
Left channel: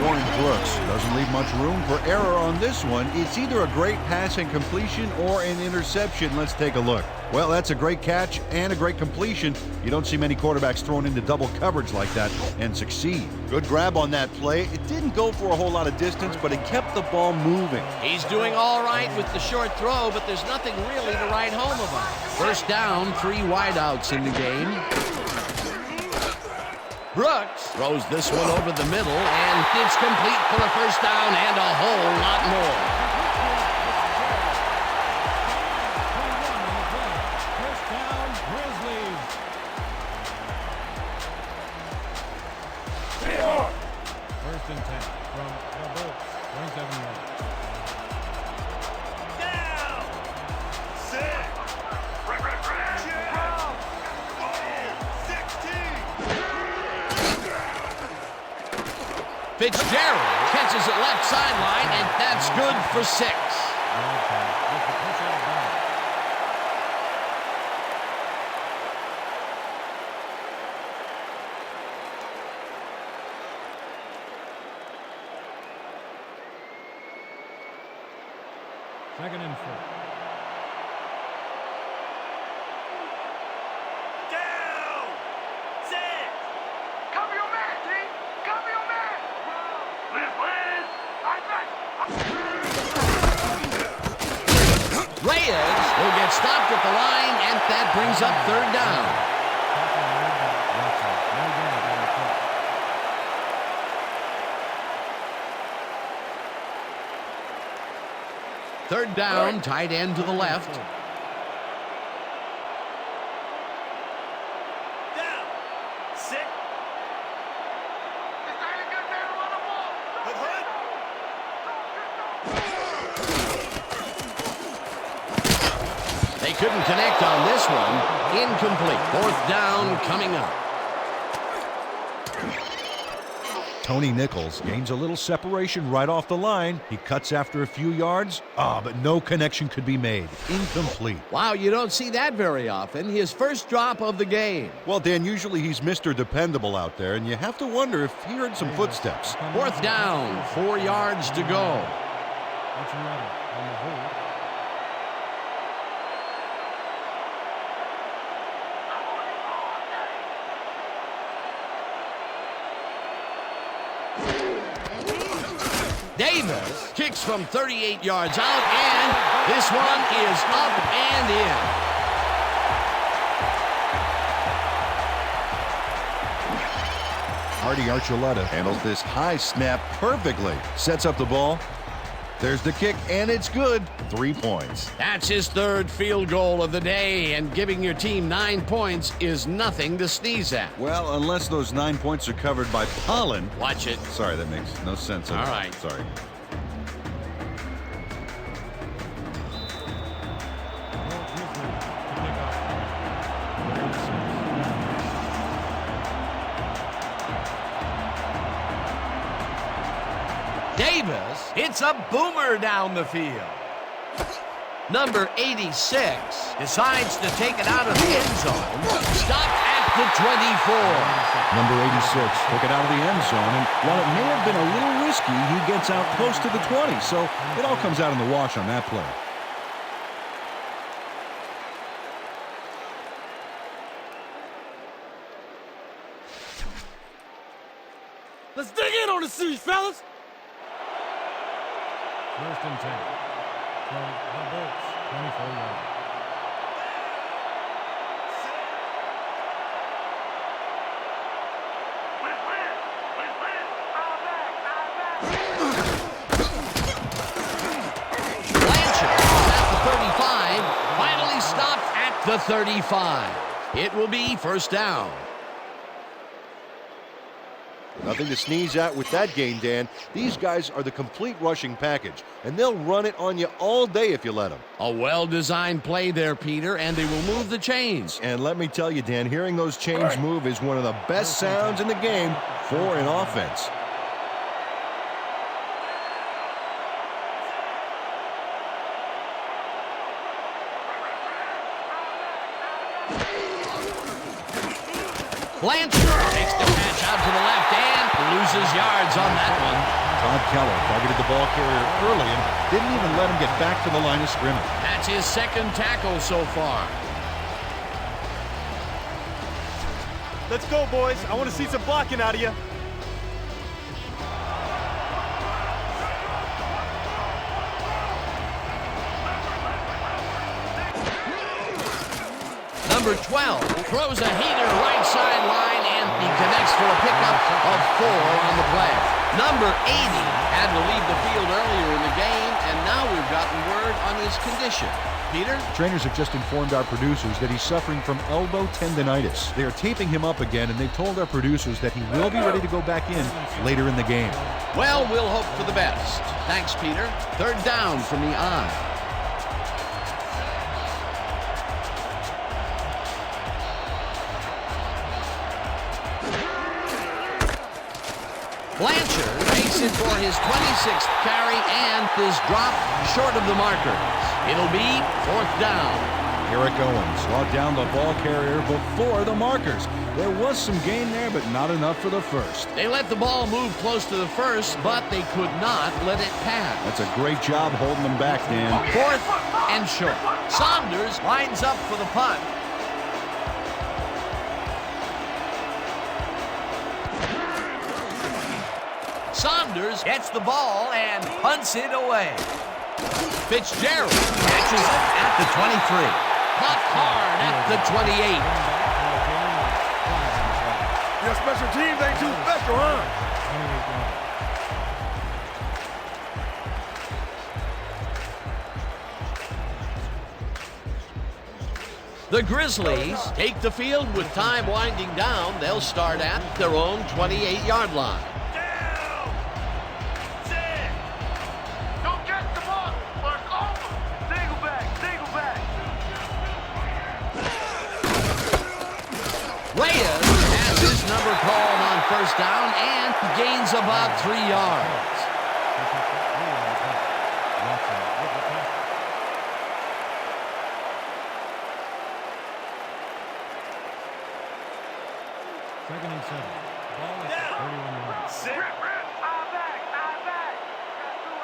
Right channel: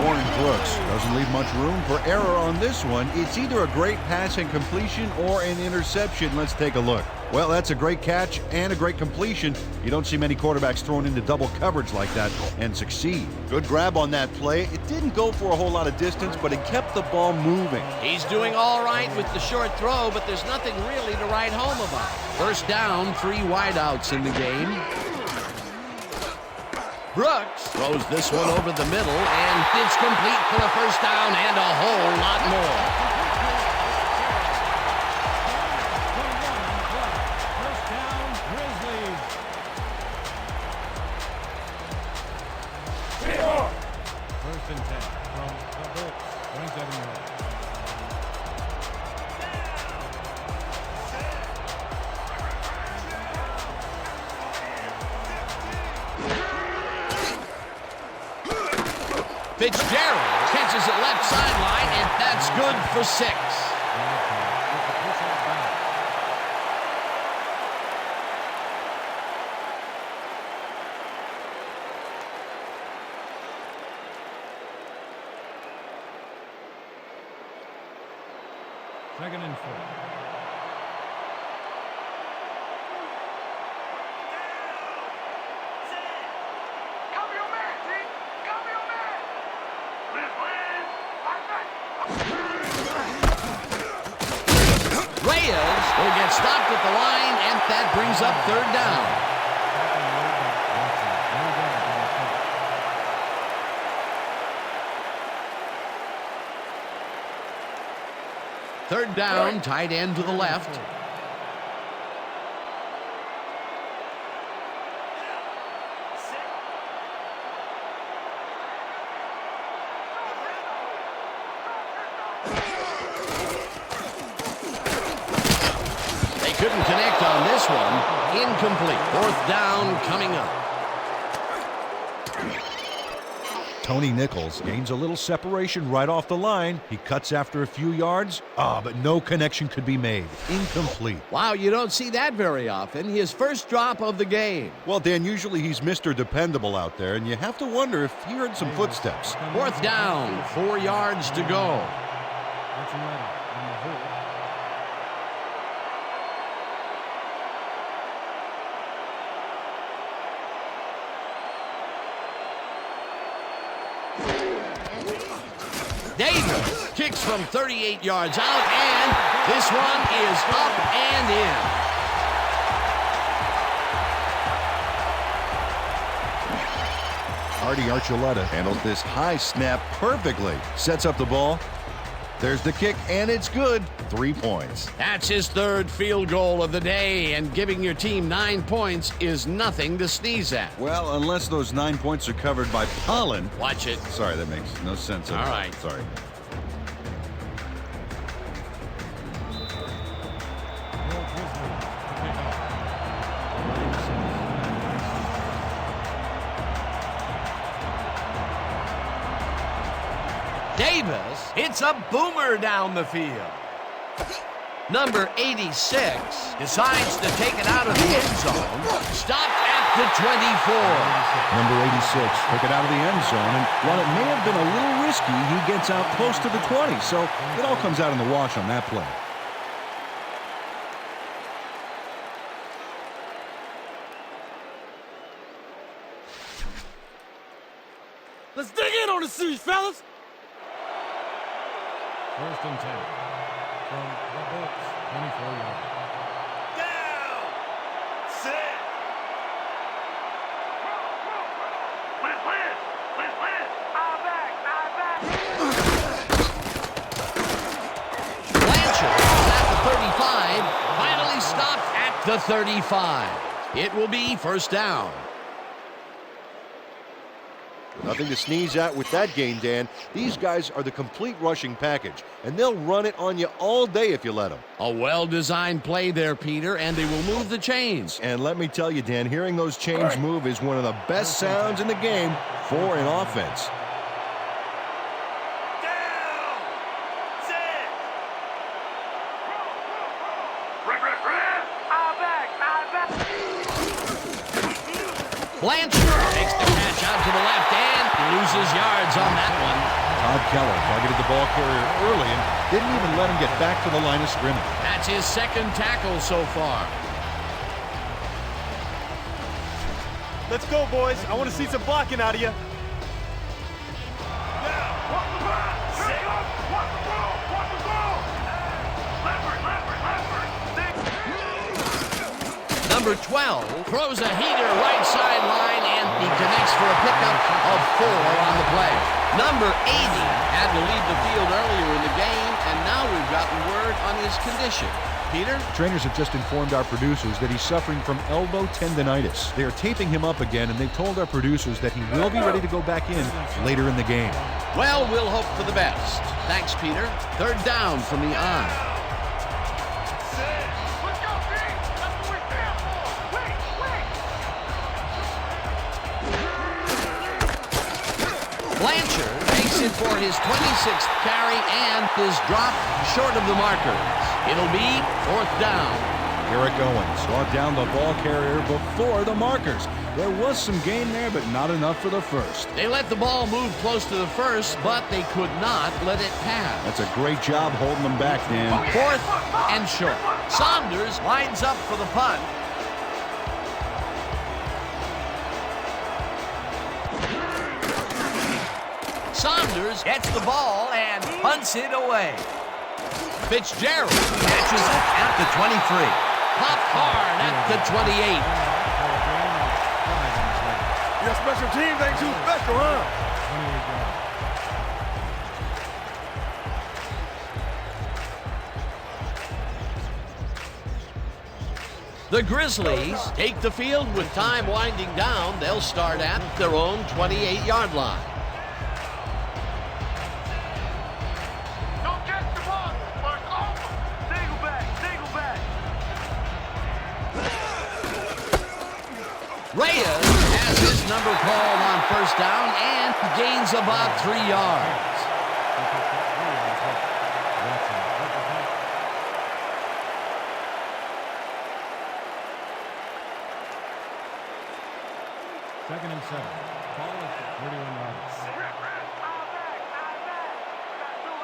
Warren Brooks doesn't leave much room for error on this one. It's either a great pass and completion or an interception. Let's take a look. Well, that's a great catch and a great completion. You don't see many quarterbacks thrown into double coverage like that and succeed. Good grab on that play. It didn't go for a whole lot of distance, but it kept the ball moving. He's doing all right with the short throw, but there's nothing really to write home about. First down, 3 wideouts in the game. Brooks throws this one over the middle, and it's complete for a first down and a whole lot more. 21 on the play. First down, Grizzlies. First and 10 from the Bolts, 27 yards. Fitzgerald catches it left sideline, and that's good for 6. With the push out of bounds. Second and 4. Cover your man, T. Cover your man. Liz, Reyes will get stopped at the line, and that brings up third down. No gain on the play. Third down, tight end to the left. They couldn't connect on this one. Incomplete. Fourth down coming up. Tony Nichols gains a little separation right off the line. He cuts after a few yards. But no connection could be made. Incomplete. Wow, you don't see that very often. His first drop of the game. Well, Dan, usually he's Mr. Dependable out there, and you have to wonder if he heard some footsteps. Fourth down, 4 yards to go. Archuleta on the hold. Davis kicks from 38 yards out, and this one is up and in. Artie Archuleta handles this high snap perfectly. Sets up the ball. There's the kick, and it's good. 3 points. That's his third field goal of the day, and giving your team 9 points is nothing to sneeze at. Well, unless those 9 points are covered by pollen. Watch it. Sorry, that makes no sense at all. All right. Sorry. Your Grizzlies to kick off. Number 86, back to receive. Davis hits a boomer down the field. Number 86 decides to take it out of the end zone. Stopped at the 24. Number 86 took it out of the end zone, and while it may have been a little risky, he gets out close to the 20, so it all comes out in the wash on that play. Let's dig in on the series, fellas. First and 10 from the Bolts, 24 yards. Liz, drive finally stopped at the 35. It will be first down. Nothing to sneeze at with that gain, Dan. These guys are the complete rushing package, and they'll run it on you all day if you let them. A well-designed play there, Peter, and they will move the chains. And let me tell you, Dan, hearing those chains move is one of the best sounds in the game for an offense. Blanchard makes the catch out to the left and loses yards on that one. Todd Keller targeted the ball carrier early and didn't even let him get back to the line of scrimmage. That's his second tackle so far. Let's go, boys. I want to see some blocking out of you. Watch the pass! Here it goes! Watch the ball! Watch the ball! Leffert! Number 12 throws a heater right sideline, and he connects for a pickup of 4 on the play. Number 80 had to leave the field earlier in the game, and now we've gotten word on his condition. Peter? Trainers have just informed our producers that he's suffering from elbow tendonitis. They are taping him up again, and they've told our producers that he will be ready to go back in later in the game. Well, we'll hope for the best. Thanks, Peter. Third down from the I. Blanchard makes it for his 26th carry and is dropped short of the markers. It'll be fourth down. Eric Owens brought down the ball carrier before the markers. There was some gain there, but not enough for the first. They let the ball move close to the first, but they could not let it pass. That's a great job holding them back, Dan. Fourth and short. Saunders lines up for the punt. Saunders gets the ball and punts it away. Fitzgerald catches it at the 23. Popped hard at the 28. Your special teams ain't too special, huh? The Grizzlies take the field with time winding down. They'll start at their own 28-yard line. Don't catch the ball! First over! Single back! Single back! Reyes has his number called on first down and gains about 3 yards. Second and 7. Ball at the 31-yard line. Rip! Eye back! Eye back! I got two!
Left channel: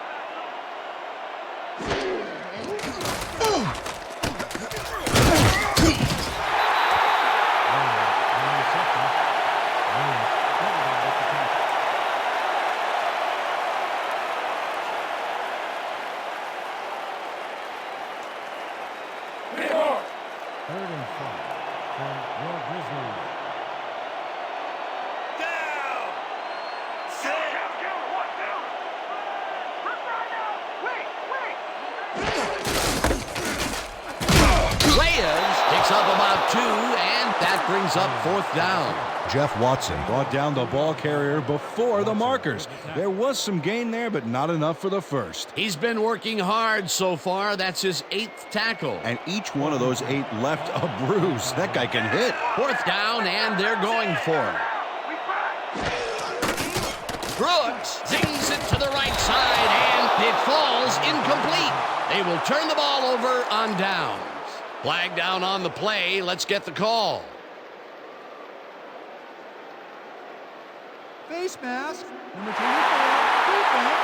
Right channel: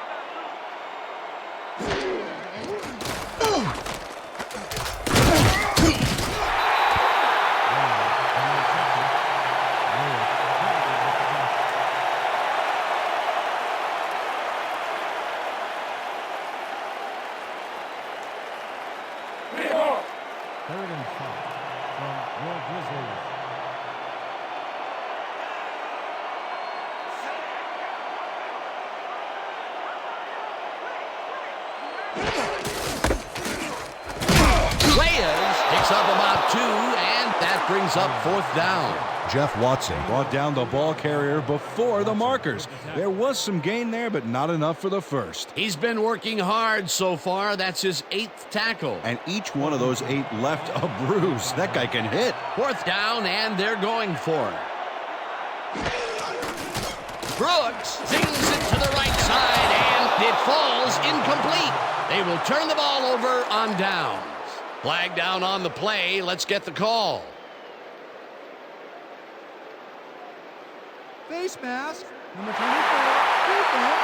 Reyes on the reception. Reyes credited with the catch. Third and 5 from your Grizzlies. Reyes picks up about 2, and that brings up fourth down. Jeff Watson brought down the ball carrier before the markers. There was some gain there, but not enough for the first. He's been working hard so far. That's his 8th tackle. And each one of those 8 left a bruise. That guy can hit. Fourth down, and they're going for it. Brooks zings it to the right side, and it falls incomplete. They will turn the ball over on downs. Flag down on the play. Let's get the call. Face mask, number 24, defense.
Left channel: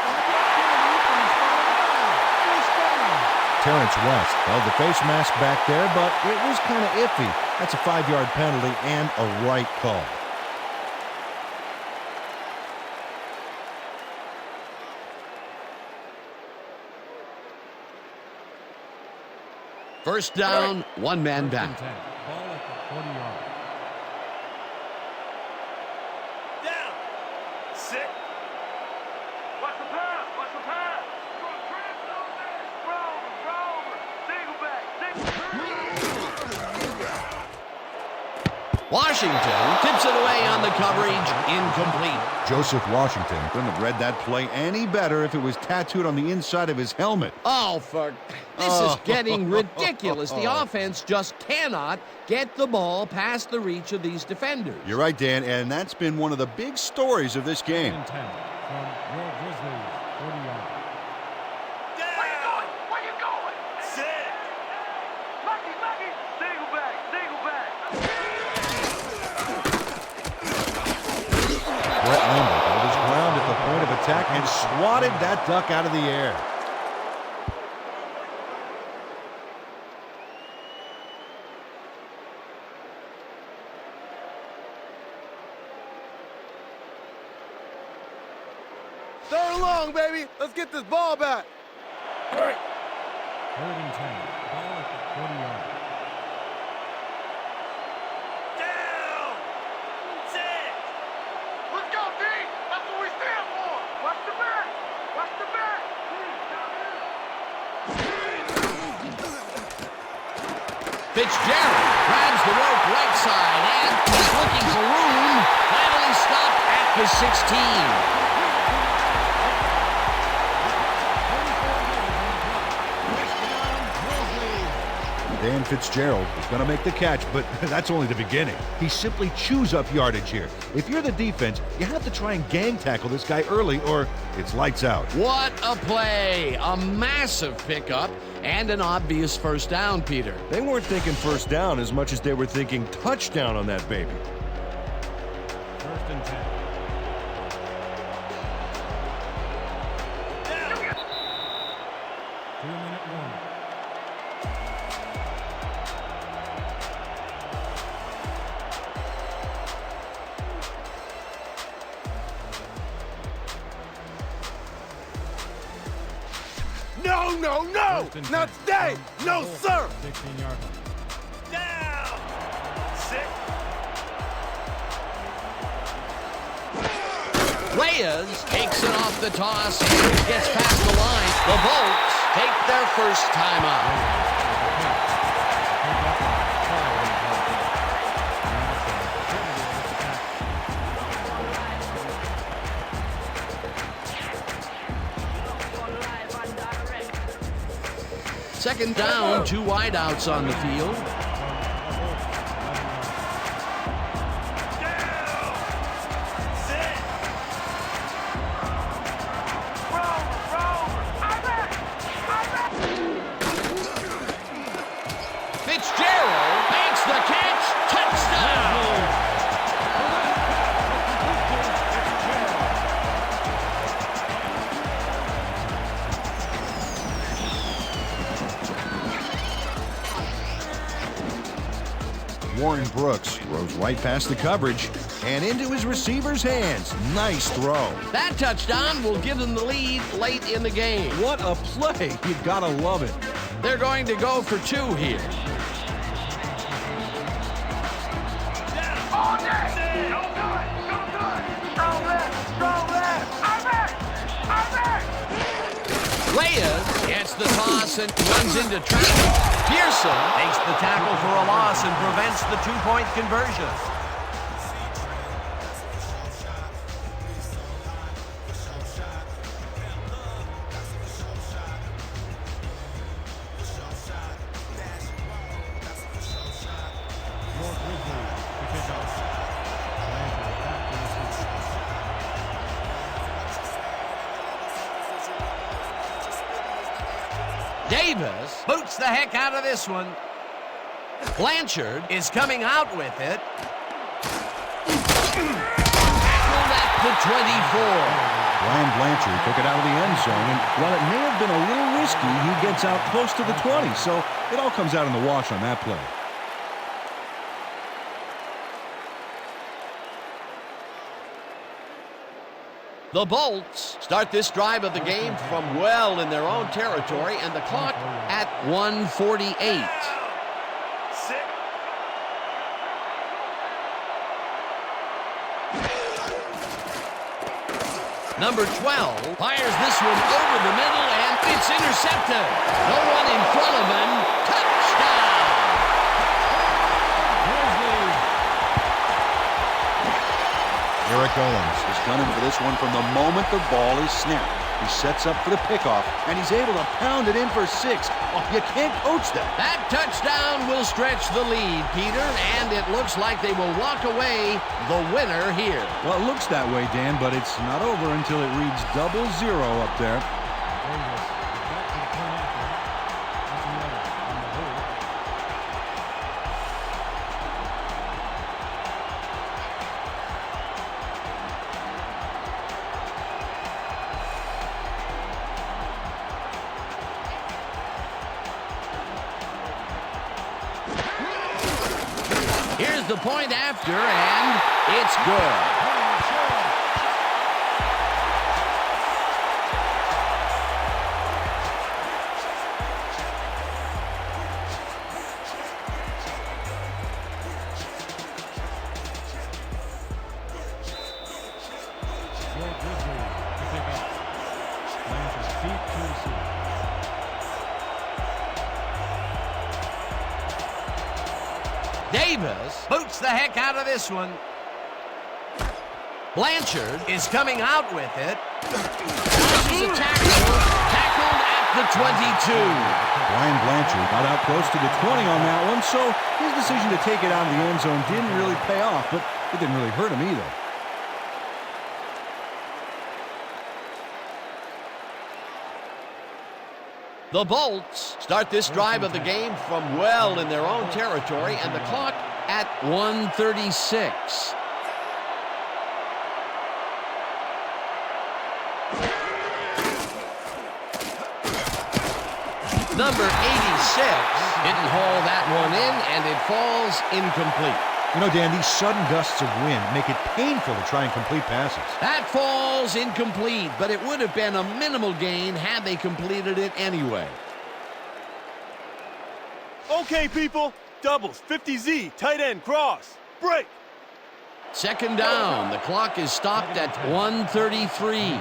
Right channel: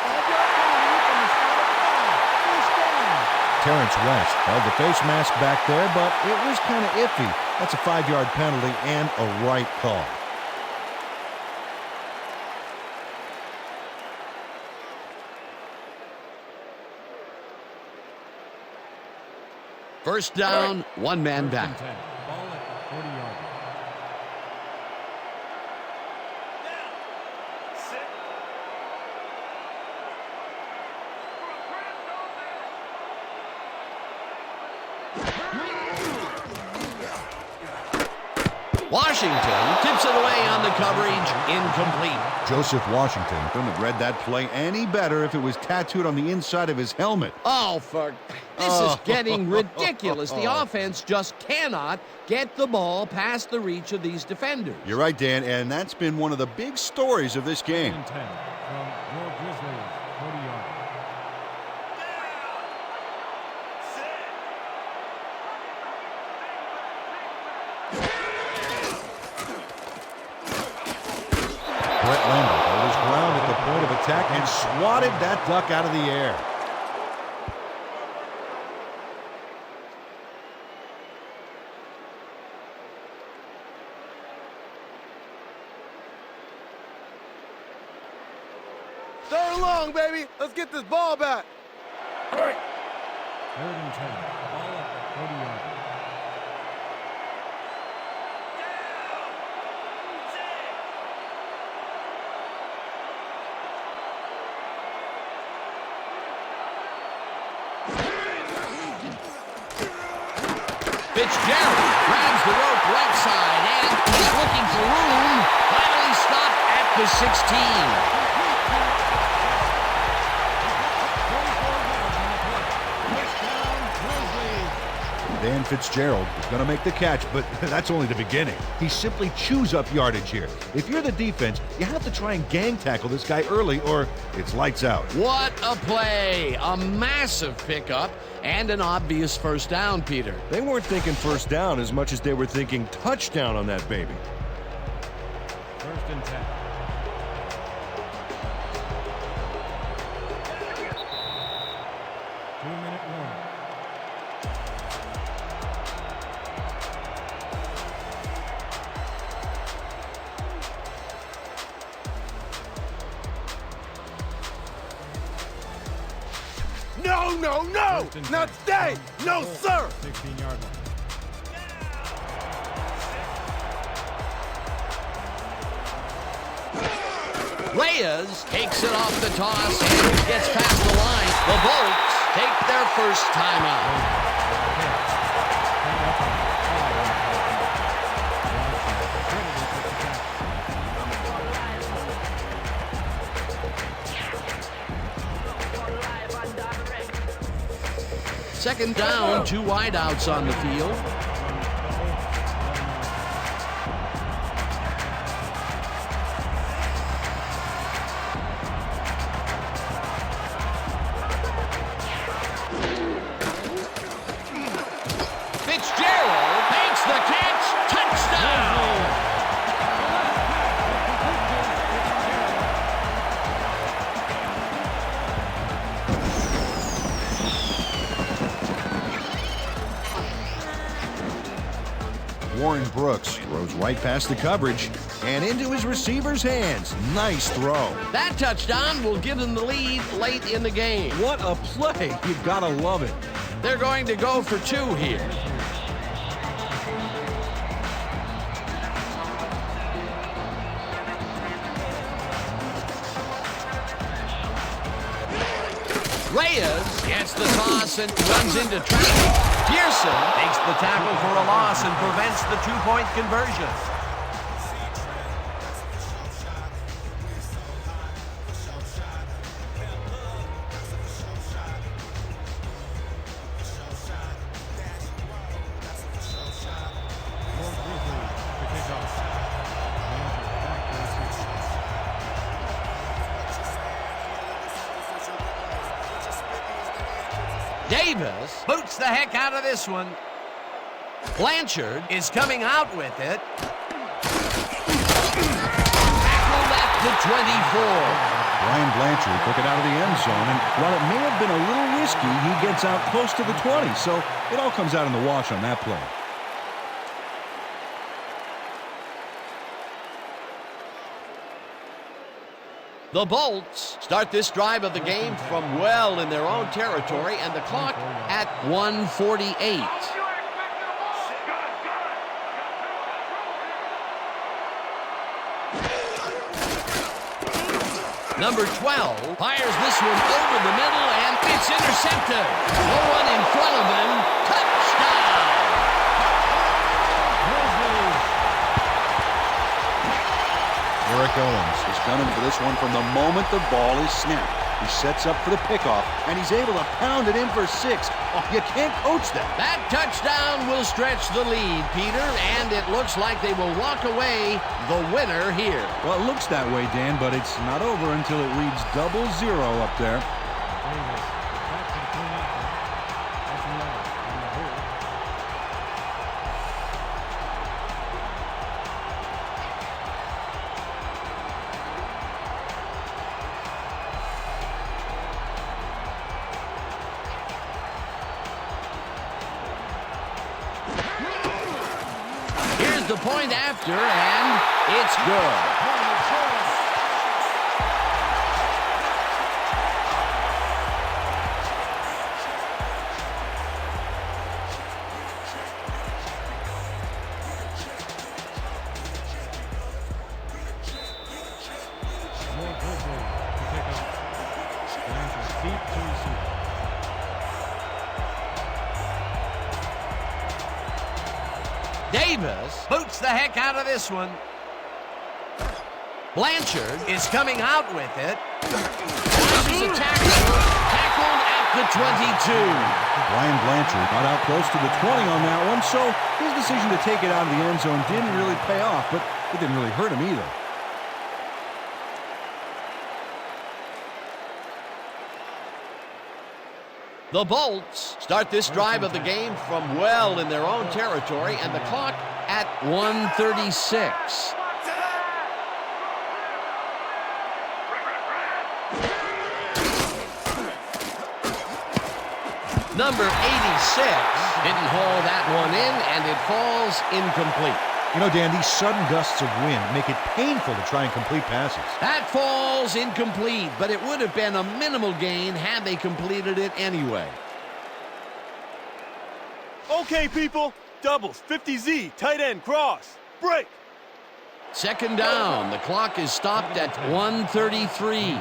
5-yard penalty from the spot of the foul. First down. Terrence West held the face mask back there, but it was kind of iffy. That's a 5-yard penalty and a right call. First down, one man First and back. 10. Ball at the 40-yard line. Watch the pass! Watch the pass! Throw a trap, don't miss! Roll! Washington tips it away on the coverage, incomplete. Joseph Washington couldn't have read that play any better if it was tattooed on the inside of his helmet. This is getting ridiculous. The offense just cannot get the ball past the reach of these defenders. You're right, Dan, and that's been one of the big stories of this game. 10 from your Grizzlies, 40-yard. Where you going? Where you going? Lucky, lucky. Single back, single back. Brett Lambert held his ground at the point of attack and swatted that duck out of the air. Third and long, baby. Let's get this ball back. 3rd and 10. Ball at the 40-yard. Let's go, D. That's what we stand for. Watch the back. Watch the back. Fitzgerald grabs the rope right side, and he's looking for room. Finally stopped at the 16. 34 yards on the play. First down, Grizzlies. Dan Fitzgerald is going to make the catch, but that's only the beginning. He simply chews up yardage here. If you're the defense, you have to try and gang tackle this guy early, or it's lights out. What a play! A massive pickup and an obvious first down, Peter. They weren't thinking first down as much as they were thinking touchdown on that baby. 1st and 10. Two-minute warning. No, no, no. 1st and Not 10. today. From No, the sir. 16-yard line. Reyes takes it off the toss and gets past the line. The Bolts take their first timeout. Second down, 2 wideouts on the field. Fitzgerald makes the catch. Touchdown! Warren Brooks throws right past the coverage and into his receiver's hands. Nice throw. That touchdown will give them the lead late in the game. What a play. You gotta love it. They're going to go for 2 here. Reyes gets the toss and runs into traffic. Pearson makes the tackle for a loss and prevents the 2-point conversion. Your Grizzlies to kick off. Blanchard back to receive. Davis boots the heck out of this one. Blanchard is coming out with it. Tackled at the 24. Brian Blanchard took it out of the end zone, and while it may have been a little risky, he gets out close to the 20, so it all comes out in the wash on that play. The Bolts start this drive of the game from well in their own territory, and the clock at 1:48. Number 12 fires this one over the middle, and it's intercepted. No one in front of him. Touchdown! Grizzlies Eric Owens is gunning for this one from the moment the ball is snapped. He sets up for the pickoff, and he's able to pound it in for 6. Oh, you can't coach that. That touchdown will stretch the lead, Peter, and it looks like they will walk away the winner here. Well, it looks that way, Dan, but it's not over until it reads 0-0 up there. Davis is back to the point after. Archuleta on the hold. Here's the point after, and it's good. Your Grizzlies to pick up. Blanchard deep to receive. Davis boots the heck out of this one. Blanchard is coming out with it. Dodges a tackle. Tackled at the 22. Brian Blanchard got out close to the 20 on that one, so his decision to take it out of the end zone didn't really pay off, but it didn't really hurt him either. The Bolts start this drive of the game from well in their own territory, and the clock at 1:36. Number 86 didn't haul that one in, and it falls incomplete. You know, Dan, these sudden gusts of wind make it painful to try and complete passes. That falls incomplete, but it would have been a minimal gain had they completed it anyway. Okay, people. Doubles, 50Z, tight end, cross. Break. Second down. The clock is stopped at 1:33.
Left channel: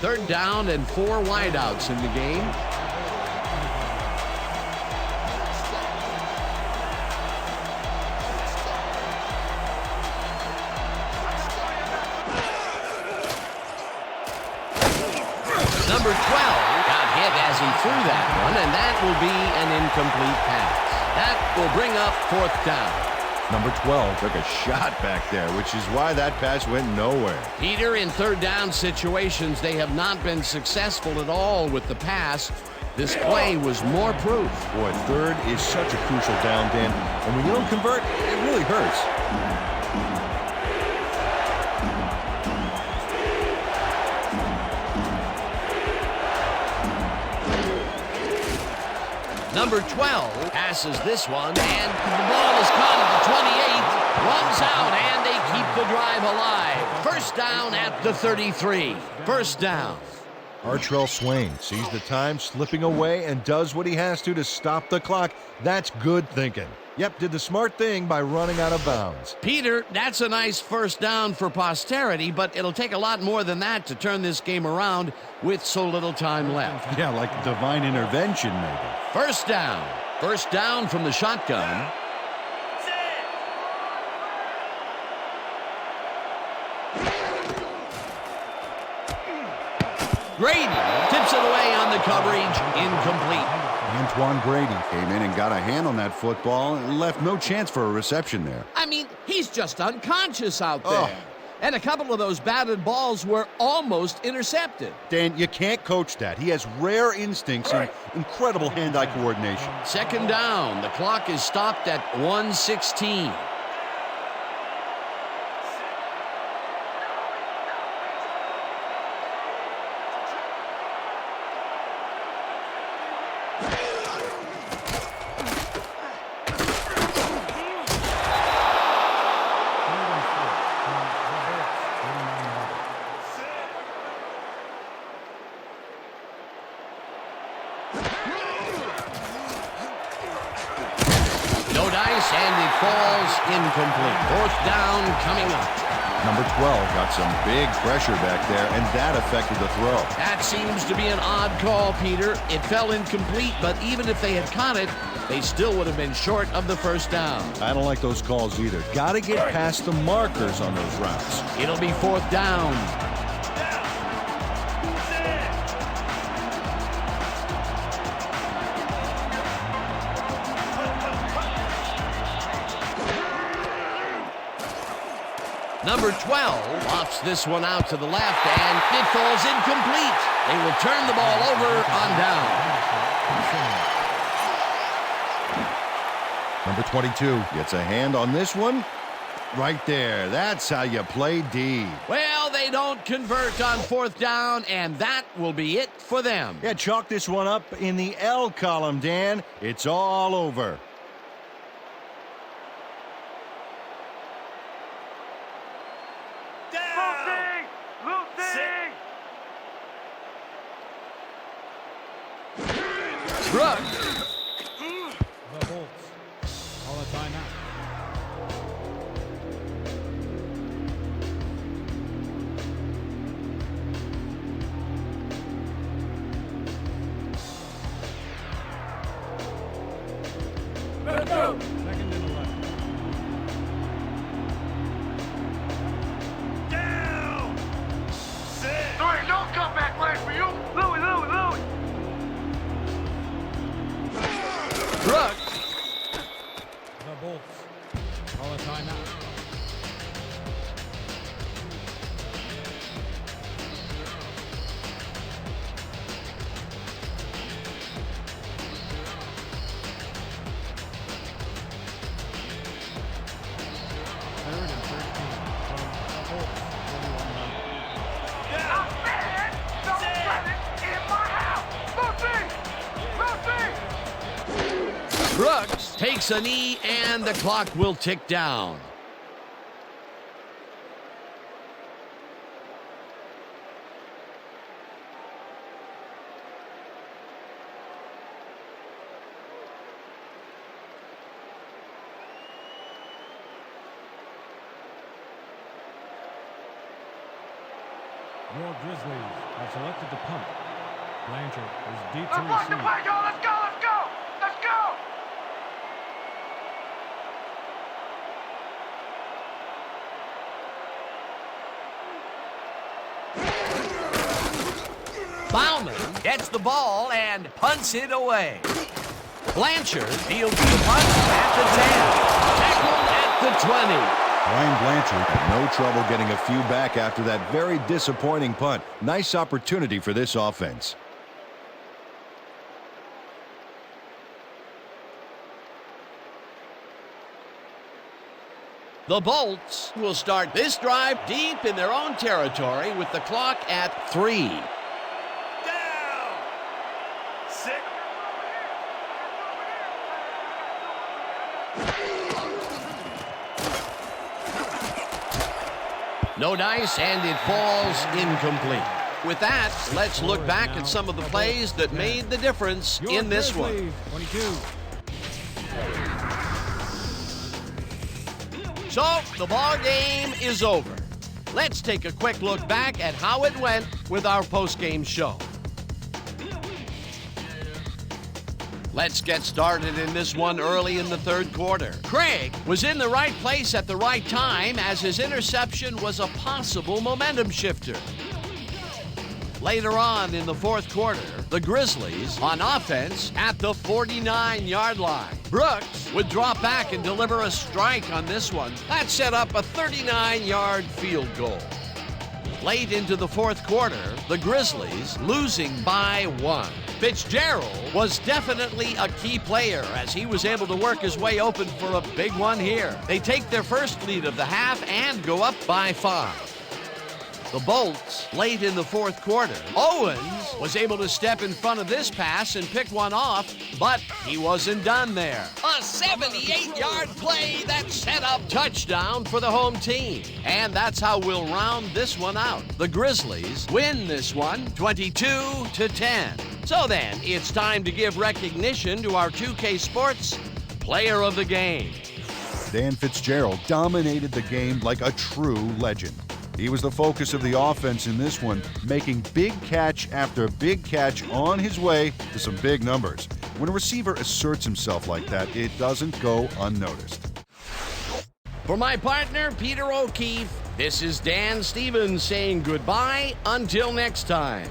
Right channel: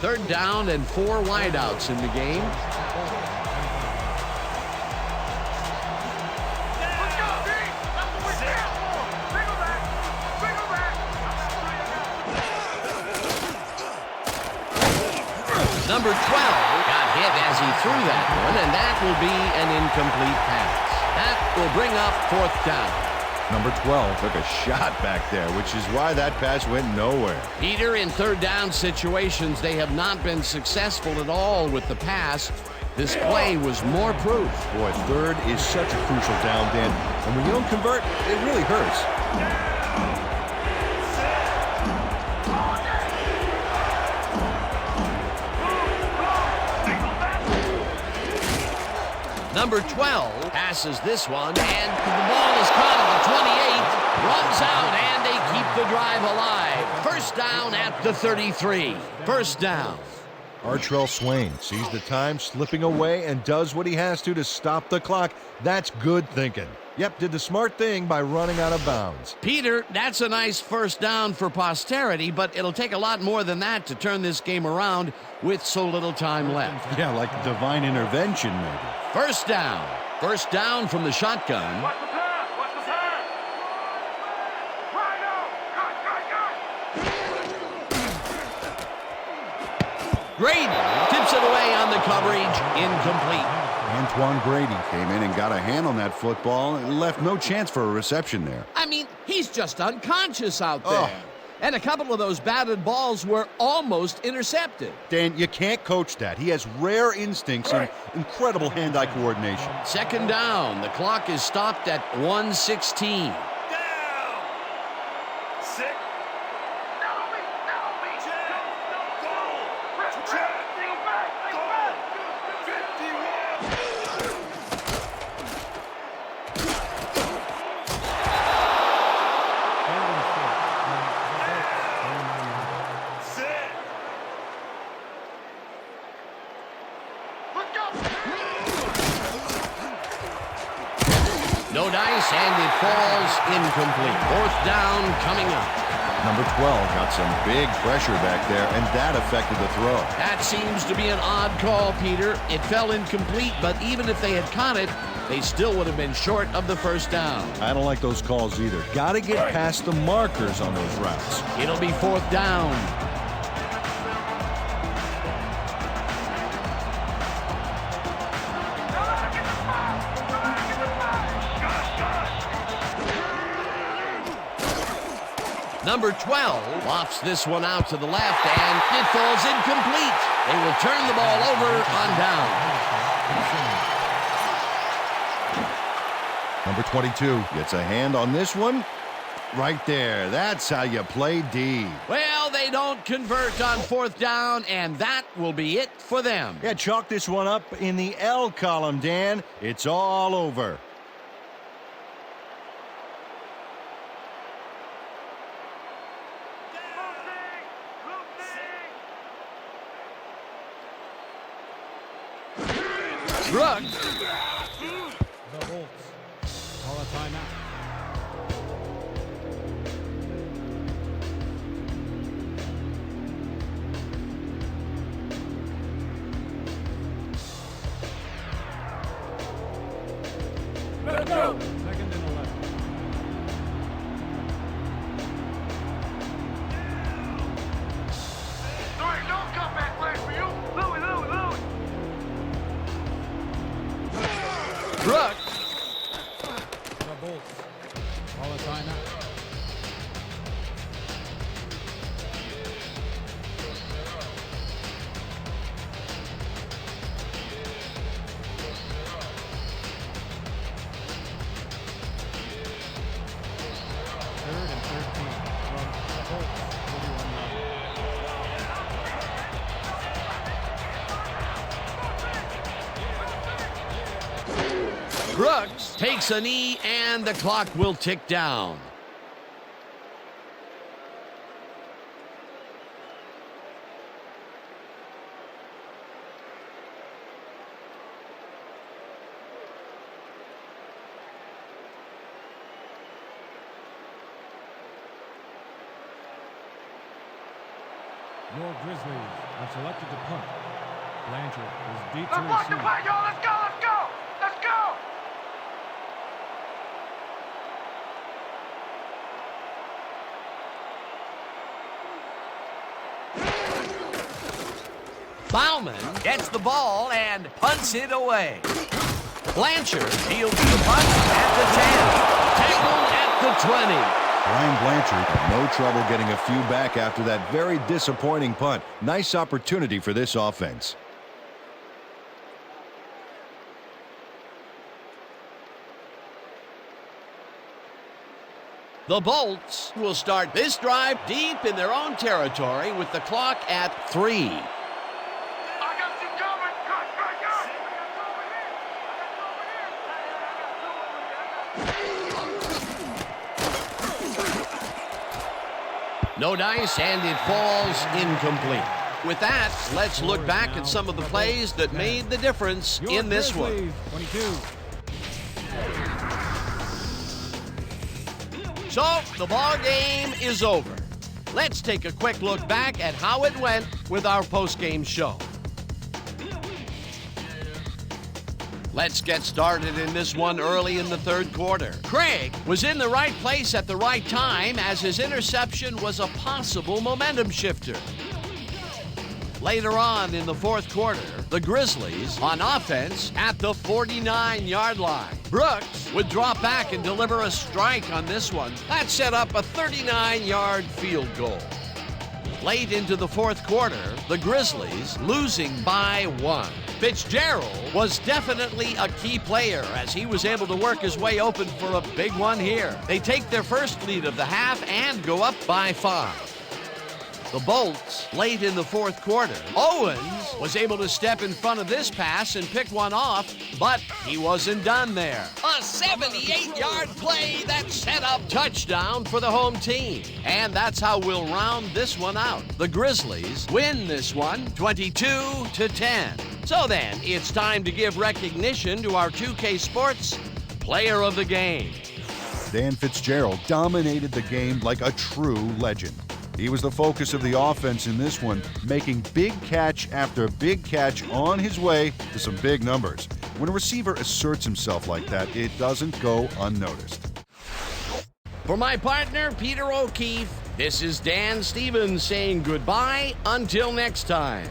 Third down and 4 wideouts in the game. Number 12 got hit as he threw that one, and that will be an incomplete pass. That will bring up 4th down. Number 12 took a shot back there, which is why that pass went nowhere. Peter, in third down situations, they have not been successful at all with the pass. This play was more proof. Boy, third is such a crucial down, Dan, and when you don't convert, it really hurts. Number 12 passes this one, and the ball is caught at the 28, runs out, and they keep the drive alive. First down at the 33. First down. Artrell Swain sees the time slipping away and does what he has to stop the clock. That's good thinking. Yep, did the smart thing by running out of bounds. Peter, that's a nice first down for posterity, but it'll take a lot more than that to turn this game around with so little time left. Yeah, like divine intervention, maybe. First down. First down from the shotgun. Grady tips it away on the coverage. Incomplete. Antoine Grady came in and got a hand on that football and left no chance for a reception there. I mean, he's just unconscious out there. And a couple of those batted balls were almost intercepted. Dan, you can't coach that. He has rare instincts and incredible hand-eye coordination. Second down. The clock is stopped at 1:16. start from the Bolts, 49-yard. No dice, and it falls incomplete. Fourth down coming up. Number 12 got some big pressure back there, and that affected the throw. That seems to be an odd call, Peter. It fell incomplete, but even if they had caught it, they still would have been short of the first down. I don't like those calls either. Got to get past the markers on those routes. It'll be fourth down. Number 12 lofts this one out to the left, and it falls incomplete. They will turn the ball over on down. Number 22 gets a hand on this one. Right there. That's how you play D. Well, they don't convert on fourth down, and that will be it for them. Yeah, chalk this one up in the L column, Dan. It's all over. Brooks. The Bolts call a timeout. Second and 11. There ain't no comeback play for you. Louie. Brooks. The Bolts call a timeout. Third and 13 from the Bolts, 41-yard line. I said, don't run it in my house. Lucy. Brooks takes a knee, and the clock will tick down. Your Grizzlies have selected to punt. Blanchard is deep to Let's block the receive. play, y'all. Let's go. Bauman gets the ball and punts it away. Blanchard fields the punt at the 10. Tackled at the 20. Brian Blanchard had no trouble getting a few back after that very disappointing punt. Nice opportunity for this offense. The Bolts will start this drive deep in their own territory with the clock at 3. No dice, and it falls incomplete. With that, let's look back at some of the plays that made the difference in this one. 22. So, the ball game is over. Let's take a quick look back at how it went with our post-game show. Let's get started in this one early in the third quarter. Craig was in the right place at the right time as his interception was a possible momentum shifter. Later on in the fourth quarter, the Grizzlies on offense at the 49-yard line. Brooks would drop back and deliver a strike on this one. That set up a 39-yard field goal. Late into the fourth quarter, the Grizzlies losing by 1. Fitzgerald was definitely a key player as he was able to work his way open for a big one here. They take their first lead of the half and go up by 5. The Bolts late in the fourth quarter. Owens was able to step in front of this pass and pick one off, but he wasn't done there. A a 78-yard play that set up touchdown for the home team. And that's how we'll round this one out. The Grizzlies win this one 22-10. So then, it's time to give recognition to our 2K Sports Player of the Game. Dan Fitzgerald dominated the game like a true legend. He was the focus of the offense in this one, making big catch after big catch on his way to some big numbers. When a receiver asserts himself like that, it doesn't go unnoticed. For my partner, Peter O'Keefe, this is Dan Stevens saying goodbye until next time.